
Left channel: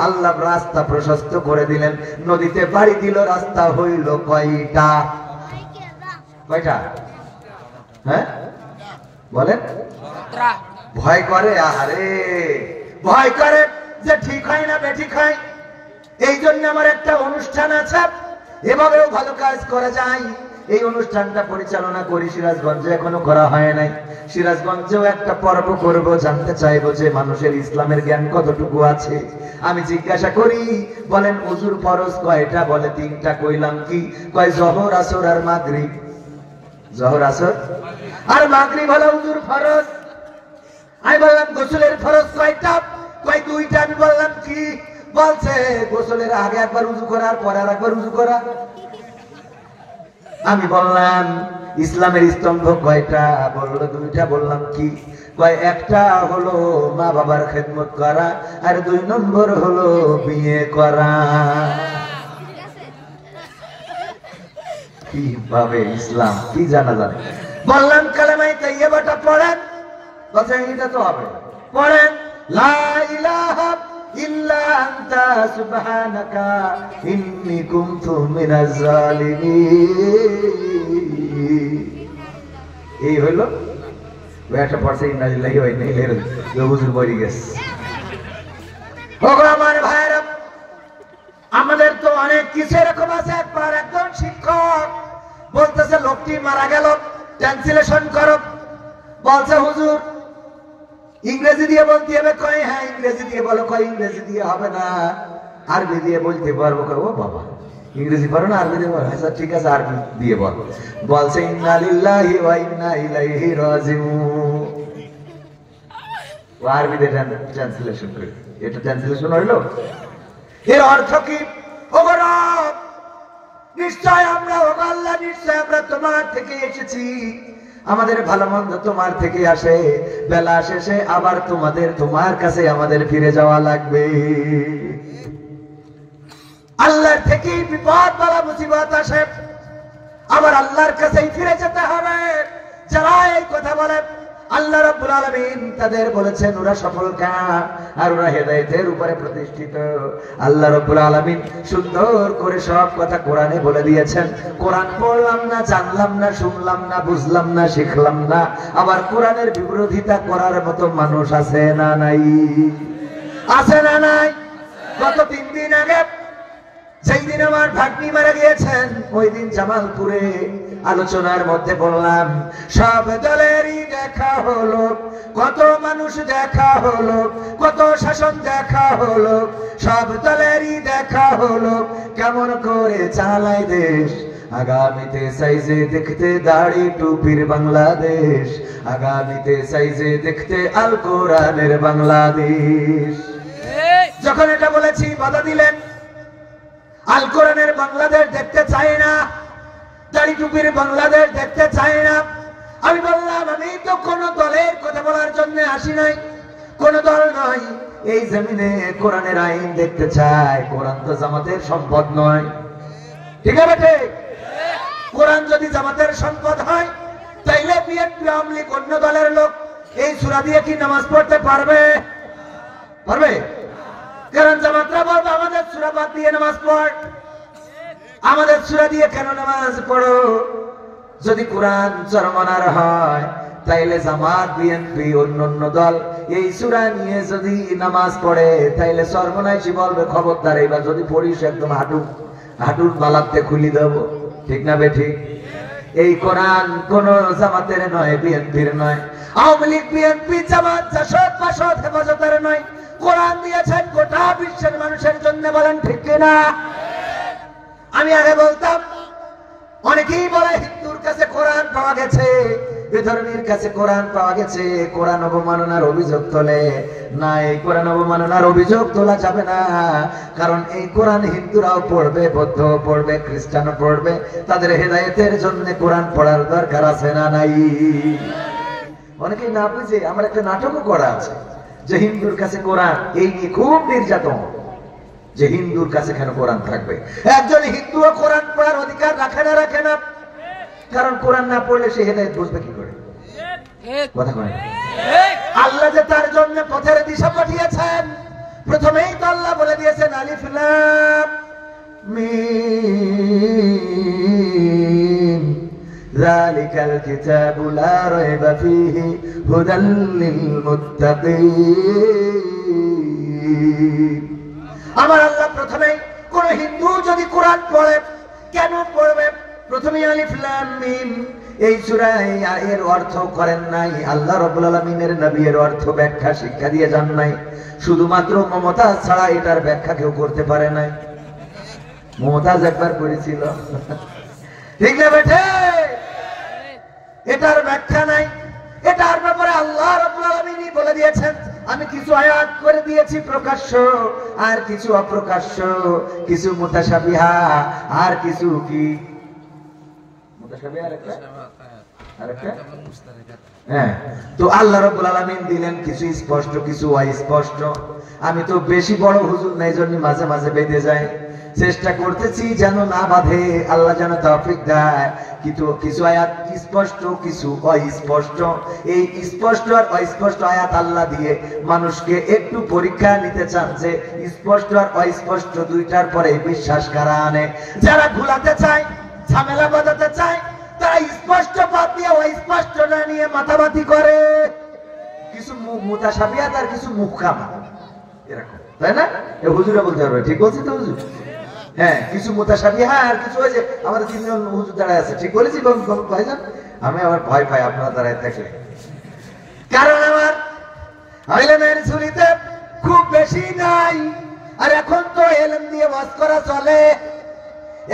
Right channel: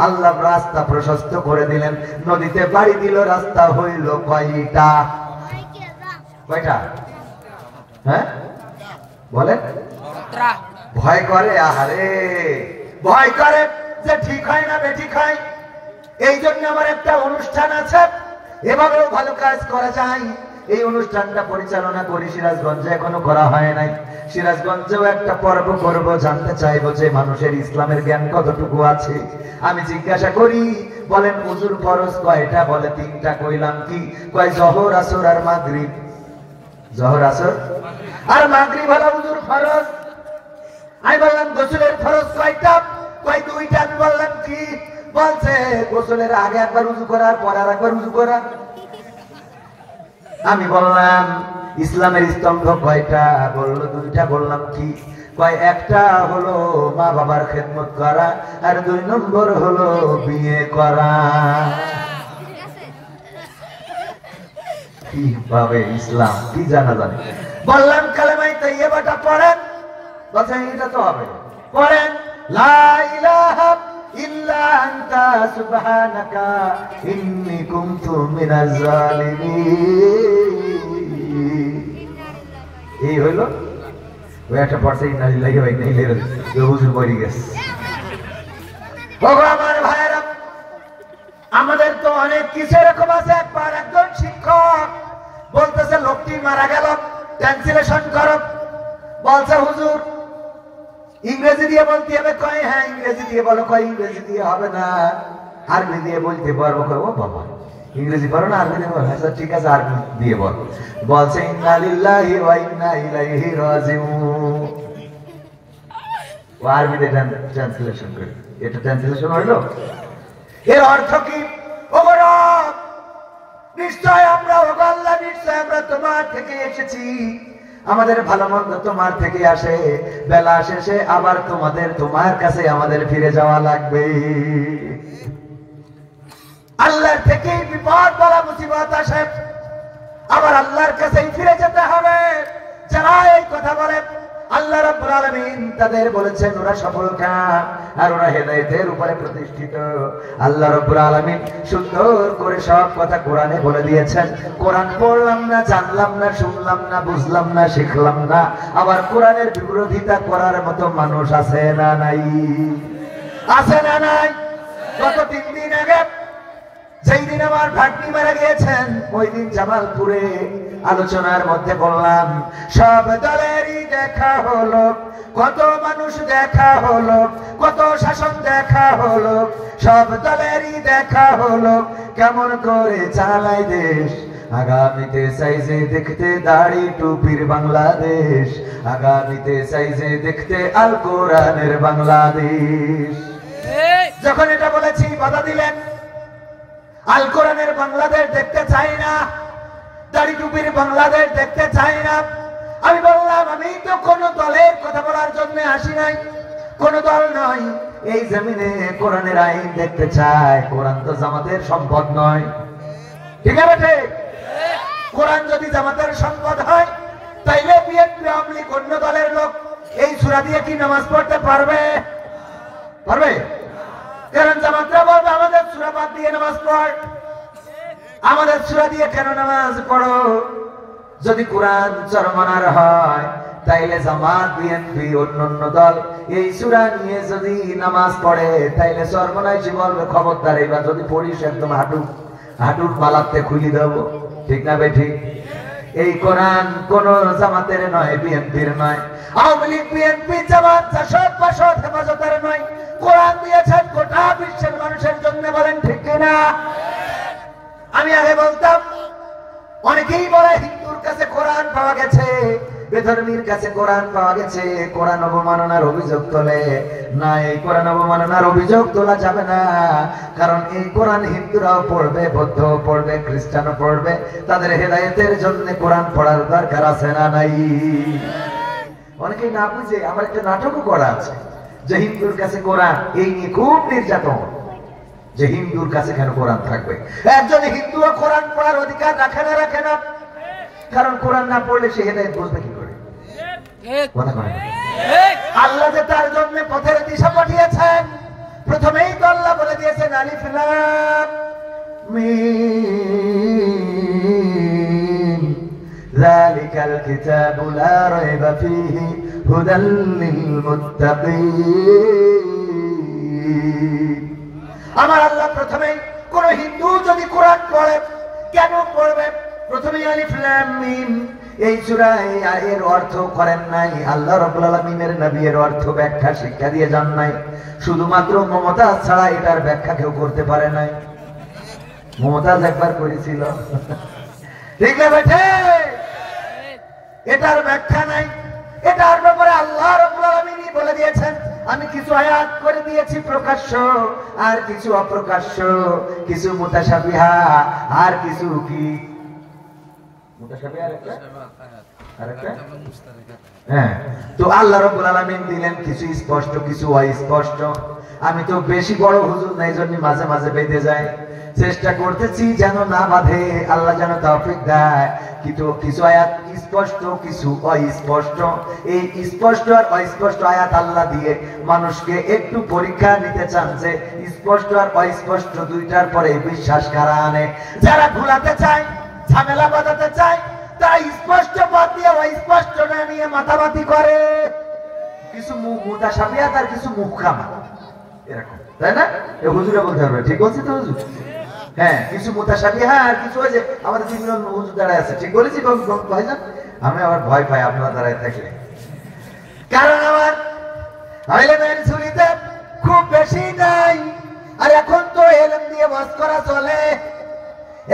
আল্লাহ রাস্তা প্রশস্ত করে দিলেন, নদীতে বাড়ি দিল। রাস্তা হইল কয়টা? হ্যাঁ বলেন। ভয় করে, আহারে ভয় করে যে ঠিক হয় না বেঠিক হয়। এই জন্য আমার একটা অনুষ্ঠান আছে, এভাবেও ভালো কাজ করা যায়। এই অনুষ্ঠানটা পরিচালনা করি সিরাজগঞ্জে, এখনো করা হয় নাই। সিরাজগঞ্জেও একটা পর্ব করব, জানতে চাইবো যে মানুষের ইসলামের জ্ঞান কতটুকু আছে। আমি জিজ্ঞাসা করি, বলেন ওযুর ফরজ কয়টা? বলে 3টা। কইলাম কি? কয় জোহর, আসর আর মাগরিব। জোহর, আসর আর মাগরিব হলো ওযুর ফরজ। আমি বললাম গোসলের ফরজ কয়টা? কয় 2টা। আমি বললাম কি? বলছে গোসলের আগে একবার উযু করার পর আর একবার উযু করা। আমি বললাম ইসলামের স্তম্ভ কয়টা? বললো 2টা। বললাম কি? কয় একটা হলো মা বাবার খেদমত করা, আর 2 নম্বর হলো বিয়ে করা। কিভাবে ইসলাম কি জানা জানে? বললাম কালেমায়ে তাইয়্যিবাটা পড়েন। বলছে এটা তো হবে। পড়েন লা ইলাহা ইল্লা আনতা সুবহানাকা ইন্নী কুনতু মিনাজ জালিমিন। এই হলো একটা পড়ছে ইন্না লিল্লাহি ওয়া ইন্না ইলাইহি রাজিউন। হুজুর বলি গেছে। ভগবান ভাইরা, আমাদের তো অনেক কিছু এরকম আছে। একবার একজন শিক্ষক বলতেছে লোকটি মারা গেল, ট্রান্সলেশন করো। বলছে হুজুর ইংরেজি দিয়ে বলতে হবে। কয় হ্যাঁ ইংরেজি দিয়ে বলো। কয় ইংরেজি দিয়ে হবে না, আরবি দিয়ে বলতে পারবো। ও বাবা, ইংরেজি পারো না, আরবি দিয়ে বলো? আচ্ছা ঠিক আছে, আরবি দিয়ে বল। বলছে ইন্না লিল্লাহি ওয়া ইন্না ইলাইহি রাজিউন। আরবি দিয়ে ট্রান্সলেশন করে, এটা ট্রান্সলেশন হলো। এর অর্থ কি? ওগো রব, নিশ্চয় আমরা, ওগো আল্লাহ, নিশ্চয় আমরা তোমার থেকে এসেছি। আমাদের ভালো মন্দ তোমার থেকে আসে। বেলা শেষে আবার তোমার কাছে আমাদের ফিরে যাওয়া লাগবে। আল্লাহর থেকে বিপদ বালা মুসিবত আসে, আবার আল্লাহর কাছেই ফিরে যেতে হবে। যারা এই কথা বলে, আল্লাহ রাব্বুল আলামিন তাদের বলেছেন ওরা সফল কাম, আর ওরা হেদায়েতের উপরে প্রতিষ্ঠিত। আল্লাহ রাব্বুল আলামিন সুন্দর করে সব কথা কোরআনে বলে দিয়েছেন। কোরআন পড়লাম না, জানলাম না, শুনলাম না, বুঝলাম না, শিখলাম না, আবার কোরআনের বিরোধিতা করার মতো মানুষ আছে না নাই? আছে না নাই? গত 3 দিন আগে যেই দিন আমার ভাগ্নি মারা গিয়েছেন, ওই দিন জামালপুরে আলোচনার মধ্যে বললাম সব দলেরই দেখা হলো, কত মানুষ দেখা হলো, কত শাসন দেখা হলো, সব দলেরই দেখা হলো, কেমন করে চালায় দেশ। আগামীতে চাইছে দেখতে দাড়ি টুপির বাংলাদেশ, আগামীতে চাইছে দেখতে আল কোরআনের বাংলাদেশ। যখন এটা বলেছি বাধা দিলেন, আল কোরআনের বাংলাদেশ দেখতে চাই না, দাড়ি টুপির বাংলাদেশ দেখতে চাই না। আমি বললাম আমি তো কোন দলের কথা বলার জন্য আসি নাই, কোন দল নয়। এই জমিনে কোরআনের আইন দেখতে চাই। কোরআন তো জামাতের সম্পদ নয়, ঠিক আছে? কোরআন যদি জামাতের সম্পদ হয়, তাইলে বিএনপি, আওয়ামী লীগ, অন্য দলের লোক এই সূরা দিয়ে কি নামাজ পড়তে পারবে? পারবে? কারণ জামাতরা বলবে আমাদের সূরা বাদ দিয়ে নামাজ পড়, আমাদের সূরা দিয়ে কেন নামাজ পড়ো? যদি কোরআন চরমানার হয়, তাইলে জামাত, বিএনপি, অন্যান্য দল এই সূরা নিয়ে যদি নামাজ পড়ে, তাইলে সর্বনাশী বলবে খবরদার, এবার যদি পড়িস একদম হাঁটুর মালাতে খুলি দেব। ঠিক না বে ঠিক? এই কোরআন কোন জামাতের নয়, বিএনপির নয়, আওয়ামী লীগ বিএনপি জামাত জাসদ বাসদ হেফাজতের নয়। কোরআন দিয়েছেন গোটা বিশ্বের মানুষের জন্য। বলেন ঠিক কিনা? আমি আগে বলতাম, অনেকেই বলে হিন্দুর কাছে কোরআন পাওয়া গেছে, বেধর্মীর কাছে কোরআন পাওয়া গেছে, কোরআন অবমাননার অভিযোগ তোলে। না, এই কোরআন অবমাননার অভিযোগ তোলা যাবে না, কারণ এই কোরআন হিন্দুরাও পড়বে, বৌদ্ধও পড়বে, খ্রিস্টানও পড়বে। তাদের হেদায়েতের জন্য কোরআন পড়ার দরকার আছে না নাই? অনেকেই না বুঝে আমার একটা নাটকও করা আছে যে হিন্দুর কাছে কোরআন, এই নিয়ে খুব নির্যাতন, যে হিন্দুর কাছে কেন কোরআন থাকবে। একজন হিন্দুও কোরআন পড়ার অধিকার রাখে না, রাখে না, কারণ কোরআন না পড়লে সে হেদায়েত বুঝবে কি করে? কথা বলেন। আল্লাহ যে তার জন্য পথের দিশা পাঠিয়েছেন, প্রথমেই তো আল্লাহ বলে দিয়েছেন আলিফ লাম মিম যালিকাল কিতাবু লা রাইবা ফীহি হুদাল লিল মুত্তাকিন। আমার আল্লাহ প্রথমেই কোন হিন্দু যদি কোরআন পড়ে, কেন পড়বে? প্রথমেই আলিফ লাম মিম এই সূরায় এর অর্থ করেন নাই। আল্লাহ রাব্বুল আলামিনের নবী এর অর্থ ব্যাখ্যা শিক্ষা দিয়ে যান নাই। শুধুমাত্র মমতাজ ছাড়া এটার ব্যাখ্যা কেউ করতে পারে নাই। মমতাজ একবার করেছিল, ঠিক না বেঠে? এটার ব্যাখ্যা নাই। এটার ব্যাপারে আল্লাহ রাব্বুল আলামিনই বলে দিয়েছেন। আমি কিছু আয়াত করে দিয়েছি প্রকাশ্য, আর কিছু অপ্রকাশ্য, কিছু মুতাশাবিহা, আর কিছু কি হ্যাঁ। তো আল্লাহ রাব্বুল আলামিন দিলেন কিছু স্পষ্ট, কিছু অস্পষ্ট। আমি তো বেশি বড় হুজুর নাই, জন্য মাঝে মাঝে বেঁধে যায়। চেষ্টা করতেছি যেন না বাঁধে, আল্লাহ যেন তৌফিক দেয়। কিন্তু কিছু আয়াত স্পষ্ট, কিছু অস্পষ্ট। এই স্পষ্ট আর অস্পষ্ট আয়াত আল্লাহ দিয়ে মানুষকে একটু পরীক্ষা নিতে চান যে স্পষ্ট আর অস্পষ্ট দুইটার পরে বিশ্বাস কারা আনে। যারা ঘোলাতে চায়, ঝামেলা বাঁধাতে চায়, তারা স্পষ্ট বাদ দিয়ে অস্পষ্ট না নিয়ে মাথামাতি করে। কিছু মুতাশাবিহাত আর কিছু মুহকাম, এরকম, তাই না? এই হুজুরা বলতে পারবে, ঠিক বলছি তো হুজুর? হ্যাঁ, কিছু মুতাশাবিহা আর কিছু ওই যে আমাদের তিনজন হুজুর দাঁড়ায় আছে, ঠিক বলেছি ভাইজান? আমি আবার ভয় পাই আপনারা দাঁড়ায় থাকলে, কারণ আমার ইলমের ঝুলিতে খুব বেশি নাই। আর এখন তো ইলম দিয়ে মাস করা চলে।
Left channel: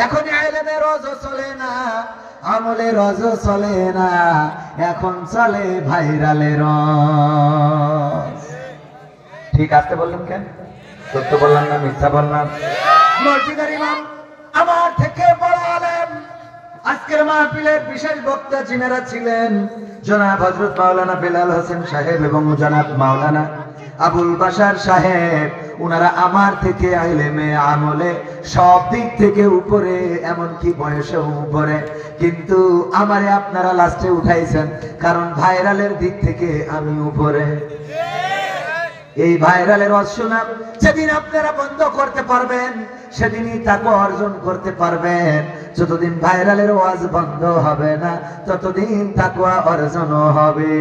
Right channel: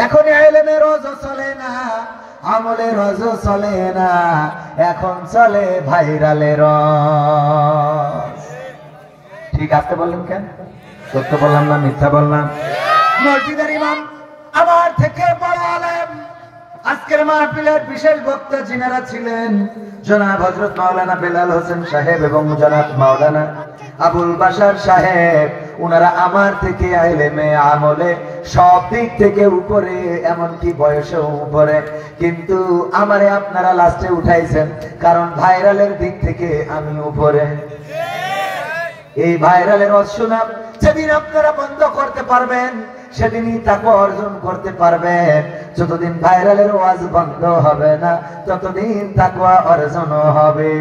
এখন ইলমের রোজও চলে না, আমলের রোজও চলে না, এখন চলে ভাইরালের রোজ। ঠিক আসতে বললাম কেন? সত্য বললাম না মিথ্যা বললাম? মসজিদের ইমাম আমার থেকে বড় আলেম, আজকের মাহফিলের বিশেষ বক্তা যিনারা ছিলেন জনাব হযরত মাওলানা বেলাল হোসেন সাহেব এবং জনাব মাওলানা আবুল বাশার সাহেব, উনারা আমার থেকে ইলমে আমলে সব দিক থেকে উপরে, এমনকি বয়সেও উপরে। কিন্তু আমারে আপনারা লাস্টে উঠাইছেন, কারণ ভাইরালের দিক থেকে আমি উপরে। এই ভাইরালের অশুনা যেদিন আপনারা বন্ধ করতে পারবেন, সেদিনই তাকওয়া অর্জন করতে পারবেন। যতদিন ভাইরালের ওয়াজ বন্ধ হবে না, ততদিন তাকওয়া অর্জন হবে।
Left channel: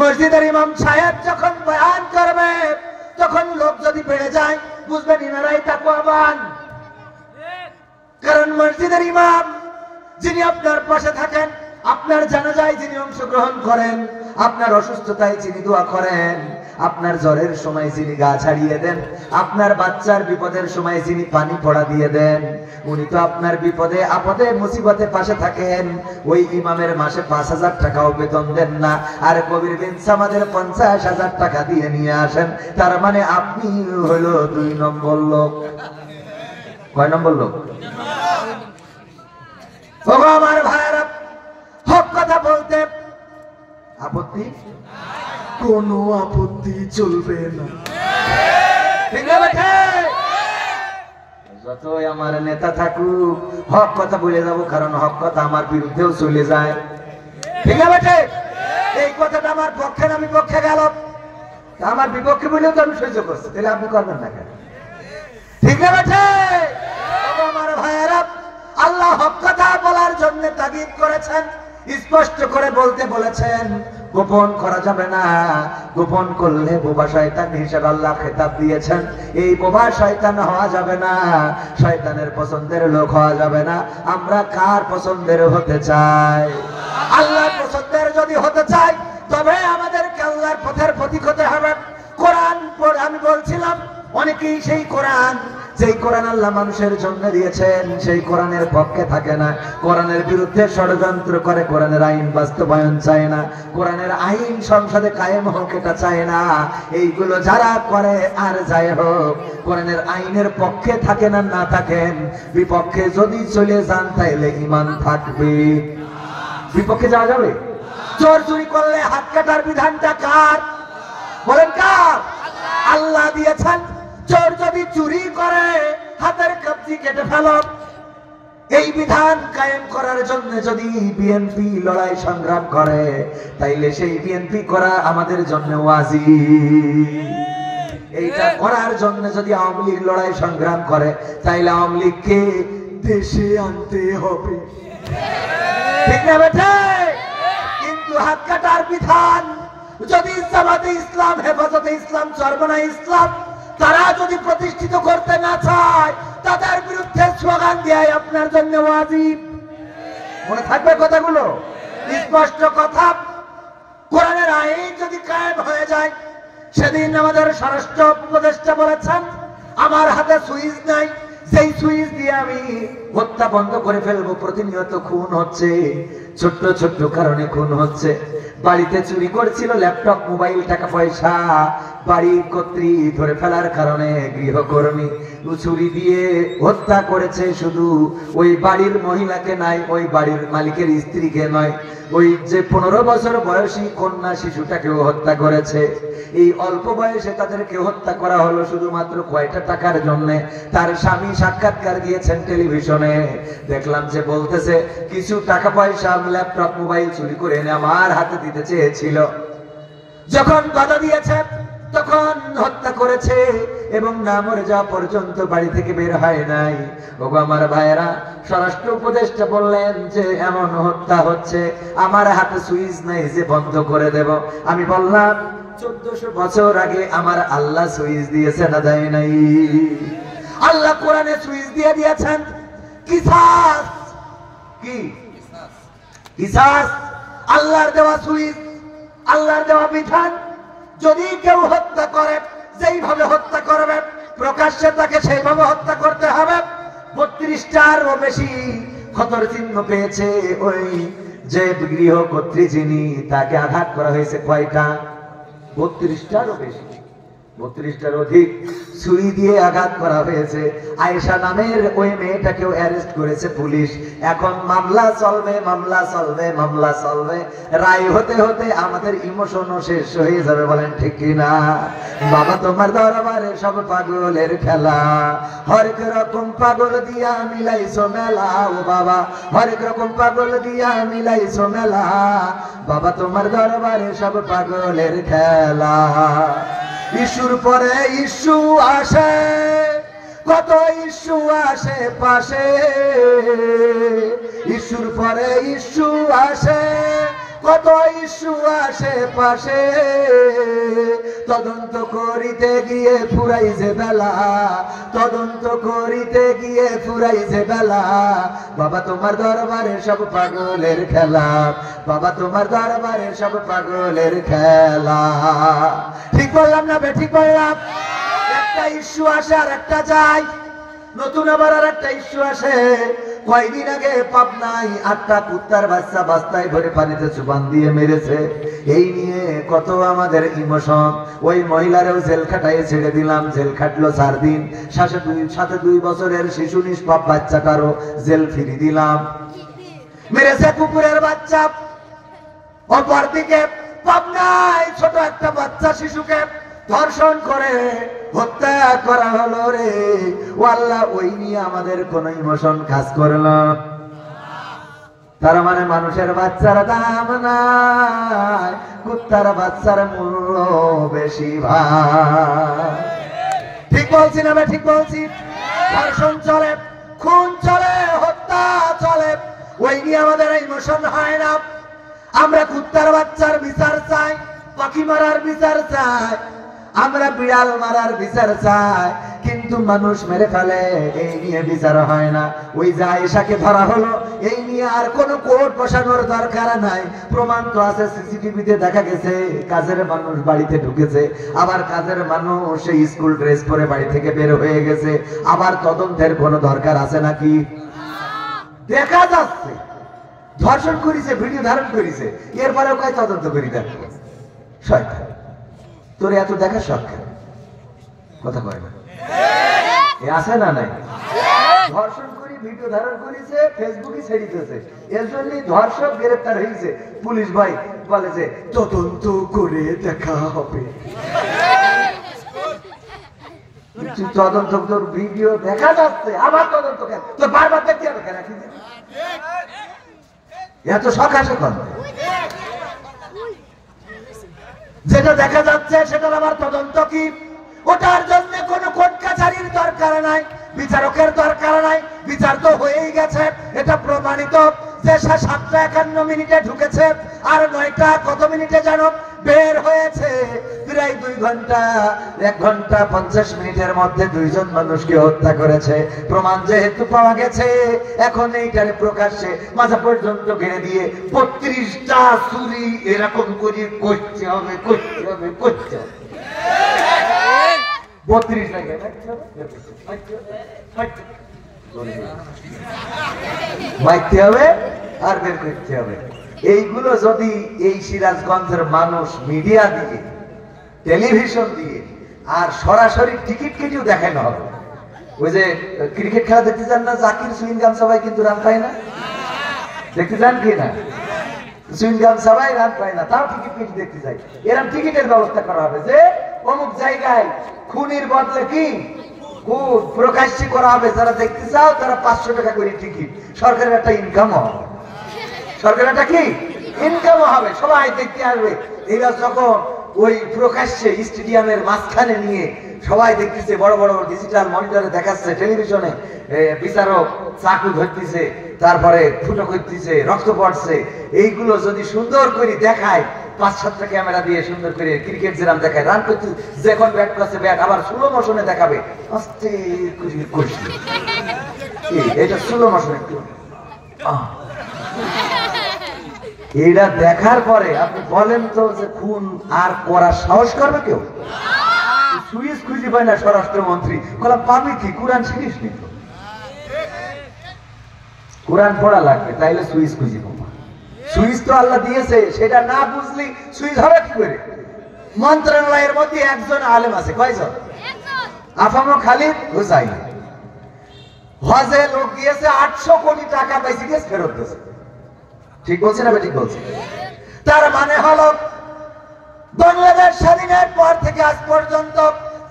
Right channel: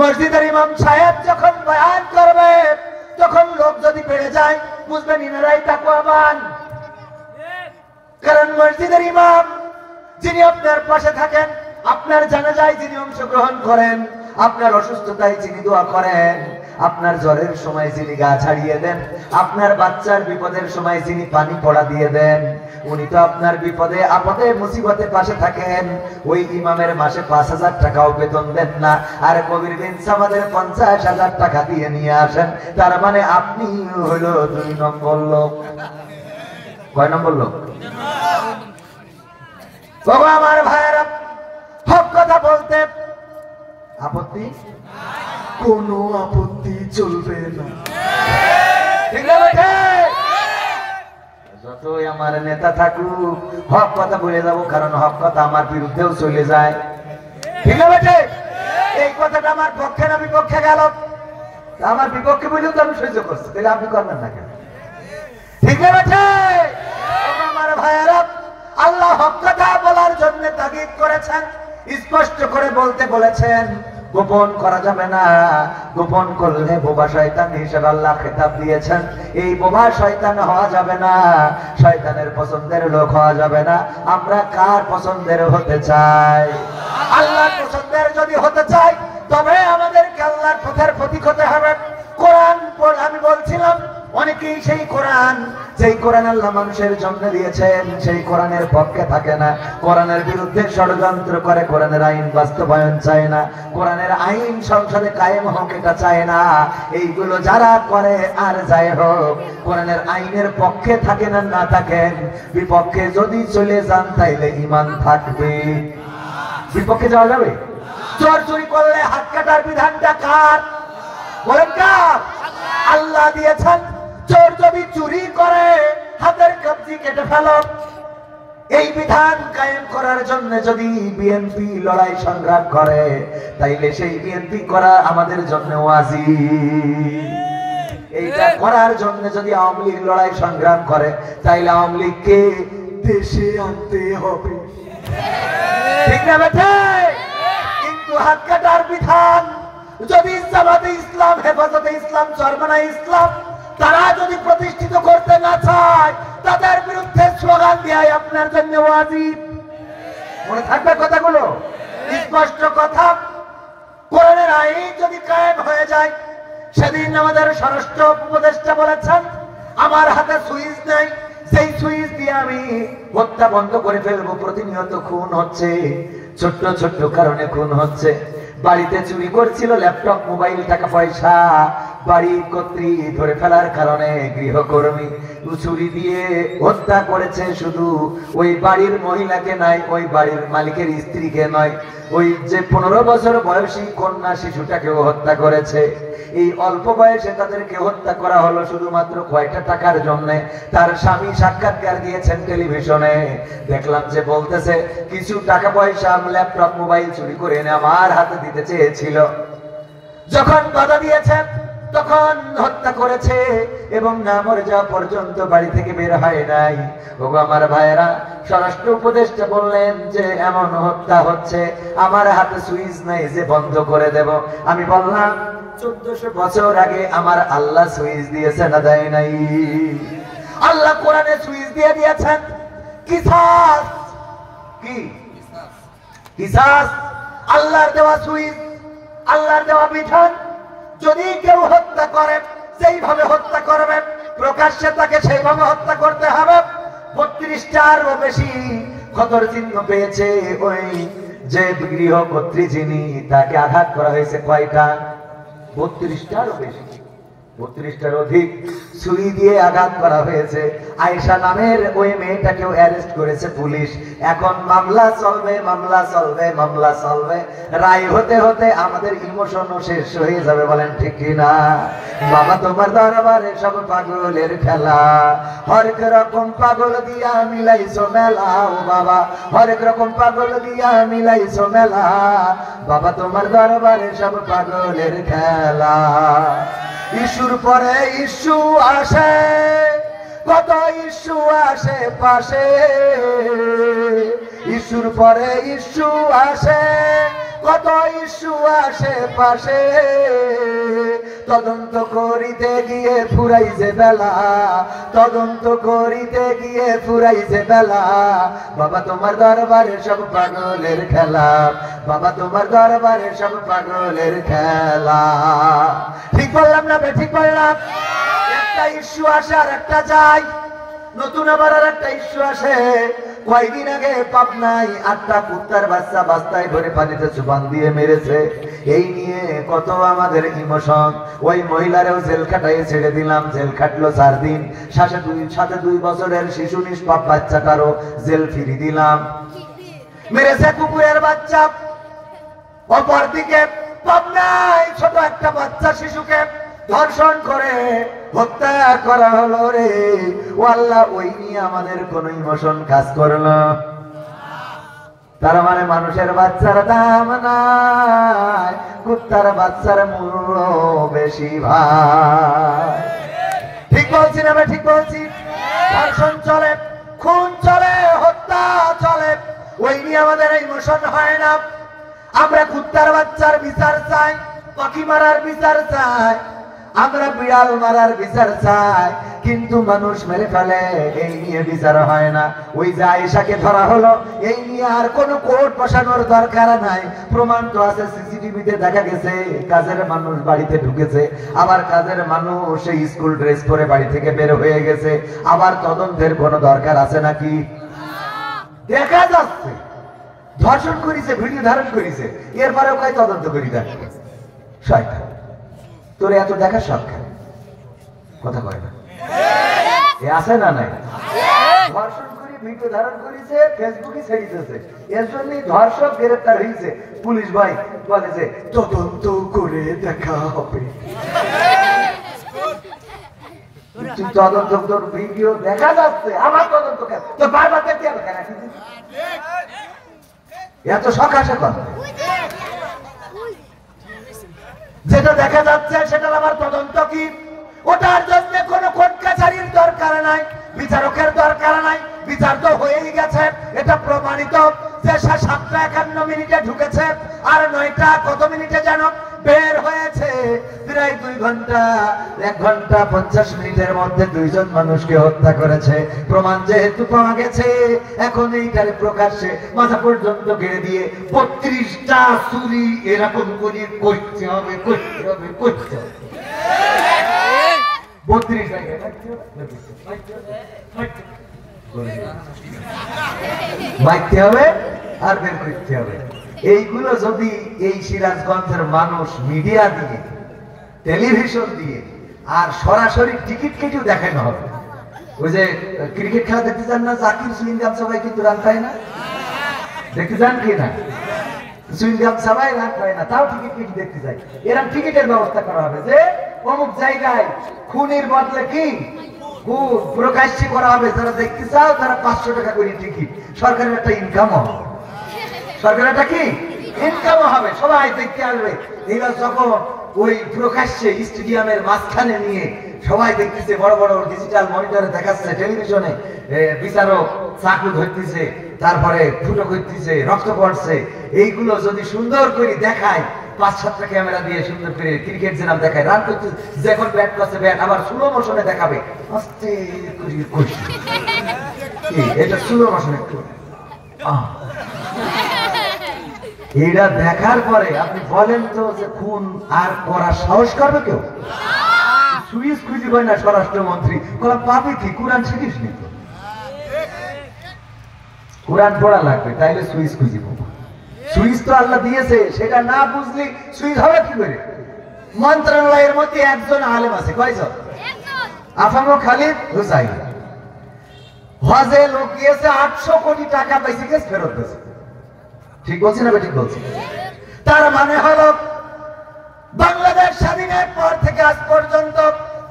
মসজিদের ইমাম সাহেব যখন বয়ান করবে, তখন লোক যদি বেড়ে যায়, বুঝবেন ইনারাই তাকওয়াবান। কারণ মসজিদের ইমাম যিনি আপনার পাশে থাকেন, আপনার জানাজায় যিনি অংশগ্রহণ করেন, আপনার অসুস্থতায় যিনি দোয়া করেন, আপনার জ্বরের সময় যিনি গা ছাড়িয়ে দেন, আপনার বাচ্চার বিপদের সময় যিনি পানি পড়া দিয়ে দেন, উনি তো আপনার বিপদে আপদে মুসিবতে পাশে থাকেন। ওই ইমামের মাসে 5,000 টাকাও বেতন দেন না, আর কবির বিন সামাদের 50,000 টাকা দিয়ে নিয়ে আসেন। তার মানে আপনি হলো 2 নম্বর লোক। কয় নম্বর লোক? আমার ভাইরা, হক কথা বলতে আপত্তি, কোন আপত্তি চলবে না। যতই আমার নেতা থাকুক, হক কথা বলে যাবো, কারণ হক কথা আমার বিরুদ্ধেও চলে যায়। ঠিক না বেঠে? এই কথাটা আমার পক্ষে না বিপক্ষে গেল, আমার বিপক্ষে বলেও তো আমি সহ্য করছি, তাহলে আপনি করবেন না কেন? ঠিক না বেঠে? আমার ভাইয়েরা, আল্লাহ হক কথা বলার জন্য তাগিদ করেছেন, স্পষ্ট করে বলতে বলেছেন। গোপন করা যাবে না। গোপন করলে বোবা শয়তান হিসেবে আল্লাহ খেতাব দিয়েছেন। এই বোবা শয়তান হওয়া যাবে না, শয়তানের পছন্দের লোক হওয়া যাবে না। আমরা কার পছন্দের হতে চাই? আল্লাহর পছন্দের যদি হতে চাই তবে আমাদেরকে আল্লাহর পথের প্রতীক হতে হবে। কোরআন আমি বলছিলাম, অনেকেই সেই কোরআন, যেই কোরআন আল্লাহ মানুষের জন্য দিয়েছেন, সেই কোরআনের পক্ষে থাকে না, কোরআনের বিরুদ্ধে ষড়যন্ত্র করে, কোরআনের আইন বাস্তবায়ন চায় না, কোরআনের আইন সংসদে কায়েম হোক এটা চায় না। এইগুলো যারা করে আর যাই হোক, কোরআনের আইনের পক্ষে থাকেন আর না থাকেন, বিপক্ষে যদি চলে যান তাইলে ঈমান থাকবে। বিপক্ষে যাওয়া যাবে? চোর চুরি করলে হাত কাটার বিধানটা কার? বলেন কার? আল্লাহ দিয়েছেন। চোর যদি চুরি করে হাতের কবজি কেটে ফেলো। এই বিধান কায়েম করার জন্য যদি বিএনপি লড়াই সংগ্রাম করে তাইলে সেই বিএনপি করা আমাদের জন্য ওয়াজিব। এইটা করার জন্য যদি আওয়ামী লীগ লড়াই সংগ্রাম করে তাইলে আওয়ামী লীগকে দেশে আনতে হবে, ঠিক না বেটা? কিন্তু হাত কাটার বিধান যদি জামাতে ইসলাম, হেফাজতে ইসলাম, চরমনাই ইসলাম তারা যদি প্রতিষ্ঠিত করতে না চায়, তাদের বিরুদ্ধে স্লোগান দেয় আপনার জন্য ওয়াজিব। মনে থাকবে কথাগুলো? স্পষ্ট কথা। কোরআনের আইন যদি কায়েম হয়ে যায়, সেদিন আমাদের স্বরাষ্ট্র উপদেষ্টা বলেছেন আমার হাতে সুইচ নেই, সেই সুইচ দিয়ে আমি হত্যা বন্ধ করে ফেলবো। প্রতিনিয়ত খুন হচ্ছে, ছোট্ট ছোট্ট কারণে খুন হচ্ছে। বাড়িতে চুরি করছিল ল্যাপটপ, মোবাইল, টাকা পয়সা, বাড়ির কর্ত্রী ধরে ফেলার কারণে গৃহকর্মী চুরি দিয়ে হত্যা করেছে। শুধু ওই বাড়ির মহিলাকে নয়, ওই বাড়ির মালিকের স্ত্রীকে নয়, ওই যে 15 বছর বয়সী কন্যা শিশুটাকেও হত্যা করেছে। এই অল্প বয়সে তাদেরকে হত্যা করা হলো শুধুমাত্র কয়টা টাকার জন্য। তার স্বামী সাক্ষাৎকার দিয়েছেন টেলিভিশনে, দেখলাম যে বলতেছে কিছু টাকা পয়সা, ল্যাপটপ, মোবাইল চুরি করে এনে আমার হাতে দিতে চেয়েছিল, যখন বাধা দিয়েছে তখন হত্যা করেছে এবং না মরে যাওয়া পর্যন্ত বাড়ি থেকে বের হয় নাই। ওগো আমার ভাইয়েরা, স্বরাষ্ট্র উপদেষ্টা বললেন যে এমন হত্যা হচ্ছে, আমার হাতে সুইচ নাই যে বন্ধ করে দেব। আমি বললাম 1400 বছর আগে আমার আল্লাহ সুইচ দিয়েছে না দেয় নাই? আল্লাহ কোরআনে সুইচ দিয়ে দিয়েছেন। কিসাস, কি কিসাস? আল্লাহর দেওয়া সুইচ, আল্লাহর দেওয়া বিধান। যদি কেউ হত্যা করে, যেইভাবে হত্যা করবে প্রকাশ্যে তাকে সেইভাবে হত্যা করতে হবে। 32টারও বেশি ক্ষতর চিহ্ন পেয়েছে ওই যে গৃহকর্ত্রী, যিনি, তাকে আঘাত করা হয়েছে কয়টা? 32টারও বেশি, 32টার অধিক ছুরি দিয়ে আঘাত করা হয়েছে। আয়েশা নামের ওই মেয়েটাকেও অ্যারেস্ট করেছে পুলিশ। এখন মামলা চলবে, মামলা চলবে, মামলা চলবে। রায় হতে হতে আমাদের ইমোশনও শেষ হয়ে যাবে, বলেন ঠিক কিনা? বাবা তোমার দরবারে সব পাগলের খেলা, হরেক রকম পাগল দিয়া মিলাইছো মেলা। ও বাবা, হরেক রকম পাগল দিয়া মিলাইছো মেলা। বাবা তোমার দরবারে সব পাগলের খেলা। ইস্যুর পরে ইস্যু আসে, কত ইস্যু আসে পাশে। ইস্যুর পরে ইস্যু আসে, কত ইস্যু আসে পাশে। তদন্ত করিতে গিয়ে ফুরাই যে বেলা, তদন্ত করিতে গিয়ে ফুরাই যে বেলা। বাবা তোমার দরবারে সব পাগলের খেলা, বাবা তোমার দরবারে সব পাগলের খেলা। ঠিক বললাম না? ঠিক বললাম? একটা ইস্যু আসে আর একটা যায়, নতুন আবার আর একটা ইস্যু আসে। কয়েকদিন আগে পাবনায় 8টা কুত্তার বাচ্চা বাস্তায় ধরে পানিতে চুবান দিয়ে মেরেছে। এই নিয়ে কত আমাদের ইমোশন। ওই মহিলারেও জেল খাটাই ছেড়ে দিলাম, জেল খাটলো 4 দিন। সাথে 2 বছরের শিশু নিষ্পাপ বাচ্চাটারও জেল ফিরি দিলাম। মেরেছে কুকুরের বাচ্চা। অপরদিকে পাবনায় ছোট একটা বাচ্চা শিশুকে ধর্ষণ করে হত্যা করা হলো রে। ও আল্লাহ, ওই নিয়ে আমাদের কোন ইমোশন কাজ করলো? তার মানে মানুষের বাচ্চার দাম নাই, কুত্তার বাচ্চার মূল্য বেশি ভাই। ঠিক বলছি না? ঠিক বলছি? ধর্ষণ চলে, খুন চলে, হত্যা চলে, ওই নিয়ে আমাদের ইমোশন হয় না। আমরা কুত্তার বাচ্চার বিচার চাই, পাখি মারার বিচার চাই, আমরা বিড়াল মারার বিচার চাই, কিন্তু মানুষ মেরে ফেলে এই নিয়ে বিচার হয় না। ওই যে আয়েশাকে ধরা হলো, এই নিয়ে আর কোনো কোর্ট বসানোর দরকার নাই। প্রমাণ তো আছে, সিসিটিভিতে দেখা গেছে কাজের মানুষ বাড়িতে ঢুকেছে, আবার কাজের মানুষ সেই স্কুল ড্রেস পরে বাড়ি থেকে বের হয়ে গেছে। আবার তদন্তের কোনো দরকার আছে নাকি? দেখা যাচ্ছে ধর্ষণ করেছে, ভিডিও ধারণ করেছে, এরপরেও কয় তদন্ত করি দেখে। শয়তান, তোর এত দেখা শখ কেন? কথা কয় না, এ আছে না নাই? ধর্ষণ করে ভিডিও ধারণ করেছে, ফেসবুকে ছেড়ে দিয়েছে, এর জন্যই ধর্ষক গ্রেফতার হয়েছে। পুলিশ ভাই বলেছে তদন্ত করে দেখা হবে। তদন্ত, তোর ভিডিও দেখা যাচ্ছে, আবার তদন্ত কেন? তো বারবার দেখতে হবে কেন? এত শখ আসে কত? যেটা দেখা যাচ্ছে সেটার আবার তদন্ত কি? ওটার জন্য কোনো কোর্ট কাছারির দরকার নাই, বিচারকের দরকার নাই। বিচার তো হয়েই গেছে, এটা প্রমাণিত যে সে 7:51 ঢুকেছে আর 9টা কত মিনিটে যেন বের হয়েছে। প্রায় 2 ঘন্টা, 1 ঘন্টা 50 মিনিটের মধ্যে 2 জন মানুষকে হত্যা করেছে। প্রমাণ যেহেতু পাওয়া গেছে, এখন এইটার প্রকাশ্যে মাথা পর্যন্ত ঘিরে দিয়ে 32টা চুরি এরকম করে করতে হবে, করতে হবে, করতে হবে। 32 জায়গায় মারতে হবে আর বের করতে হবে। এইগুলো যদি এই সিরাজগঞ্জের মানুষ মিডিয়া দিয়ে, টেলিভিশন দিয়ে আর সরাসরি টিকিট কেটেও দেখানো হবে। ওই যে ক্রিকেট খেলা দেখতে চান না, জাকির সুইনগাম সবাই কিন্তু রান পায় না, দেখতে চান কি না? সুইনগাম সবাই রান পায় না, তাও টিকিট কেটে দেখতে চাই। এরকম টিকিটের ব্যবস্থা করা হবে যে অমুক জায়গায় খুনির বদলে কি প্রকাশ্যে করা হবে। যারা দেখতে চাও তারা 500 টাকা করে টিকিট, সরকারের একটা ইনকাম হবে, সরকারের একটা কি ইনকাম হবে, সবাই দেখতে আসবে। এরা যখন ওই প্রকাশ্যে স্টেডিয়ামের মাঝখানে নিয়ে সবাই দেখতেছে, বড় বড় ডিজিটাল মনিটরে দেখাচ্ছে, টেলিভিশনে বিচারক চাকু ধরতেছে, তারপরে ফুটো করতেছে, রক্ত পড়ছে, এইগুলো যদি সুন্দর করে দেখায়, 5-7টা ক্যামেরা দিয়ে সুন্দর করে ক্রিকেট যেরাম দেখায়, রান করতে যখন ব্যাট পাচ্ছে ব্যাট আবার স্লো মোশনে দেখাবে, আস্তে করে এটা স্লো মোশনে। এটা দেখার পরে আপনি বলেন তো যে খুন আর করার সাহস করবে কেউ? সুইচ খুঁজে পায় না স্বরাষ্ট্রমন্ত্রী, কোন পাবে কি? কোরআন শিখিস নি তো, কোরআন পড়া লাগবে, তাইলে সুইচ খুঁজে পাবো। সুইচ তো আল্লাহ দিয়েছে, সেটা না বুঝলি সুইচ হবে কি করে? মন্ত্রণালয়ের মধ্যে একজন আলেম আছে, কয়জন? আফামুল খালিদ হুসাইন। হজে লোক গিয়েছে, 800 কোটি টাকা পাইছে, কেস ফেরত দিয়েছে। ঠিক বলছি না? ঠিক বলছি। তার মানে হলো বাংলাদেশ স্বাধীনের পর থেকে আজ পর্যন্ত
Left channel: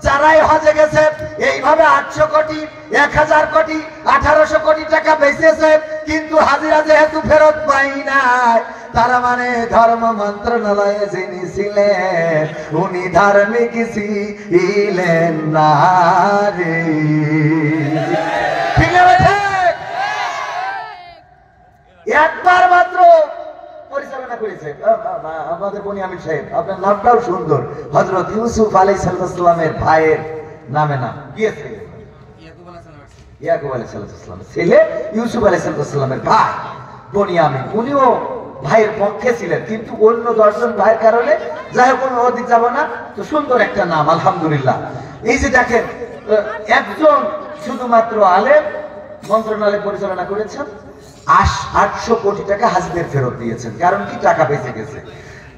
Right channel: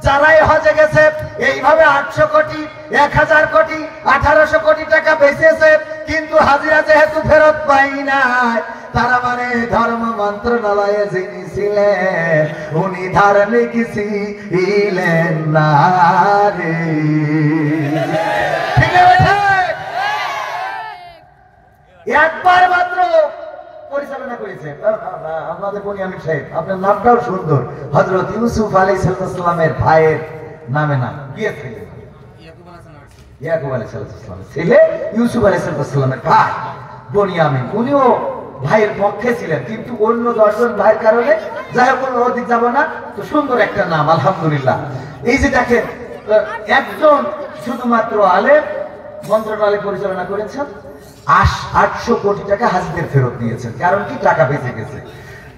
যারাই হজে গেছে এইভাবে 800 কোটি, 1000 কোটি, 1800 কোটি টাকা বেঁচেছে, কিন্তু হাজিরা যেহেতু ফেরত পাই নাই, তারা মানে ধর্ম মন্ত্রণালয়ে যিনি ছিলেন উনি ধার্মিক ছিলেন না রে। একবার মাত্র পরিচালনা করেছে আমাদের বুনিয়ামিন সাহেব, আপনার নামটাও সুন্দর, হযরত ইউসুফ আলাইহিস সালামের ভাইয়ের নামে না গিয়েছে, ইয়াকুব আলাইহিস সালাম ছেলে ইউসুফ আলাইহিস সালামের ভাই বুনিয়ামিন, উনিও ভাইয়ের পক্ষে ছিলেন, কিন্তু অন্য 10 জন ভাইয়ের কারণে যাই হোক অধিক যাব না, তো সুন্দর একটা নাম আলহামদুলিল্লাহ। এই যে দেখেন, একজন শুধুমাত্র আলেম মন্ত্রণালয় পরিচালনা করেছেন, 800 কোটি টাকা হাজিদের ফেরত দিয়েছেন। কারণ কি? টাকা বেঁচে গেছে।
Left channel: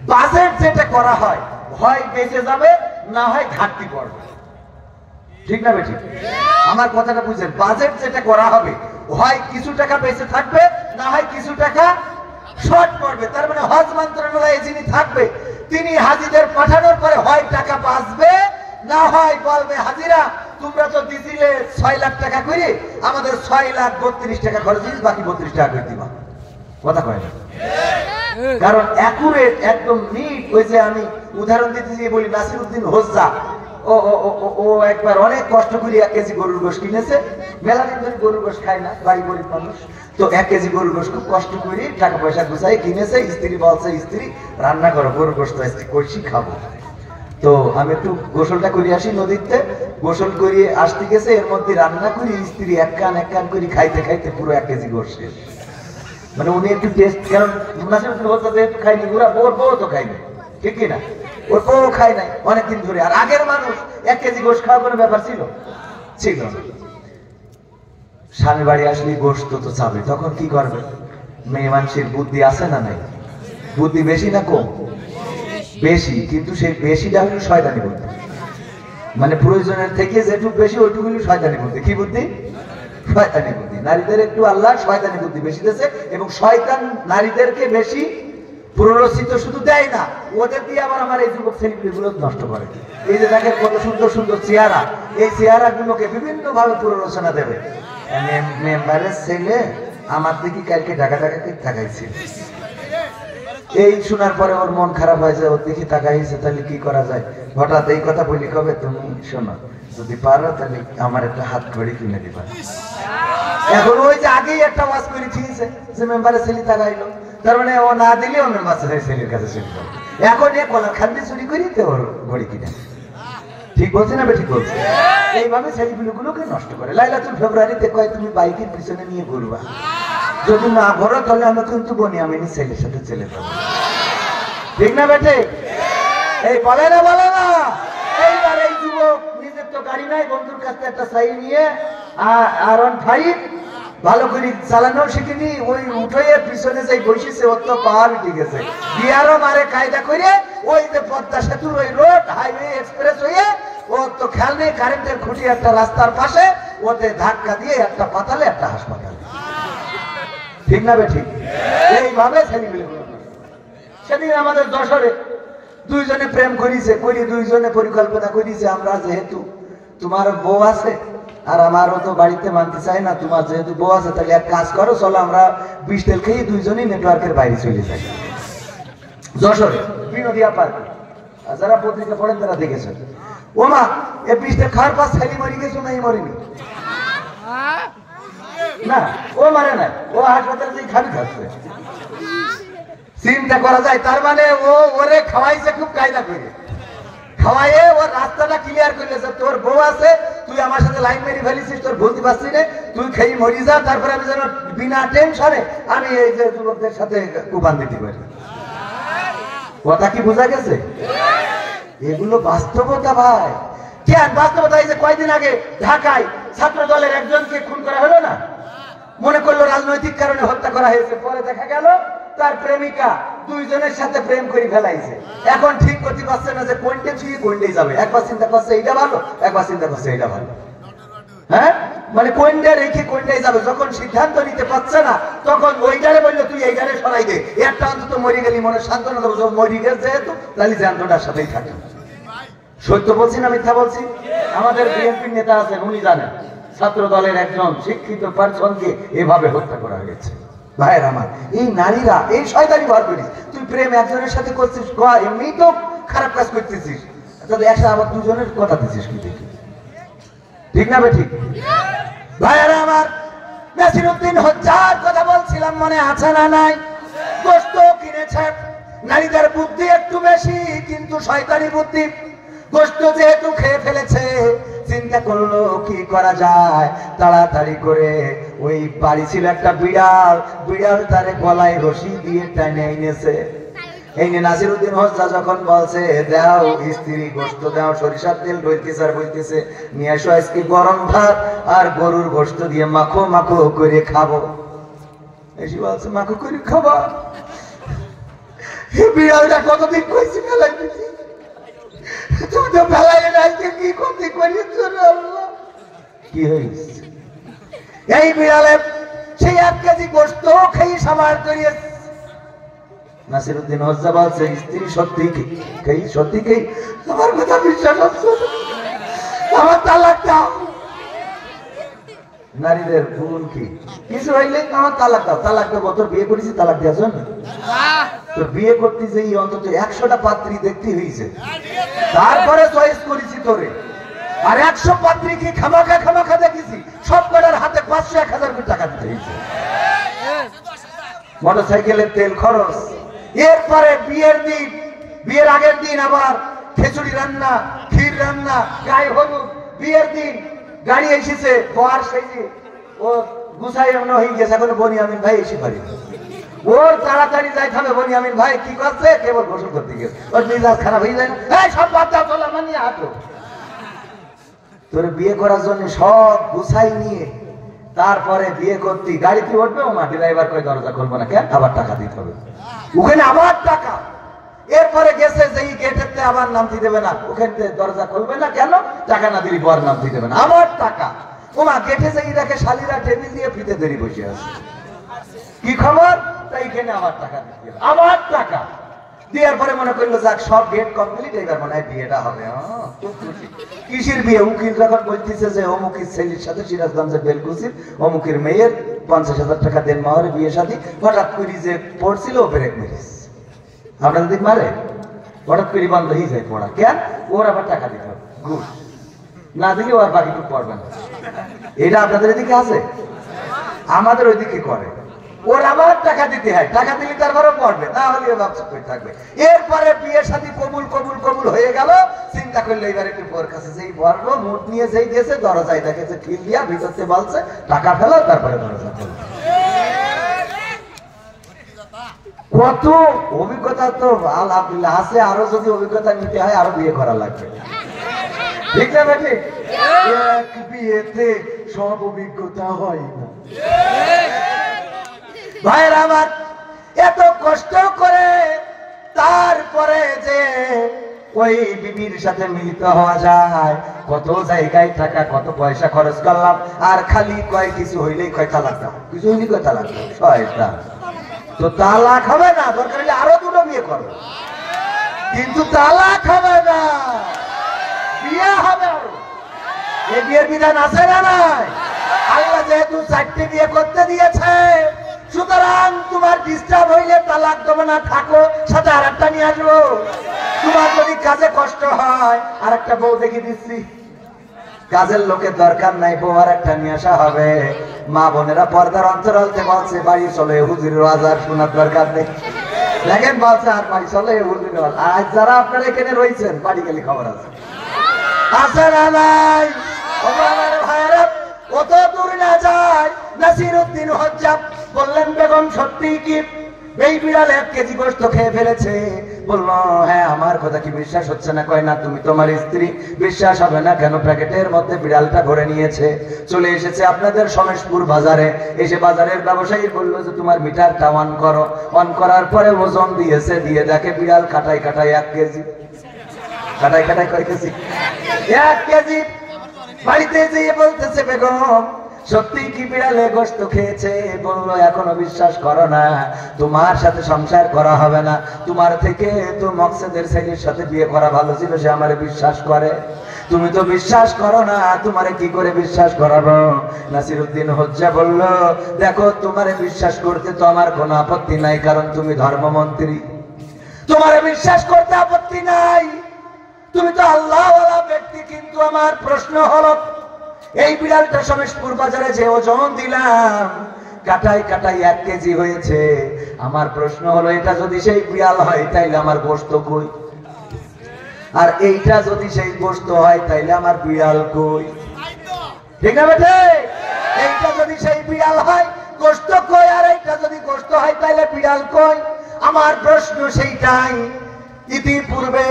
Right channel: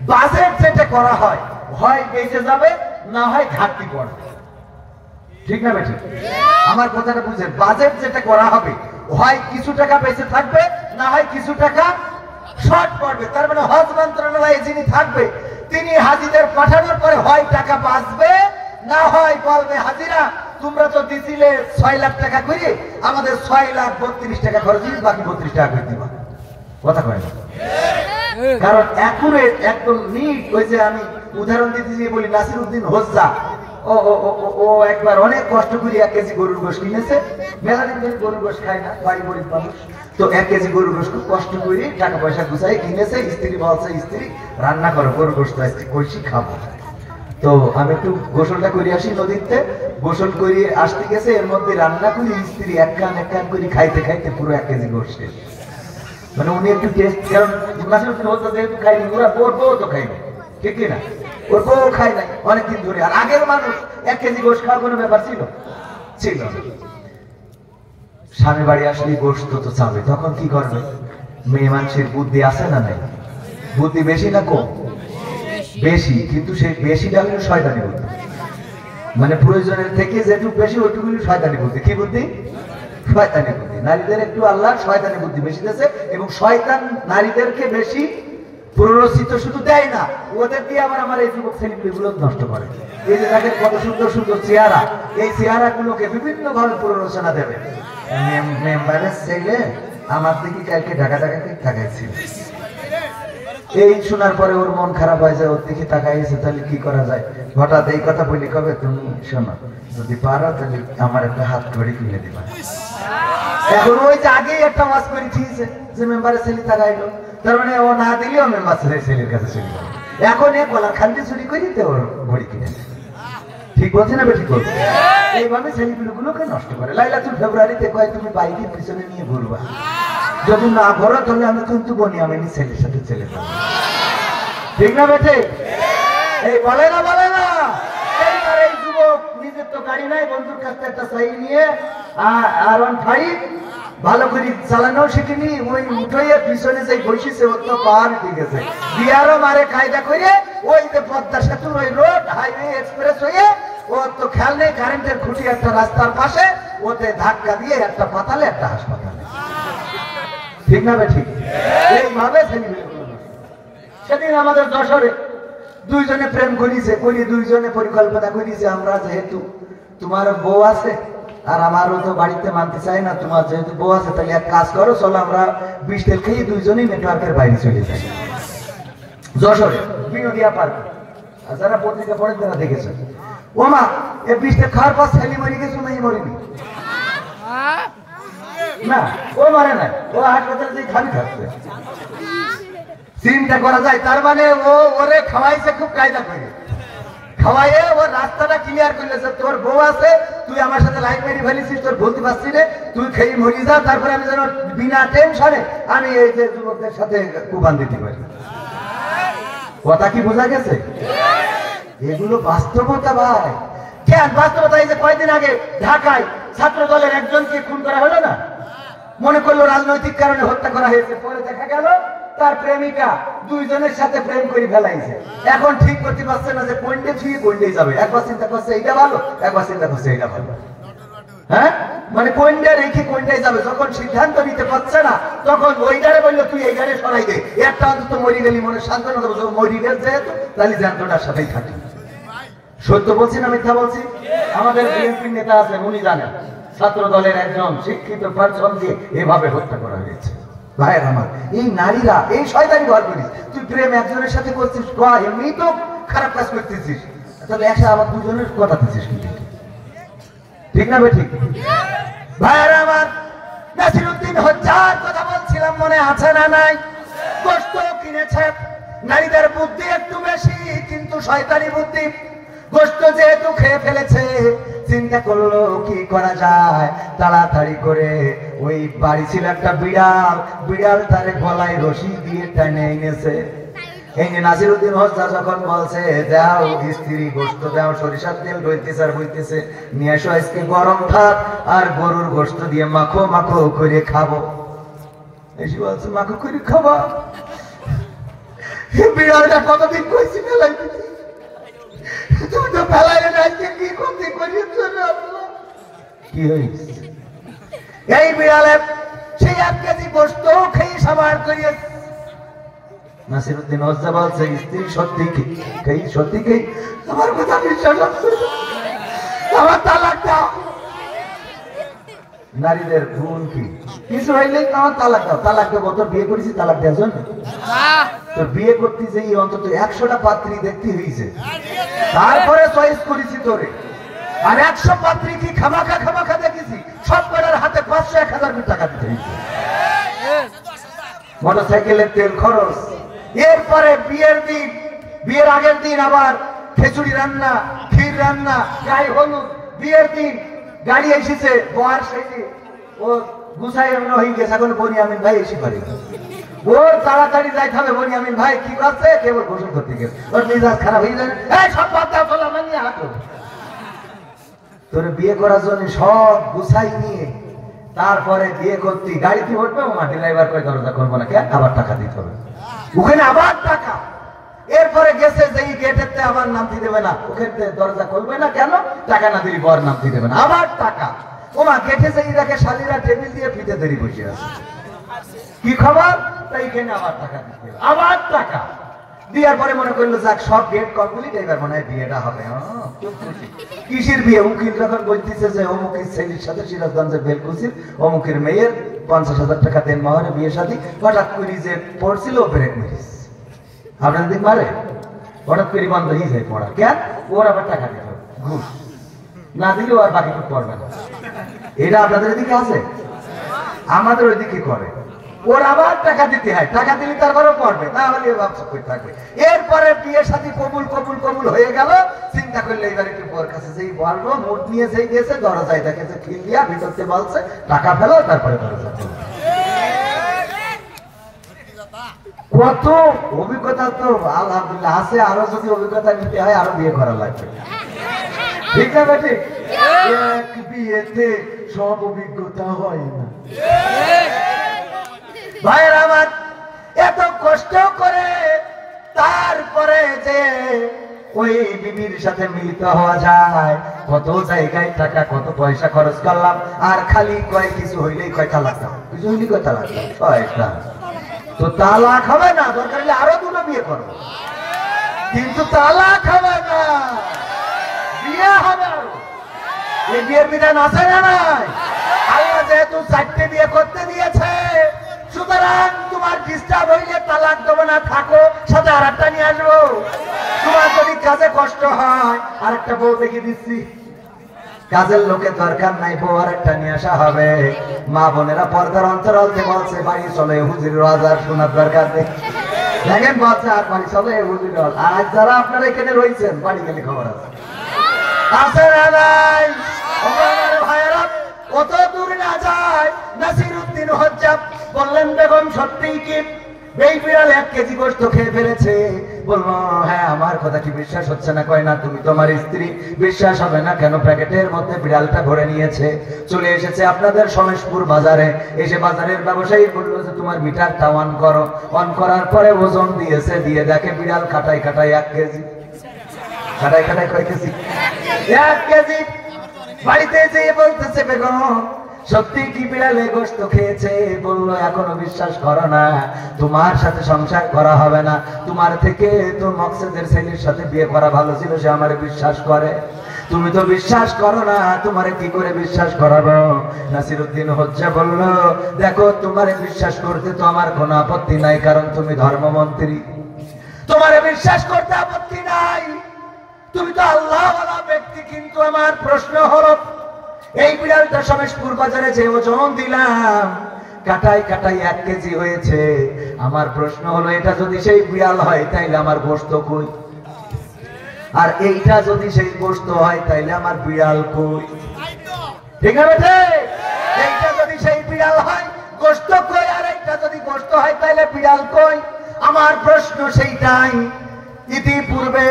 বাজেট যেটা করা হয়, হয় বেঁচে যাবে, না হয় ঘাটতি পড়বে। ঠিক না বেঠিক? আমার কথাটা বুঝেন, বাজেট যেটা করা হবে, হয় কিছু টাকা বেঁচে থাকবে, না হয় কিছু টাকা শর্ট পড়বে। তার মানে হজ মন্ত্রণালয়ে যিনি থাকবে তিনি হাজিদের পাঠানোর পরে হয় টাকা বাঁচবে, না হয় বলবে হাজিরা তোমরা তো দিছিলে 6 লাখ টাকা করে, আমাদের 6,32,000 টাকা খরচ দিস, বাকি 32 টাকা করে দিবা। কথা কয় না? কারণ অ্যাকুরেট একদম নিট। ওই যে আমি উদাহরণ দিতে গিয়ে বলি, নাসিরউদ্দিন হোজ্জা ও ও ও ও একবার অনেক কষ্ট করে 1 কেজি গরুর গোশত কিনেছে। মেলা দিন গরুর গোশত খায় না, বাড়ি গরিব মানুষ, তো 1 কেজি গরুর গোশত কষ্ট করে টাকা পয়সা গুছাই কিনেছে। স্ত্রী বলছে, স্ত্রী রান্না করো গরুর গোশত আজকে কইছি খাবো। তো আমি একটু গোসলটা করে আসি নদীতে, গোসল করে আসতে গেছে, এর মধ্যে রান্না করি স্ত্রী এক কান করে খাইতে খাইতে পুরো 1 কেজি গোশত শেষ। মানে উনি একটু টেস্ট, কারণ খাইনি, ওর বউ তো খাইনি, ঠিক না, ওর বউ খায় নাই অনেকদিন ধরে। আর আগের মানুষ 1 কেজি গোশত খাওয়া কোনো ব্যাপার ছিল ছিল। স্বামী বাড়ি আসলে গোশত তো চাবে, তখন কি করবে? মেয়ে মানুষের বুদ্ধি আছে না নেই? বুদ্ধি বেশি না কম? বেশি, কিন্তু সেই বেশিটা হলো শয়তানি বুদ্ধি। মানে প্রয়োজনের থেকে যেটুকু বেশি ওইটুকু শয়তানি বুদ্ধি। কি বুদ্ধি? শয়তানি বুদ্ধি। নারীদের একটু আল্লাহ শয়তানি বুদ্ধি বেশি দিয়েছে, এবং শয়তান নারীদেরকে বেশি প্ররোচিত শুধু দেয় না, ওদের দিয়ে আবার আমার এই যুবক ছেলেগুলো নষ্ট করে। এই যে দেখেন কত সুন্দর সুন্দর চেহারা, এই চেহারা গুলোকে বিভিন্ন ভাবে প্ররোচনা দেবে। মেম্বারের ছেলে আমার দিকে কালকে ঢাকা তাকাইছিল, এই শোনার পরে ওর মন খারাপ হয়ে যায়, ওর দিকে তাকাইছে, তাহলে কি করা যায়? হঠাৎ এই কথা বলি, কবে তুমি শোনো, যদি পারো তাহলে আমার একটা হাত ঘড়ি কিনে দিবা। এখন ওই যে আগেই একটা ওয়াজ করে দিয়েছে যে মেম্বারের ছেলে তাকাইলো, তার মানে ও না দিলেও মেম্বার ছেলের কাছে চলে যাবে। এখন এ বলা খান্ডি চুরি করি তো ওর ঘড়ি কিনে। ঠিক বলছে না? ঠিক বলছে। এইভাবে ছেলেগুলোকে নষ্ট করে। লাইলাতুল ফেব্রুয়ারিতে কয় তুমি বাইকের পিছনে নিয়ে ঘুরবা, যদি না ঘোরো তাহলে আমরা কিন্তু বনি আমি ছেলের সাথে চলে যাবো। ঠিক না বেটে? এই বলে না এইবার এই যুবক নিজের তো গাড়ি নাই, বন্ধুর কাছে একটা চাই নিয়ে R15 ভালো করে চালানো শিখিনি, ওই উঠে পিছনে যে বসেছে ওর তো পাহাড় ঠিক আছে, বিয়ারা মারে কায়দা করে ওই যে পদ্মা সেতু, ওই রোড হাইওয়ে এক্সপ্রেস হয়ে ওর তো খেয়াল নেই, কারেন্টের খুঁটি একটা রাস্তার পাশে, ওতে ধাক্কা দিয়ে একটা পাতালে একটা হাসপাতাল। ঠিক না বে? ঠিক। এইভাবে ছেলেগুলো সেদিন আমাদের যশোরে দুইজনে প্রেম করিছে, দুইজনে পরিকল্পনা করিছে, আমরা যেহেতু তোমার বউ আছে আর আমারও তো বাড়িতে মানতে চাই না, তোমার যেহেতু বউ আছে তাহলে এক কাজ করো, চলো আমরা 20 তেল খেয়ে দুইজনই নেটওয়ার্কের বাইরে চলে যাই। যশোরে বিনোদিয়া পার্ক, যারা পত্রিকা পড়েন তারা দেখেছে। ও মা, এই 20 তেল খাওয়ার পর ছেলে মরে গেছো না? মরিনি না, ও মানে না, ও হাসপাতালে খাবি খাচ্ছে। চিন্তা করা যায়, তার মানে ও ওরে খাওয়াইছে খুব কায়দা করে, খাওয়াইয়ে ওর রাস্তাটা ক্লিয়ার করেছে। তোর বউ আছে, তুই আমার সাথে লাইন মেরে ফেলেছিস, তোর বলতে পারছি না, তুই খেয়ে মরি যা, তারপরে আমি যেন বিনা টেনশনে আমি এই যে যুবকদের সাথে কুরবান দিতে পারি। কথা কি বোঝা গেছে? এগুলো বাস্তবতা ভাই। কেন বাস্তবতা? এই যে কয়েকদিন আগে ঢাকায় ছাত্র দলের একজনকে খুন করা হলো না, মনে করলো রাজনৈতিক কারণে হত্যা করা হয়েছে, পরে দেখা গেল তার প্রেমিকা দুইজনের সাথে প্রেম করে ফেলাইছে। এখন ঠিক করতে পারছে না যে কোনটা ছুঁয়ে কোনটাই যাবে, একবার চিন্তা করছে এইটা ভালো, একবার চিন্তা করছে এইটা ভালো। হ্যাঁ, মানে কোনটা রেখে কোনটাই যাবে, যখন সিদ্ধান্ত নিতে পারছে না তখন ওইটারে বললো তুই এইটারে সরাই দে, একটা অন্তত মরি গেলি মনে সান্ত্বনা দেবো, মরি গেল যেহেতু তাহলে জানতোটার সাথেই থাকে। সত্য বলছি না মিথ্যা বলছি? আমাদের বিএনপির নেতা আছে, উনি জানেন ছাত্র দলের একজন শিক্ষিত পার্সনকে এভাবে হত্যা করা হয়েছে। ভাইয়ের আমার, এই নারীরা এই শয়তানি ভর করিস, তুই প্রেম একজনের সাথে করছিস, এমনি তো খারাপ কাজ করতেছিস, তাহলে একসাথে আবার দুজনের কথা দিচ্ছিস কিন্তু। ঠিক না? ঠিক। ভাইয়ের আমার, নাসিরউদ্দিন হজ্জার কথা বলছিলাম, মনে আছে না নাই? গোশত কিনেছে, নারীদের বুদ্ধি একটু বেশি, কিন্তু শয়তানি বুদ্ধি। গোশত যেহেতু খেয়ে ফেলেছে, চিন্তা করলো কি করা যায়, তাড়াতাড়ি করে ওই বাড়ি ছিল একটা বিড়াল তার গলায় রশি দিয়ে টানে এনেছে। এই যে নাসিরউদ্দিন হজ্জা যখন বলছে দাও স্ত্রী গোশত দাও, সরিষার তেল হইতেছে, নিয়ে আসো আজকে গরম ভাত আর গরুর গোশত দিয়ে মাখো মাখো করে খাবো। এসে বলছে মাখো করে খাবা? বিড়ালটা কতদিন কইছি ফেলাইতে, তুমি তো ফেলাইলে আজকে কি করতে করিয়ে কি হয়েছে? এই বিড়ালের সেই 1 কেজি গোশত খেয়ে সবার করিয়ে। নাসিরউদ্দিন হজ্জা বলছে স্ত্রী সত্যি খেয়ে আমার কথা বিশ্বাস, আমার তালাক দাও। নারীদের ভুল কি? কিছু হইলে আমার তালাক দাও, তালাক দেবো, তোর বিয়ে করেছি তালাক দেওয়ার জন্য? তো বিয়ে করতে যে অন্তত 100টা পাত্রী দেখতে হয়েছে, তারপরে চয়েস করেছি তোরে। আর 100 পাত্রী কি খামাখা দেখেছি, সব কটার হাতে 500-1000 টাকা দিতে হয়েছে। মোটরসাইকেলের তেল খরচ, এরপরে বিয়ের দিন, বিয়ের আগের দিন আবার খিচুড়ি রান্না, ক্ষীর রান্না, গায়ে হলুদ, বিয়ের দিন গাড়ি এসেছে, বর সেজে ও গুছাই আমরা হয়ে গেছে, এখন বনিয়ামিন ভাই এসে করে ওর তাড়াতাড়ি যাইতে হবে। বনিয়ামিন ভাই কি করছে, কেবল গোসল করতে গেছে, ওর মেজাজ খারাপ হয়ে যায়, এই সব বাদ দাও, চলো মানিয়ে হাঁটো। তোর বিয়ে করার জন্য সব গুছাই নিয়ে তারপরে বিয়ে করতে গাড়িতে উঠবে, ও মা ড্রাইভার করে দরজা করবো না, কেন আবার টাকা দিতে হবে, ওখানে আবার টাকা। এরপরে গেছে যেই গেটেতে আবার নামতে দেবে না, ওখানে দরজা খুলবে না, কেন টাকা না দিলে বর নামতে দেবে না, আবার টাকা। ওমা গেটে যেই রেখে শালীরা টেবিল দিয়ে ফিতে দেরি বসে আছে, কি খবর, তাই এখানে আবার টাকা দিতে, আবার টাকা দেওয়ার পরে মনে করলো যাক সব গেট কমপ্লিট, এবার মনে হয় বিয়েটা হবে। কিসের বিয়ে? উকিল যখন বলতেছে যে অমুকের ছেলের সাথে সিরাজগঞ্জের বেলকুচির অমুকের মেয়ের 50,000 টাকা দেন মহরে বিয়ে শাদী, হঠাৎ করে যে পড়ছিল ব্রেক মেরেছে, আপনাদের দিক মারে, হঠাৎ করে বন্ধ হয়ে যায় পড়া, কেন? ওর আবার টাকা দিতে হবে, ঘুষ না দিলেও আর বাকি পড়বে না। এটা আপনাদের এদিকে আছে, আমাদের ওইদিকে করে, ওর আবার টাকা দিতে হয়, টাকা দিলে তারপরে পড়বে, না হলে ভাবছে করে থাকবে। এরপরে বিয়ে শাদী কবুল কবুল কবুল হয়ে গেল, চিন্তা করলে এবার একটু ওর কাছে যেই বললো, মুখ নিয়ে যেই গেছে, দরজায় দেখেছে খিল দিয়া, ভিতরতে বলছে টাকা ফেলো, তারপরে দরজা। কত অভিজ্ঞতা তো আলহামদুলিল্লাহ আছে, আরো যদি অভিজ্ঞতা নিতে হয় আরো বিয়ে করা লাগবে, ঠিক না বেটি? এক বিয়েতে সব অভিজ্ঞতা হয় না ভাইয়ের আমার, এত কষ্ট করে তারপরে যে ওই বিবির সাথে মিলিত হওয়া যায়, কত জায়গায় টাকা কত পয়সা খরচ করলাম, আর খালি কয় কিছু হইলেই কয় তালাক দাও, কিছু হইলে কয় তালাক দাও, শয়তান। তো তালাক হবে না, দরকার হলে আরো দুটো বিয়ে করো, কিন্তু তালাক হবে না, বিয়ে হবে। এই বিয়ের বিধান আছে না নাই? আল্লাহ যেহেতু 4টি বিয়ে করতে দিয়েছে, সুতরাং তোমার ডিস্টার্ব হইলে তালাক দেবে না, থাকো, সাথে আর একটা নিয়ে আসবো। তোমার যদি কাজে কষ্ট হয় আর একটা বউ দেখে দিচ্ছি, কাজের লোকের দরকার নাই, বউ আর একটা নিয়ে আসা হবে। মা বোনেরা পর্দার অন্তরাল যে বলছে বাড়ি চলে হুজুর রাজার শোনার দরকার নেই, দেখেন বলছে আর বাড়ি চলে হুজুর। আজ যারা আপনারা এখানে রয়েছেন বাড়ি গেলে খবর আছে, আছে না নাই? কত দূর না যায়, নাসিরউদ্দিন হজ্জাব বললেন বেগম সত্যি কি এই বিড়াল 1 কেজি গোশত খেয়ে ফেলেছে? বলবো হ্যাঁ, আমার কথা কি বিশ্বাস হচ্ছে না? কয় না, তুমি তোমার স্ত্রী, বিশ্বাস হবে না কেন? প্যাকেটের মধ্যে বিড়ালটা ভরে নিয়েছে, চলে এসেছে আপনাদের সমেশপুর বাজারে, এসে বাজারের ব্যবসায়ী বললো যে তোমার মিটারটা অন করো, অন করার পরে ওজন দিয়েছে, দিয়ে দেখে বিড়াল কাটাই কাটাই 1 কেজি, কাটাই কাটাই কয় কেজি? 1 কেজি। বাড়িতে যেয়ে বলতেছে বেগম সত্যি কি বিড়ালে গোশত খেয়েছে? বললো এখনো বিশ্বাস করো না, তোমার সাথে সংসার করা হবে না, তোমার থেকে তোর মকসেদের ছেলের সাথে বিয়ে করা ভালো ছিল, সে আমার বিশ্বাস করে, তুমি তো বিশ্বাস করো না, তোমারে কি করে বিশ্বাস করাবো? নাসিরউদ্দিন হজ্জা বললো দেখো, তোমারে বিশ্বাস করতে তো আমার কোনো আপত্তি নাই, কারণ তুমি ধর্মমন্ত্রী, তোমারে বিশ্বাস করতে আপত্তি নাই, তুমি তো আল্লাহওয়ালা ব্যক্তি, কিন্তু আমার প্রশ্ন হলো এই বিড়ালটা সমেশপুর বাজারে যে ওজন দিলাম কাটাই কাটাই 1 কেজি হয়েছে, আমার প্রশ্ন হলো এটা যদি সেই বিড়াল হয় তাইলে আমার গোশত কই? আর এইটা যদি সেই গোশত হয় তাইলে আমার বিড়াল কই? ঠিক না বেটে? এইটা যদি সেই বিড়াল হয় গোশত কই, আর এইটা যদি গোশত হয় তাইলে বিড়াল কই? আমার প্রশ্ন সেইটাই। ইতিপূর্বে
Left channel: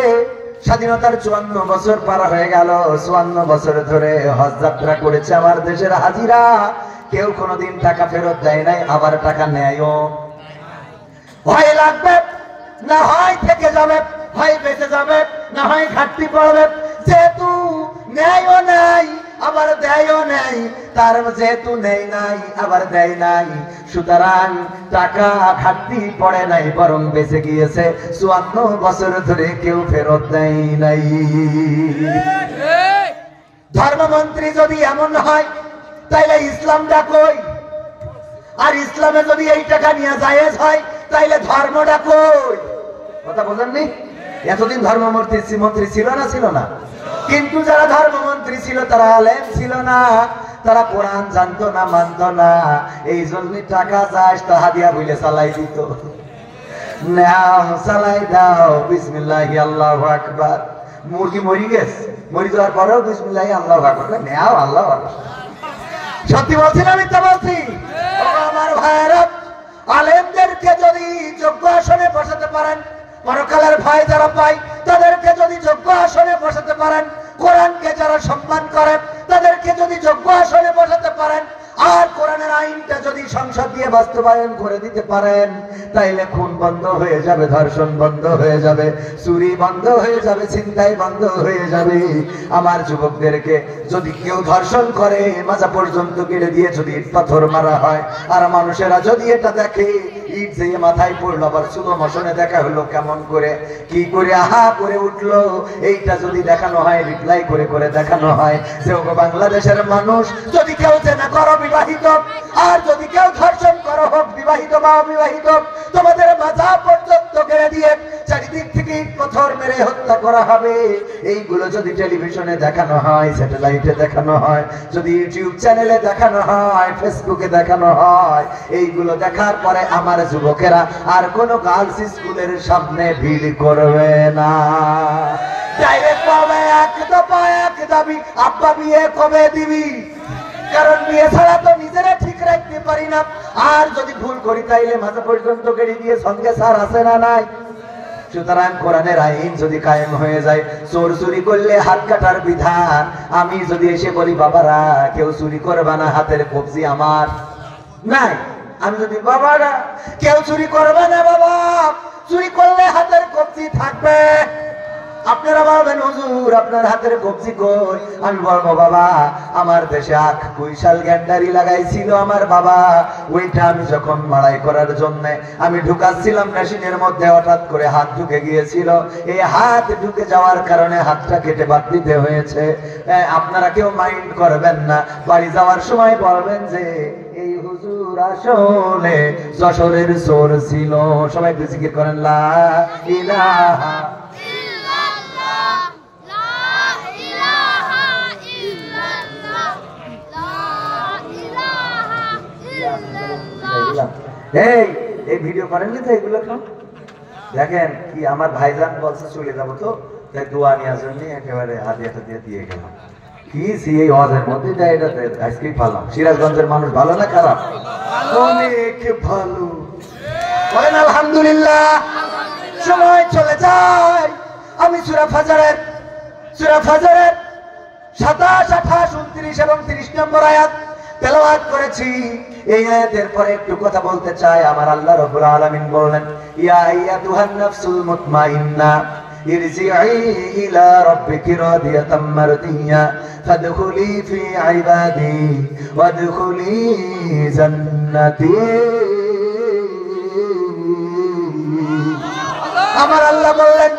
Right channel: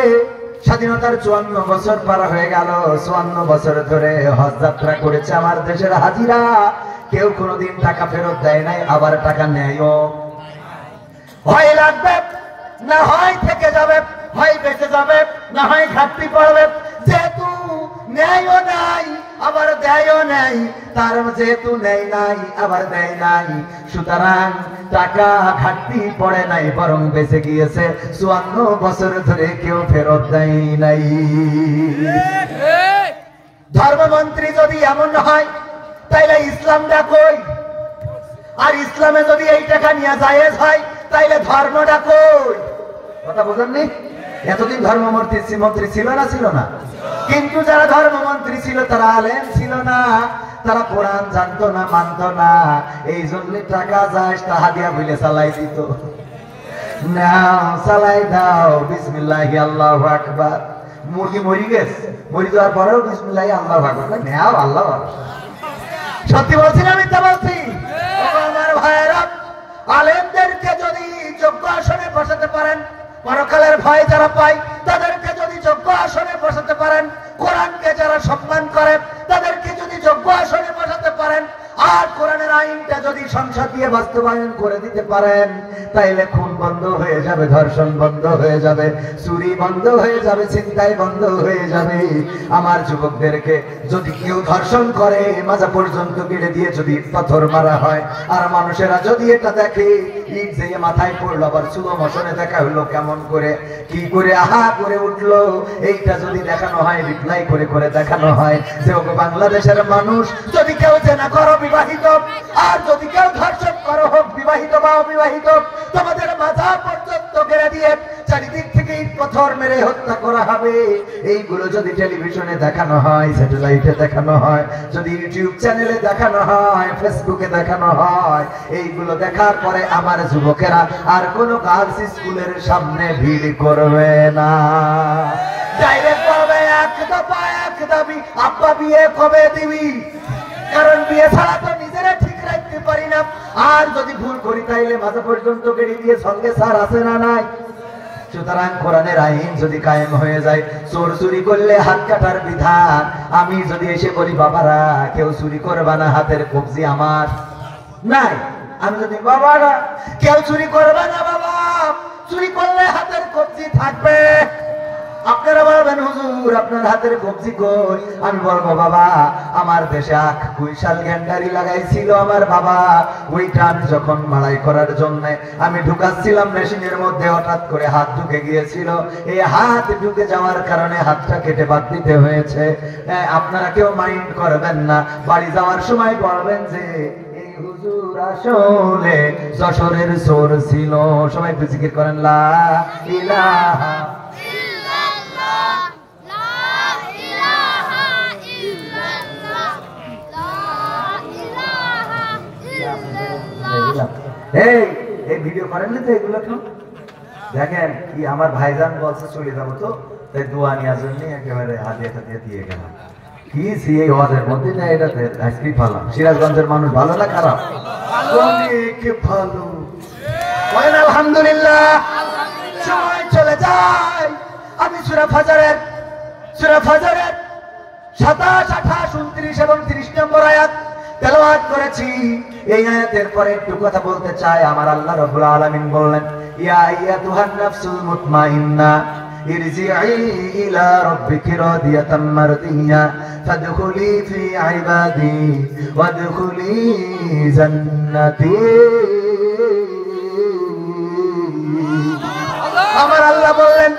স্বাধীনতার 54 বছর পার হয়ে গেল, 54 বছর ধরে হজ যাত্রা করেছে আমার দেশের হাজিরা, কেউ কোনোদিন টাকা ফেরত দেয় নাই, আবার টাকা নেয়ও। হয় রাখবে, না হয় থেকে যাবে, হয় বেঁচে যাবে, না হয় ঘাটতি পড়বে। যেহেতু নেয়ও নাই আবার দেয়ও নাই, তার যেহেতু নেই নাই আবার দেয় নাই, সুতরাং টাকা ঘাটতি পড়ে নাই, বরং বেঁচে গিয়েছে। 54 বছর ধরে কেউ ফেরত দেয় নাই। ধর্মমন্ত্রী যদি এমন হয় তাইলে ইসলামটা কই? আর ইসলামে যদি এই টাকা নিয়ে জায়েজ হয় তাইলে ধর্মটা কই? কথা বুঝেননি? এতদিন ধর্মমন্ত্রী ছিল না, ছিল না? কিন্তু যারা ধর্মমন্ত্রী ছিল তারা আলেম ছিল না, তারা কোরআন জানতো না, মানতো না। এই জন্য টাকা যাস তাহা দিয়া বলে চালাই দিত। নাও চালাই দাও, বিসমিল্লাহি আল্লাহু আকবার। মুরগি মরি গেছে, মরি যাওয়ার পরেও বিসমিল্লাহি আল্লাহু আকবার, নাও আল্লাহু আকবার। সত্যি বলছি না মিথ্যা বলছি? আমার ভাইরা, আলেমদেরকে যদি যোগ্য আসনে বসাতে পারেন, পরকালের ভয় যারা পায় তাদেরকে যদি যোগ্য আসনে বসাতে পারেন, কোরআনকে যারা সম্মান করেন তাদেরকে যদি যোগ্য আসনে বসাতে পারেন, আর কোরআনের আইনটা যদি সংসদ দিয়ে বাস্তবায়ন করে দিতে পারেন, তাইলে খুন বন্ধ হয়ে যাবে, ধর্ষণ বন্ধ হয়ে যাবে, চুরি বন্ধ হয়ে যাবে, ছিনতাই বন্ধ হয়ে যাবে। আমার যুবকদেরকে যদি কেউ ধর্ষণ করে, মাজা পর্যন্ত গেলে দিয়ে যদি পাথর মারা হয়, আর মানুষেরা যদি এটা দেখে, ইট যে মাথায় পড়লো, আবার সুগম মশনে দেখা হলো কেমন করে, কি করে আহা করে উঠলো, এইটা যদি দেখানো হয়, রিপ্লাই করে করে দেখানো হয় যে ওগো বাংলাদেশের মানুষ, যদি কেউ জেনা করো বিবাহিত, আর যদি কেউ ধর্ষণ করো হোক বিবাহিত বা অবিবাহিত, তোমাদের মাজা পর্যন্ত গেড়ে দিয়ে চারিদিক থেকে পাথর মেরে হত্যা করা হবে। এইগুলো যদি টেলিভিশনে দেখানো হয়, স্যাটেলাইটে দেখানো হয়, যদি ইউটিউব চ্যানেলে দেখানো হয়, ফেসবুকে দেখানো হয়, এইগুলো দেখার পরে আমার যুবকেরা আর কোনো গার্লস স্কুলের সামনে ভিড় করবে না। ডাইরেক্ট বলবে এক দফা এক দাবি, আব্বা বিয়ে কবে দিবি? কারণ বিয়ে ছাড়া তো নিজেরা ঠিক রাখতে পারি না। আর যদি ভুল করি তাইলে মাঝে পর্যন্ত গেড়ি দিয়ে সঙ্গে সার আছে না নাই? সুতরাং কোরআনের আইন যদি কায়েম হয়ে যায়, চোর চুরি করলে হাত কাটার বিধান। আমি যদি এসে বলি বাবারা কেউ চুরি করবে না, হাতের কবজি আমার নাই, আমি যদি বাবারা কেউ চুরি করবে না, বাবা চুরি করলে হাতের কবজি থাকবে, আপনারা বলবেন হুজুর আপনার হাতের কবজি কই? আমি বলবো বাবা আমার দেশে আখ কুইশাল গ্যান্ডারি লাগাইছিল আমার বাবা, ওইটা আমি যখন মাড়াই করার জন্য আমি ঢুকাচ্ছিলাম মেশিনের মধ্যে, হঠাৎ করে হাত ঢুকে গিয়েছিল, এই হাত ঢুকে যাওয়ার কারণে হাতটা কেটে বাদ দিতে হয়েছে। আপনারা কেউ মাইন্ড করবেন না, বাড়ি যাওয়ার সময় বলবেন যে এই হুজুর আসলে যশোরের চোর ছিল। সবাই জিকির করেন লা ইলাহা এই ভিডিও করেন না তো এগুলো তো দেখেন কি আমার ভাইজান বলছে চলে যাবো, তো তাই দোয়া নেওয়ার জন্য একেবারে হাতিয়ে হাতিয়ে দিয়ে গেলাম। কি এই হজের মধ্যে যায় এটা আইসক্রিম ফালাম। সিরাজগঞ্জের মানুষ ভালো না খারাপ? অনেক ভালো, আলহামদুলিল্লাহ। সময় চলে যায়, আমি সূরা ফাজরের 27, 28, 29 এবং 30 নম্বর আয়াত তেলাওয়াত করেছি। এই আয়াতের পরে একটু কথা বলতে চাই। আমার আল্লাহ রাব্বুল আলামিন বলেন, ইয়া আইয়াতুহান নাফসুল মুতমাইন্না ইরজিই ইলা রাব্বিকি রাদিয়াতাম মারদিয়া ফাদখুলি ফি ইবাদি ওয়াদখুলি জান্নাতি। আমার আল্লাহ বললেন,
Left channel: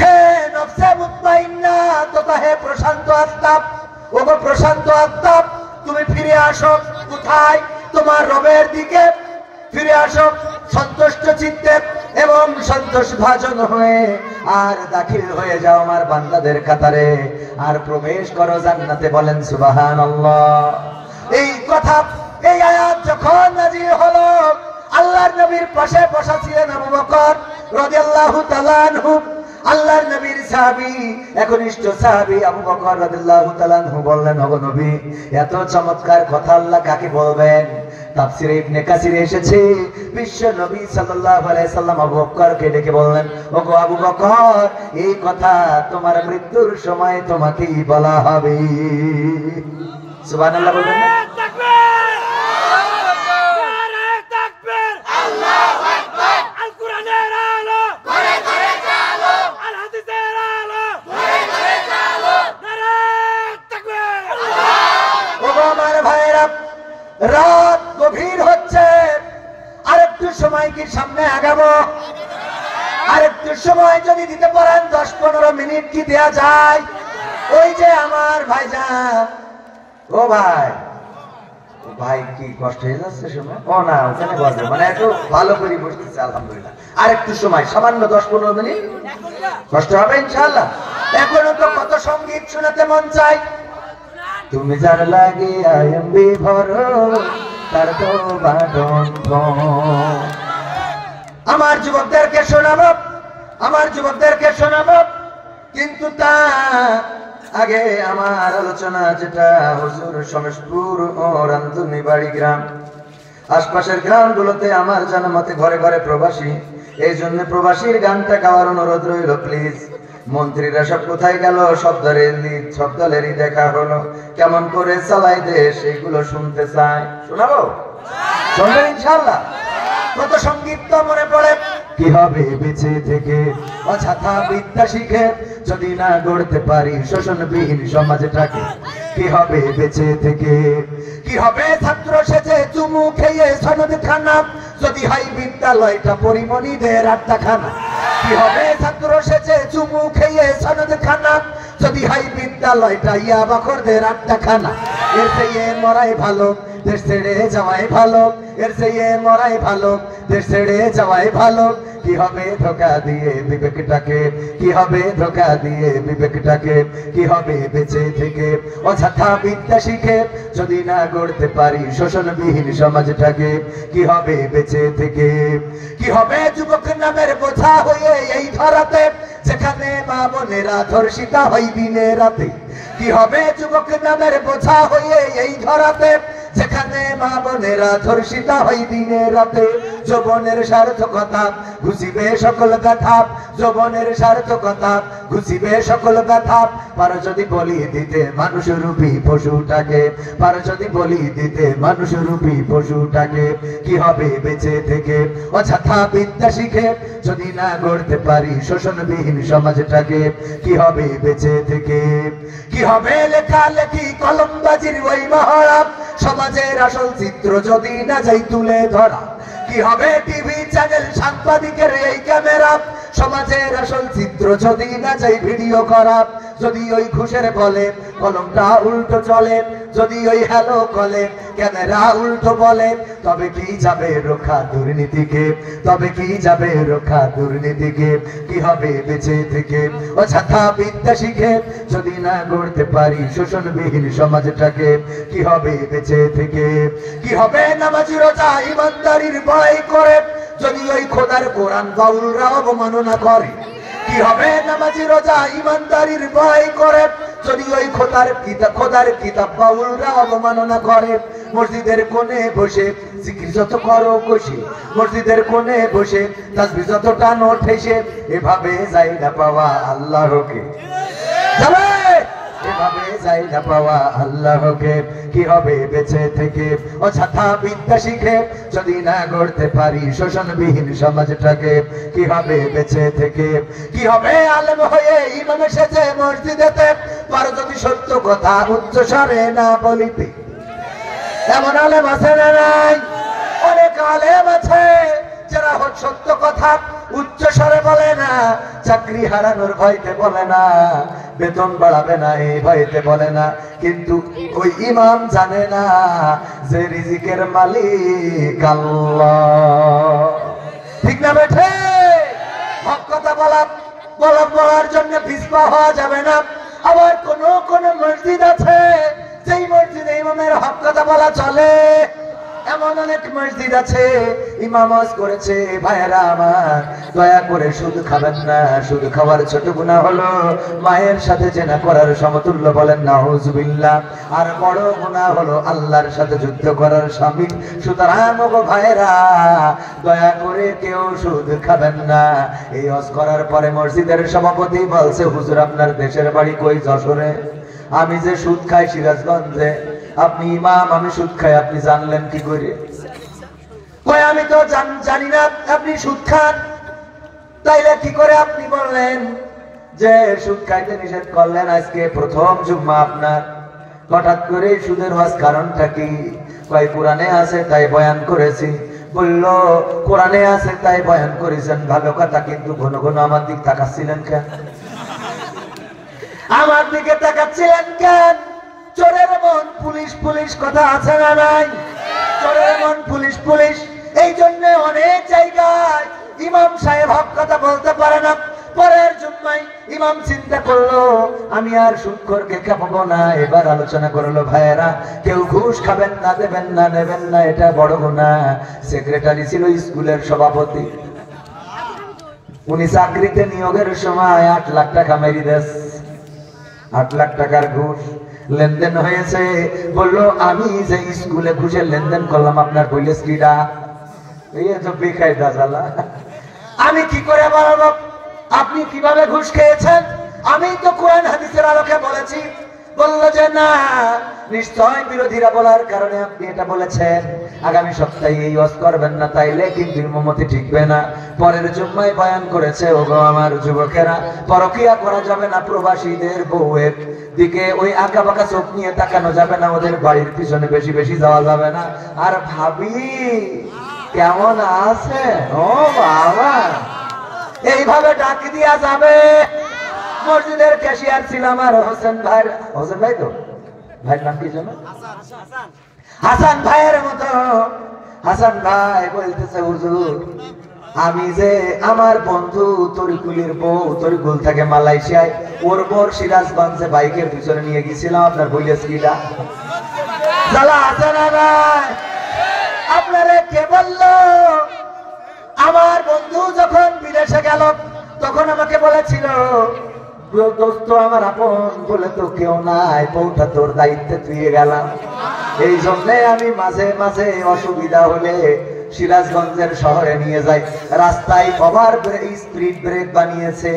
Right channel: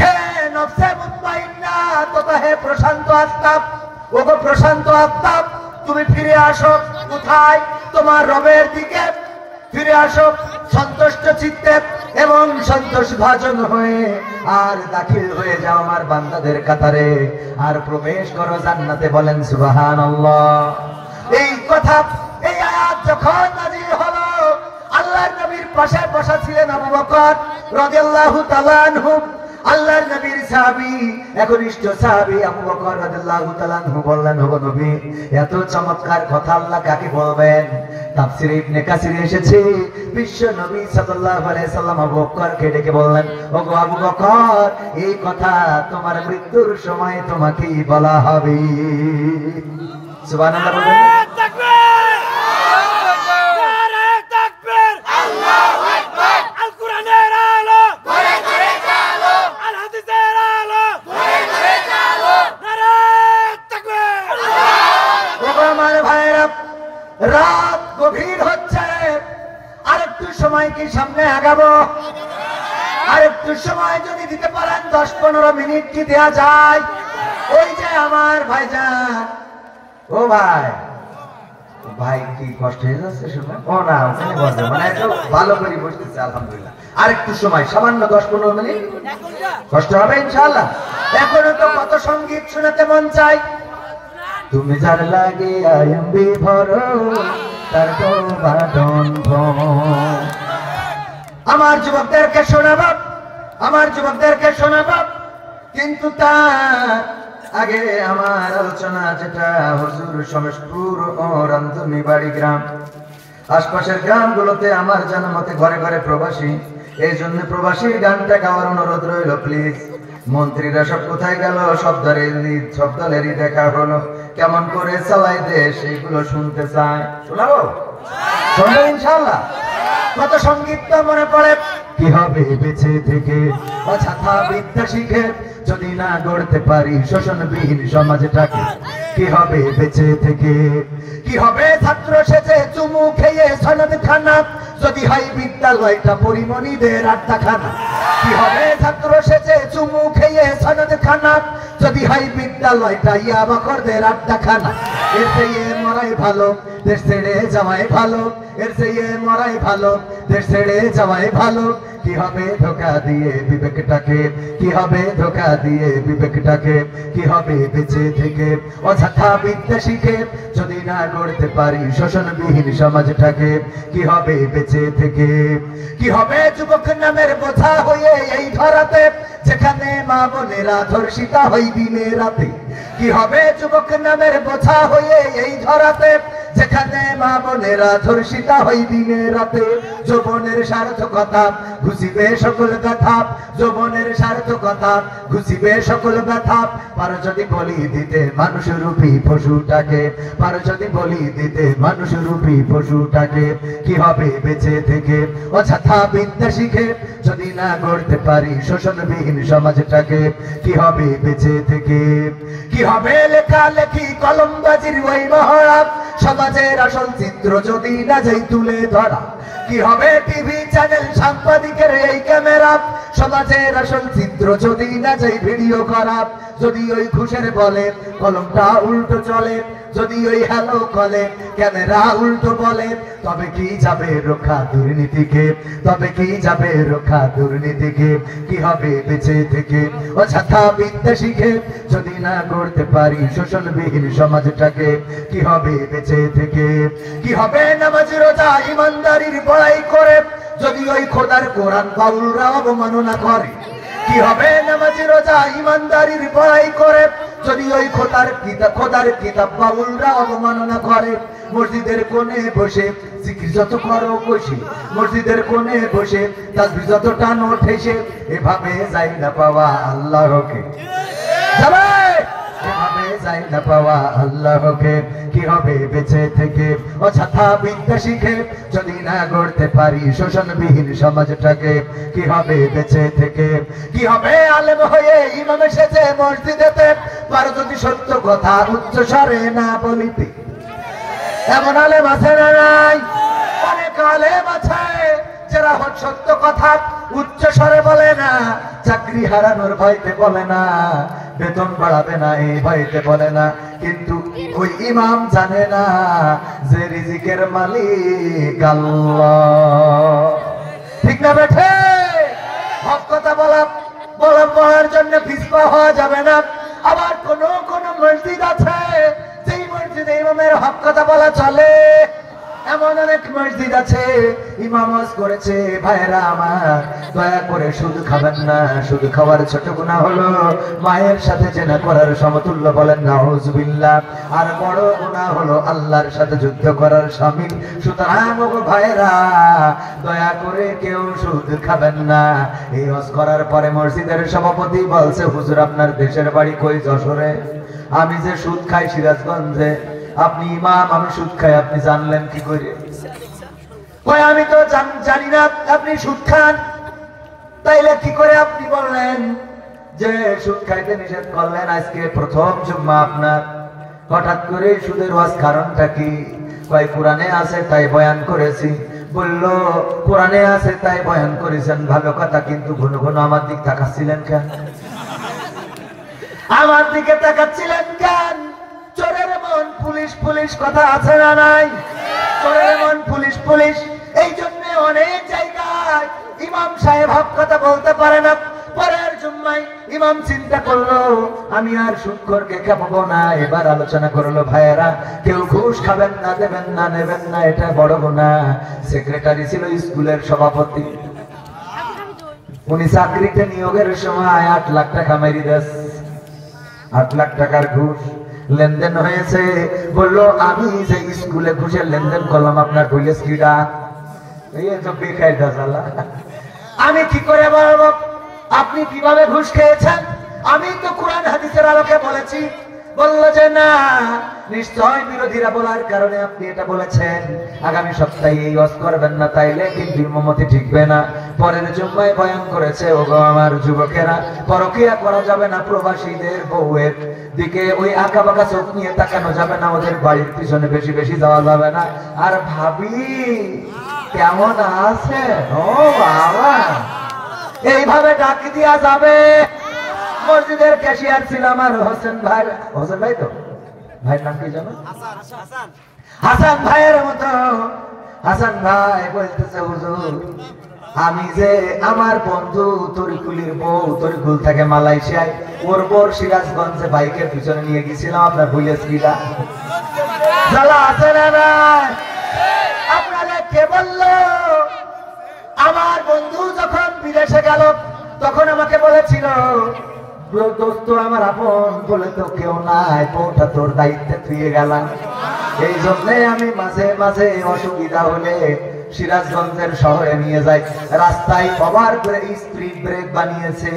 হে নফসে মুতমাইন্না, তথা হে প্রশান্ত আত্মা, ওগো প্রশান্ত আত্মা, তুমি ফিরে আসো কোথায়? তোমার রবের দিকে ফিরে আসো সন্তুষ্ট চিত্তে এবং সন্তোষ ভাজন হয়ে, আর দাখিল হয়ে যাও আমার বান্দাদের কাতারে, আর প্রবেশ করো জান্নাতে। বলেন সুবহানাল্লাহ। এই কথা, এই আয়াত যখন নাযিল হলো, আল্লাহর নবীর পাশে বসা ছিলেন আবু বকর রাদিয়াল্লাহু তাআলা আনহু, আল্লাহর নবীর সাহাবী, একনিষ্ঠ সাহাবী আবু বকর রাদিয়াল্লাহু তাআলা আনহু বললেন, ওগো নবী এত চমৎকার কথা আল্লাহ কাকে বলবেন? তাফসীরে ইবনে কাসিরে এসেছে, বিশ্ব নবী সাল্লাল্লাহু আলাইহি সাল্লাম আবু বকরকে ডেকে বললেন, ওগো আবু বকর এই কথা তোমার মৃত্যুর সময় তোমাকেই বলা হবে। সুবহানাল্লাহ বলুন। রাত গভীর হচ্ছে, আরেকটু সময় কি সামনে আগাবো? আরেকটু সময় যদি দিতে পারেন, 10-15 মিনিট কি দেয়া যায়? ওই যে আমার ভাইজান, ও ভাই ভাই কি কষ্ট হয়ে যাচ্ছে শুনে? ও না, ওখানে বসবে মানে একটু ভালো করে বসতেছে আলহামদুলিল্লাহ। আরেকটু সময় সামান্য 10-15 মিনিট কষ্ট হবে ইনশাআল্লাহ। এখনো তো কত সঙ্গীত শুনতে মন চাই। তুমি জান লাগে আইএম বিভর তার তো আমার যুবকদেরকে শোনাবো, আমার যুবকদেরকে শোনাবো, কিন্তু তা আগে আমার আলোচনা যেটা হুজুর শমশপুর ও রামধুনি বাড়ি গ্রাম আশপাশের গ্রামগুলোতে আমার জানা মতে ঘরে ঘরে প্রবাসী, এই জন্য প্রবাসীর গানটা গাওয়ার অনুরোধ রইল প্লিজ। মন্ত্রীরা সব কোথায় গেল? সব দলেরই দেখা হলো, কেমন করে চালাই দেশ এইগুলো শুনতে চায়। শোনাবো? শোনাবো ইনশাআল্লাহ। কত সঙ্গীত তো মনে পড়ে। কি হবে বেঁচে থেকে অযথা বিদ্যা শিখে যদি না গড়তে পারি শোষণবিহীন সমাজটাকে? কি হবে বেঁচে থেকে? কি হবে ছাত্র সেজে চুমু খেয়ে সনদ খানা যদি হয় বিদ্যালয়টা পরিমণিদের আড্ডাখানা? কি হবে ছাত্র সেজে চুমু খেয়ে সনদ খানা যদি হয় বিদ্যালয়টা ইয়াবাখরদের আড্ডাখানা? এর থেকে মরাই ভালো, দেশ ছেড়ে যাওয়াই ভালো, এর থেকে মরাই ভালো, দেশ ছেড়ে যাওয়াই ভালো। কি হবে ধোকা দিয়ে বিবেকটাকে? কি হবে ধোকা দিয়ে বিবেকটাকে? কি হবে বেঁচে থেকে অযথা বিদ্যা শিখে যদি না গড়তে পারি শোষণবিহীন সমাজটাকে? কি হবে বেঁচে থেকে? কি হবে যুবক নামের বোঝা হয়ে এই ধরাতে যেখানে মা বোনেরা ধর্ষিতা হয় দিনে রাতে? কি হবে যুবক নামের বোঝা হয়ে এই ধরাতে যেখানে মা বোনেরা ধর্ষিতা হয় দিনে রাতে? যৌবনের সার্থকতা ঘুষিবে সকল ব্যথা, যৌবনের সার্থকতা ঘুষিবে সকল ব্যথা। পারো যদি বলি দিতে মানুষ রূপী পশুটাকে, পারো যদি বলি দিতে মানুষ রূপী পশুটাকে? কি হবে বেঁচে থেকে অযথা বিদ্যা শিখে যদি না গড়তে পারি শোষণবিহীন সমাজটাকে? কি হবে বেঁচে থেকে? কি হবে লেখালেখি কলমবাজির ওই মহড়া সমাজের আসল চিত্র যদি না যাই তুলে ধরা? কি হবে টিভি চ্যানেল সাংবাদিকের এই ক্যামেরা সমাজের আসল চিত্র যদি না যাই ভিডিও করা? যদি ওই ঘুষের বলে কলমটা উল্টো চলে, যদি ওই হ্যালো কলে ক্যামেরা উল্টো বলে, তবে কি যাবে রক্ষা দুর্নীতিকে? তবে কি যাবে রক্ষা দুর্নীতিকে? কি হবে বেঁচে থেকে অযথা বিদ্যা শিখে যদি না গড়তে পারি শোষণবিহীন সমাজটাকে? কি হবে বেঁচে থেকে? কি হবে নামাজ রোজা ইমানদারির বড়াই করে যদি ওই খোদার কোরআন বাউলরা অবমাননা করে? কি হবে নামাজ রোজা ইমানদারির বড়াই করে যদি ওই খোদার কিতাব বাউলরা অবমাননা করে? মসজিদের কোণে বসে জিকির যত করো বসে, মসজিদের কোণে বসে তাসবিহ যত টানো ঠেসে, এভাবে যাই না পাওয়া আল্লাহকে? যাবে এভাবে যাই না পাওয়া আল্লাহকে? কি হবে বেঁচে থেকে অযথা বিদ্যা শিখে যদি না গড়তে পারি শোষণবিহীন সমাজটাকে? কি হবে বেঁচে থেকে? কি হবে আলেম হয়ে ইমাম সেজে মসজিদেতে পারো যদি সত্য কথা উচ্চ স্বরে না বলিতে? এমন আলেম আছে না নাই? অনেক আলেম আছে যারা সত্য কথা উচ্চ স্বরে বলে না, চাকরি হারানোর ভয়তে বলে না, বেতন বাড়াবে না এই ভয়তে বলে না, কিন্তু ওই ইমাম জানে না যে রিজিকের মালিক আল্লাহ। ঠিক না বেঠে? হক কথা বলার জন্য পিছপা হওয়া যাবে না। আবার কোন মসজিদ আছে যেই মসজিদে ইমামের হক কথা বলা চলে, এমন অনেক মসজিদ আছে ইমাম ওয়াজ করেছে। ভাইরা আমার, দয়া করে শুধু খাবেন না, শুধু খাওয়ার ছোট গুনাহ হলো মায়ের সাথে জেনা করার সমতুল্য, বলেন নাউজুবিল্লাহ। আর বড় গুনাহ হলো আল্লাহর সাথে যুদ্ধ করার শামিল। সুতরাং গো ভাইরা, দয়া করে কেউ সুদ খাবেন না। এই ওয়াজ করার পরে মসজিদের সভাপতি বলছে, হুজুর আপনার দেশের বাড়ি কই? যশোরে। আমি যে সুদ খাই সিরাজগঞ্জে। আপনি ইমাম, আমি সুদ খাই, আপনি জানলেন কি করে? আমি তো জানি না আপনি সুদ খান, তাইলে কি করে আপনি বললেন যে সুদ খাইতে নিষেধ করলেন? আজকে প্রথম জুম্মা আপনার, হঠাৎ করে সুদের ওয়াজ কারণটা কি? কয় কোরআনে আছে তাই বয়ান করেছি। বলল কোরআনে আছে তাই বয়ান করেছেন, ভালো কথা, কিন্তু ঘন ঘন আমার দিক তাকাচ্ছিলেন কেন? আমার দিকে তাকাচ্ছিলেন কেন? চোরের মন পুলিশ পুলিশ কথা আছে না নাই? Police police. এই জন্য অনেক জায়গায় ইমাম সাহেব হক কথা বলতে পারে না। পরের জুম্মায় ইমাম চিন্তা করলো আমি আর সুদখোরকে খাবো না। এবার আলোচনা করলো ভাইয়েরা কেউ ঘুষ খাবেন না, দেবেন না, নেবেন না, এটা বড় গুনাহ। সেক্রেটারি ছিল স্কুলের সভাপতি, উনি চাকরিতে নিয়োগের সময় 8 লাখ টাকা মেরে দেশ, 8 লাখ টাকার ঘুষ লেনদেন হয়েছে। বললো আমি যে স্কুলে ঘুষের লেনদেন করলাম আপনার পুলিশ কিডা? এই তো বেকায়দা জ্বালা। আমি কি করে বলবো আপনি কিভাবে ঘুষ খেয়েছেন? আমি তো কোরআন হাদিসের আলোকে বলেছি। বললো যে না, নিশ্চয় বিরোধীরা বলার কারণে আপনি এটা বলেছেন, আগামী সপ্তাহে এই ওয়াজ করবেন না, তাইলে কিন্তু ইমামতি ঠিকবে না। পরের জুম্মায় বয়ান করেছে ওগো আমার যুবকেরা, পরকিয়া করা যাবে না, প্রবাসীদের বউয়ের দিকে ওই আঁকা বাঁকা চোখ নিয়ে তাকানো যাবে না, ওদের বাড়ির পিছনে বেশি বেশি যাওয়া যাবে না। আর ভাবি কেমন আছে? ও বাবা, এইভাবে ডাক দিয়া যাবে। মসজিদের ক্যাশিয়ার ছিলাম আর হোসেন ভাই, হোসেন ভাই তো ভাইয়ের নাম কি জানো? হাসান ভাইয়ের মতো। হাসান ভাই বলতেছে হুজুর আমি যে আমার বন্ধু তরিকুলের বউ তরিকুল থেকে মালয়েশিয়ায়, ওর বোর সিরাজগঞ্জে বাইকের পিছনে নিয়ে গেছিলাম, আপনার ভুলেছ কিনা? আপনারা কে বললো? আমার বন্ধু যখন বিদেশে গেল তখন আমাকে বলেছিল দোস্ত আমার আপন বলে তো কেউ নাই, বউটা তোর দায়িত্বে তুই গেলাম। এই জন্যে আমি মাঝে মাঝে অসুবিধা হলে সিরাজগঞ্জের শহরে নিয়ে যাই। রাস্তায় কভার স্পিড ব্রেক বানিয়েছে,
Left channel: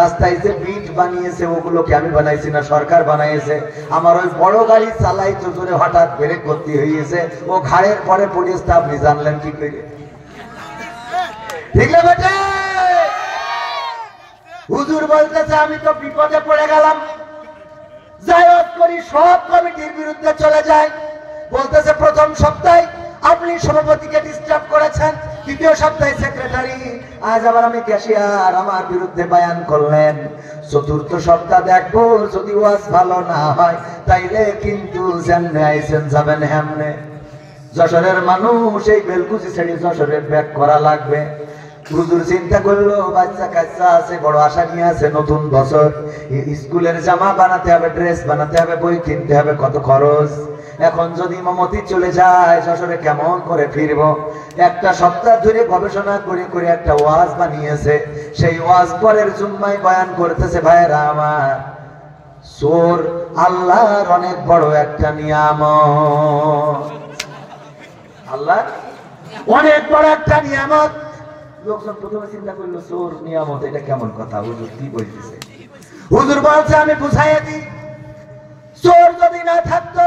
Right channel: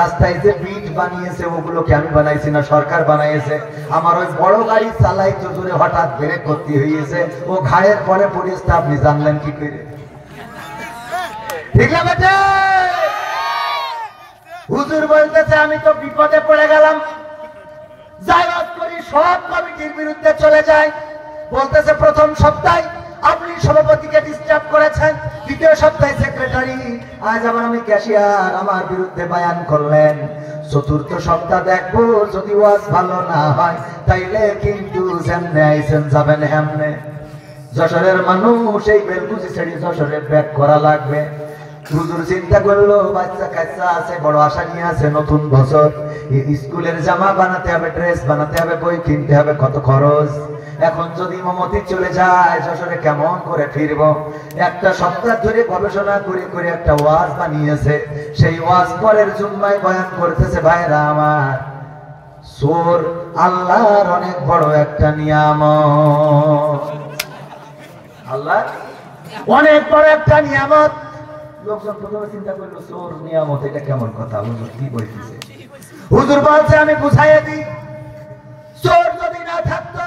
রাস্তায় যে বিট বানিয়েছে ওগুলোকে আমি বানাইছি না, সরকার বানাইছে। আমার ওই বড় গাড়ি চালাই তো জোরে হঠাৎ ব্রেক করতে হয়েছে, ও ঘায়ের পরে পড়েছে। আপনি জানলেন কি করে? ঠিক আছে, হুজুর বলতেছে আমি তো বিপদে পড়ে গেলাম, যাই হোক করি সব কমিটির বিরুদ্ধে চলে যায়। বলতেছে প্রথম সপ্তাহে আপনি সভাপতিকে ডিস্টার্ব করেছেন, দ্বিতীয় সপ্তাহে সেক্রেটারি, আজ আবার আমি ক্যাশিয়ার, আমার বিরুদ্ধে বয়ান করলেন। চতুর্থ সপ্তাহ দেখবো যদি ওয়াজ ভালো না হয় তাইলে কিন্তু যেমনে আইছেন যাবেন হেমনে। যশোরের মানুষ এই বেলকুচি ছেড়ে যশোরের ব্যাক করা লাগবে। হুজুর চিন্তা করলো বাচ্চা কাচ্চা আছে, বড় আশা নিয়ে আছে, নতুন বছর, স্কুলের জামা বানাতে হবে, ড্রেস বানাতে হবে, বই কিনতে হবে, কত খরচ। এখন যদি মমতি চলে যায় যশোরে কেমন করে ফিরব? একটা সপ্তাহ ধরে গবেষণা করে করে একটা ওয়াজ বানিয়েছে। সেই ওয়াজ পরের জুম্মায় বয়ান করতেছে ভাইরা আমার, চোর আল্লাহর অনেক বড় একটা নিয়ামত, আল্লাহ অনেক বড় একটা নিয়ামত। লোকজন প্রথমে চিন্তা করলো চোর নিয়ামত, এটা কেমন কথা? হুজুর কি বলতেছে? হুজুর বলছে আমি বুঝাইয়া দিই, চোর যদি না থাকতো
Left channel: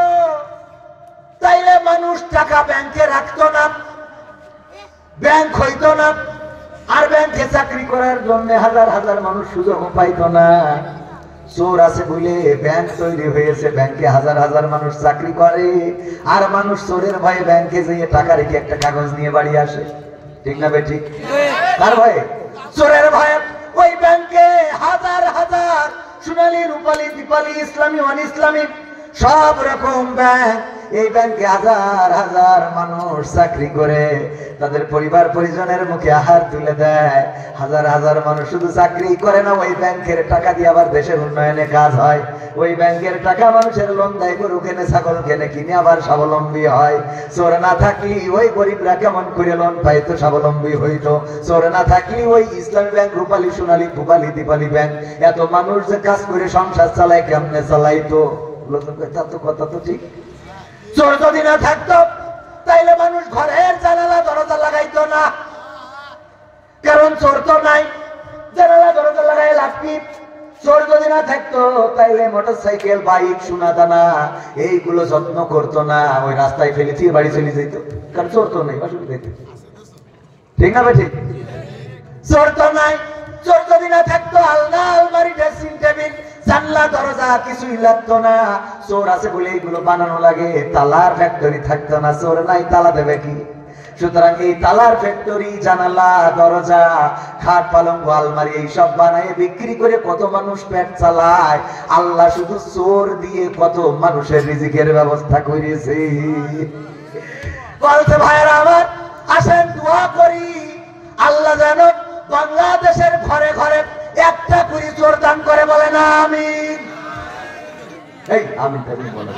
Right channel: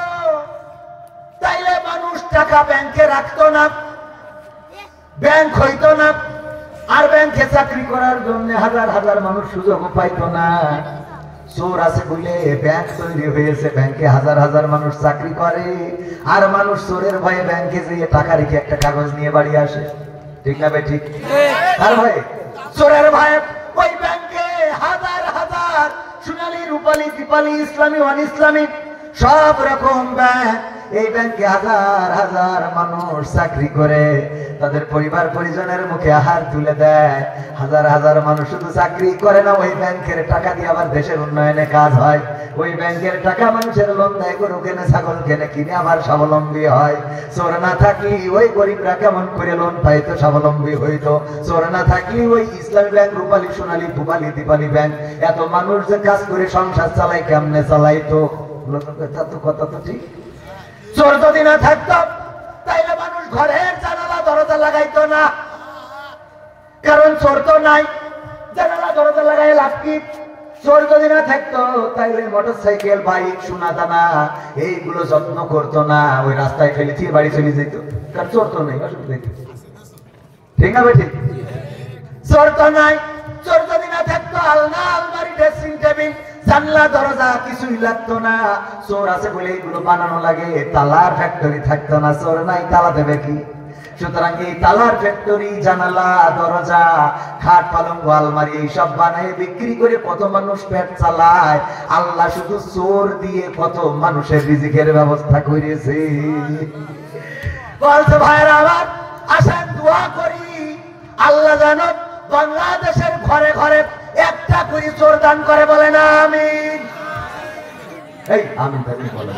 তাইলে মানুষ টাকা ব্যাংকে রাখতো না, ব্যাংক হইতো না, আর ব্যাংকে চাকরি করার জন্য হাজার হাজার মানুষ সুযোগ পাইতো না। চোর আছে বলে ব্যাংক তৈরি হয়েছে, ব্যাংকে হাজার হাজার মানুষ চাকরি করে, আর মানুষ চোরের ভয়ে ব্যাংকে যেয়ে টাকা রেখে একটা কাগজ নিয়ে বাড়ি আসে। ঠিক না বে ঠিক? আর ভাই চোরের ভয়ে ওই ব্যাংকে হাজার হাজার সোনালী, রূপালী, দীপালি, ইসলামী, অন ইসলামী সব রকম ব্যাংক, এই ব্যাংকে হাজার হাজার মানুষ চাকরি করে, তাদের পরিবার পরিজনের মুখে আহার তুলে দেয়। হাজার হাজার মানুষ শুধু চাকরি করে না, ওই ব্যাংকের টাকা দিয়ে আবার দেশের উন্নয়নে কাজ হয়। ওই ব্যাংকের টাকা মানুষের লোন দেয়, গরু কেনে, ছাগল কেনে, কিনে আবার স্বাবলম্বী হয়। চোর না থাকলে ওই গরিবরা কেমন করে লোন পাইতো, স্বাবলম্বী হইতো? চোর না থাকলে ওই ইসলামী ব্যাংক, রূপালী, সোনালী, রূপালী, দীপালি ব্যাংক, এত মানুষ যে কাজ করে সংসার চালায়, কেমনে চালাইতো? কথা তো ঠিক। চোর যদি না থাকতো তাইলে মানুষ ঘরের জানালা দরজা লাগাইতো না, কারণ চোর তো নাই, জানালা দরজা লাগাই লাভ কি? চোর যদি না থাকতো তাইলে মোটরসাইকেল, বাইক, সোনা দানা এইগুলো যত্ন করতো না, ওই রাস্তায় ফেলে দিয়ে বাড়ি চলে যেত, কারণ চোর তো নাই। ঠিক না ঠিক? চোর তো নাই, চোর যদি না থাকতো আলনা, আলমারি, ড্রেসিং টেবিল, জানলা, দরজা কিছুই লাগতো না। চোর আছে বলে এইগুলো বানানো লাগে। তালা ফ্যাক্টরি থাকতো না, চোর নাই, তালা দেবে কি? সুতরাং এই তালার ফ্যাক্টরি, জানালা, দরজা, খাট, পালঙ্ক, আলমারি এইসব বানায় বিক্রি করে কত মানুষ পেট চালায়। আল্লাহ শুধু চোর দিয়ে কত মানুষের রিজিকের ব্যবস্থা করেছে। বলতে ভাইরা আমার, আসেন দোয়া করি আল্লাহ যেন বাংলাদেশের ঘরে ঘরে একটা করে চোর দান করে, বলে না আমিন। এই আমিন বলে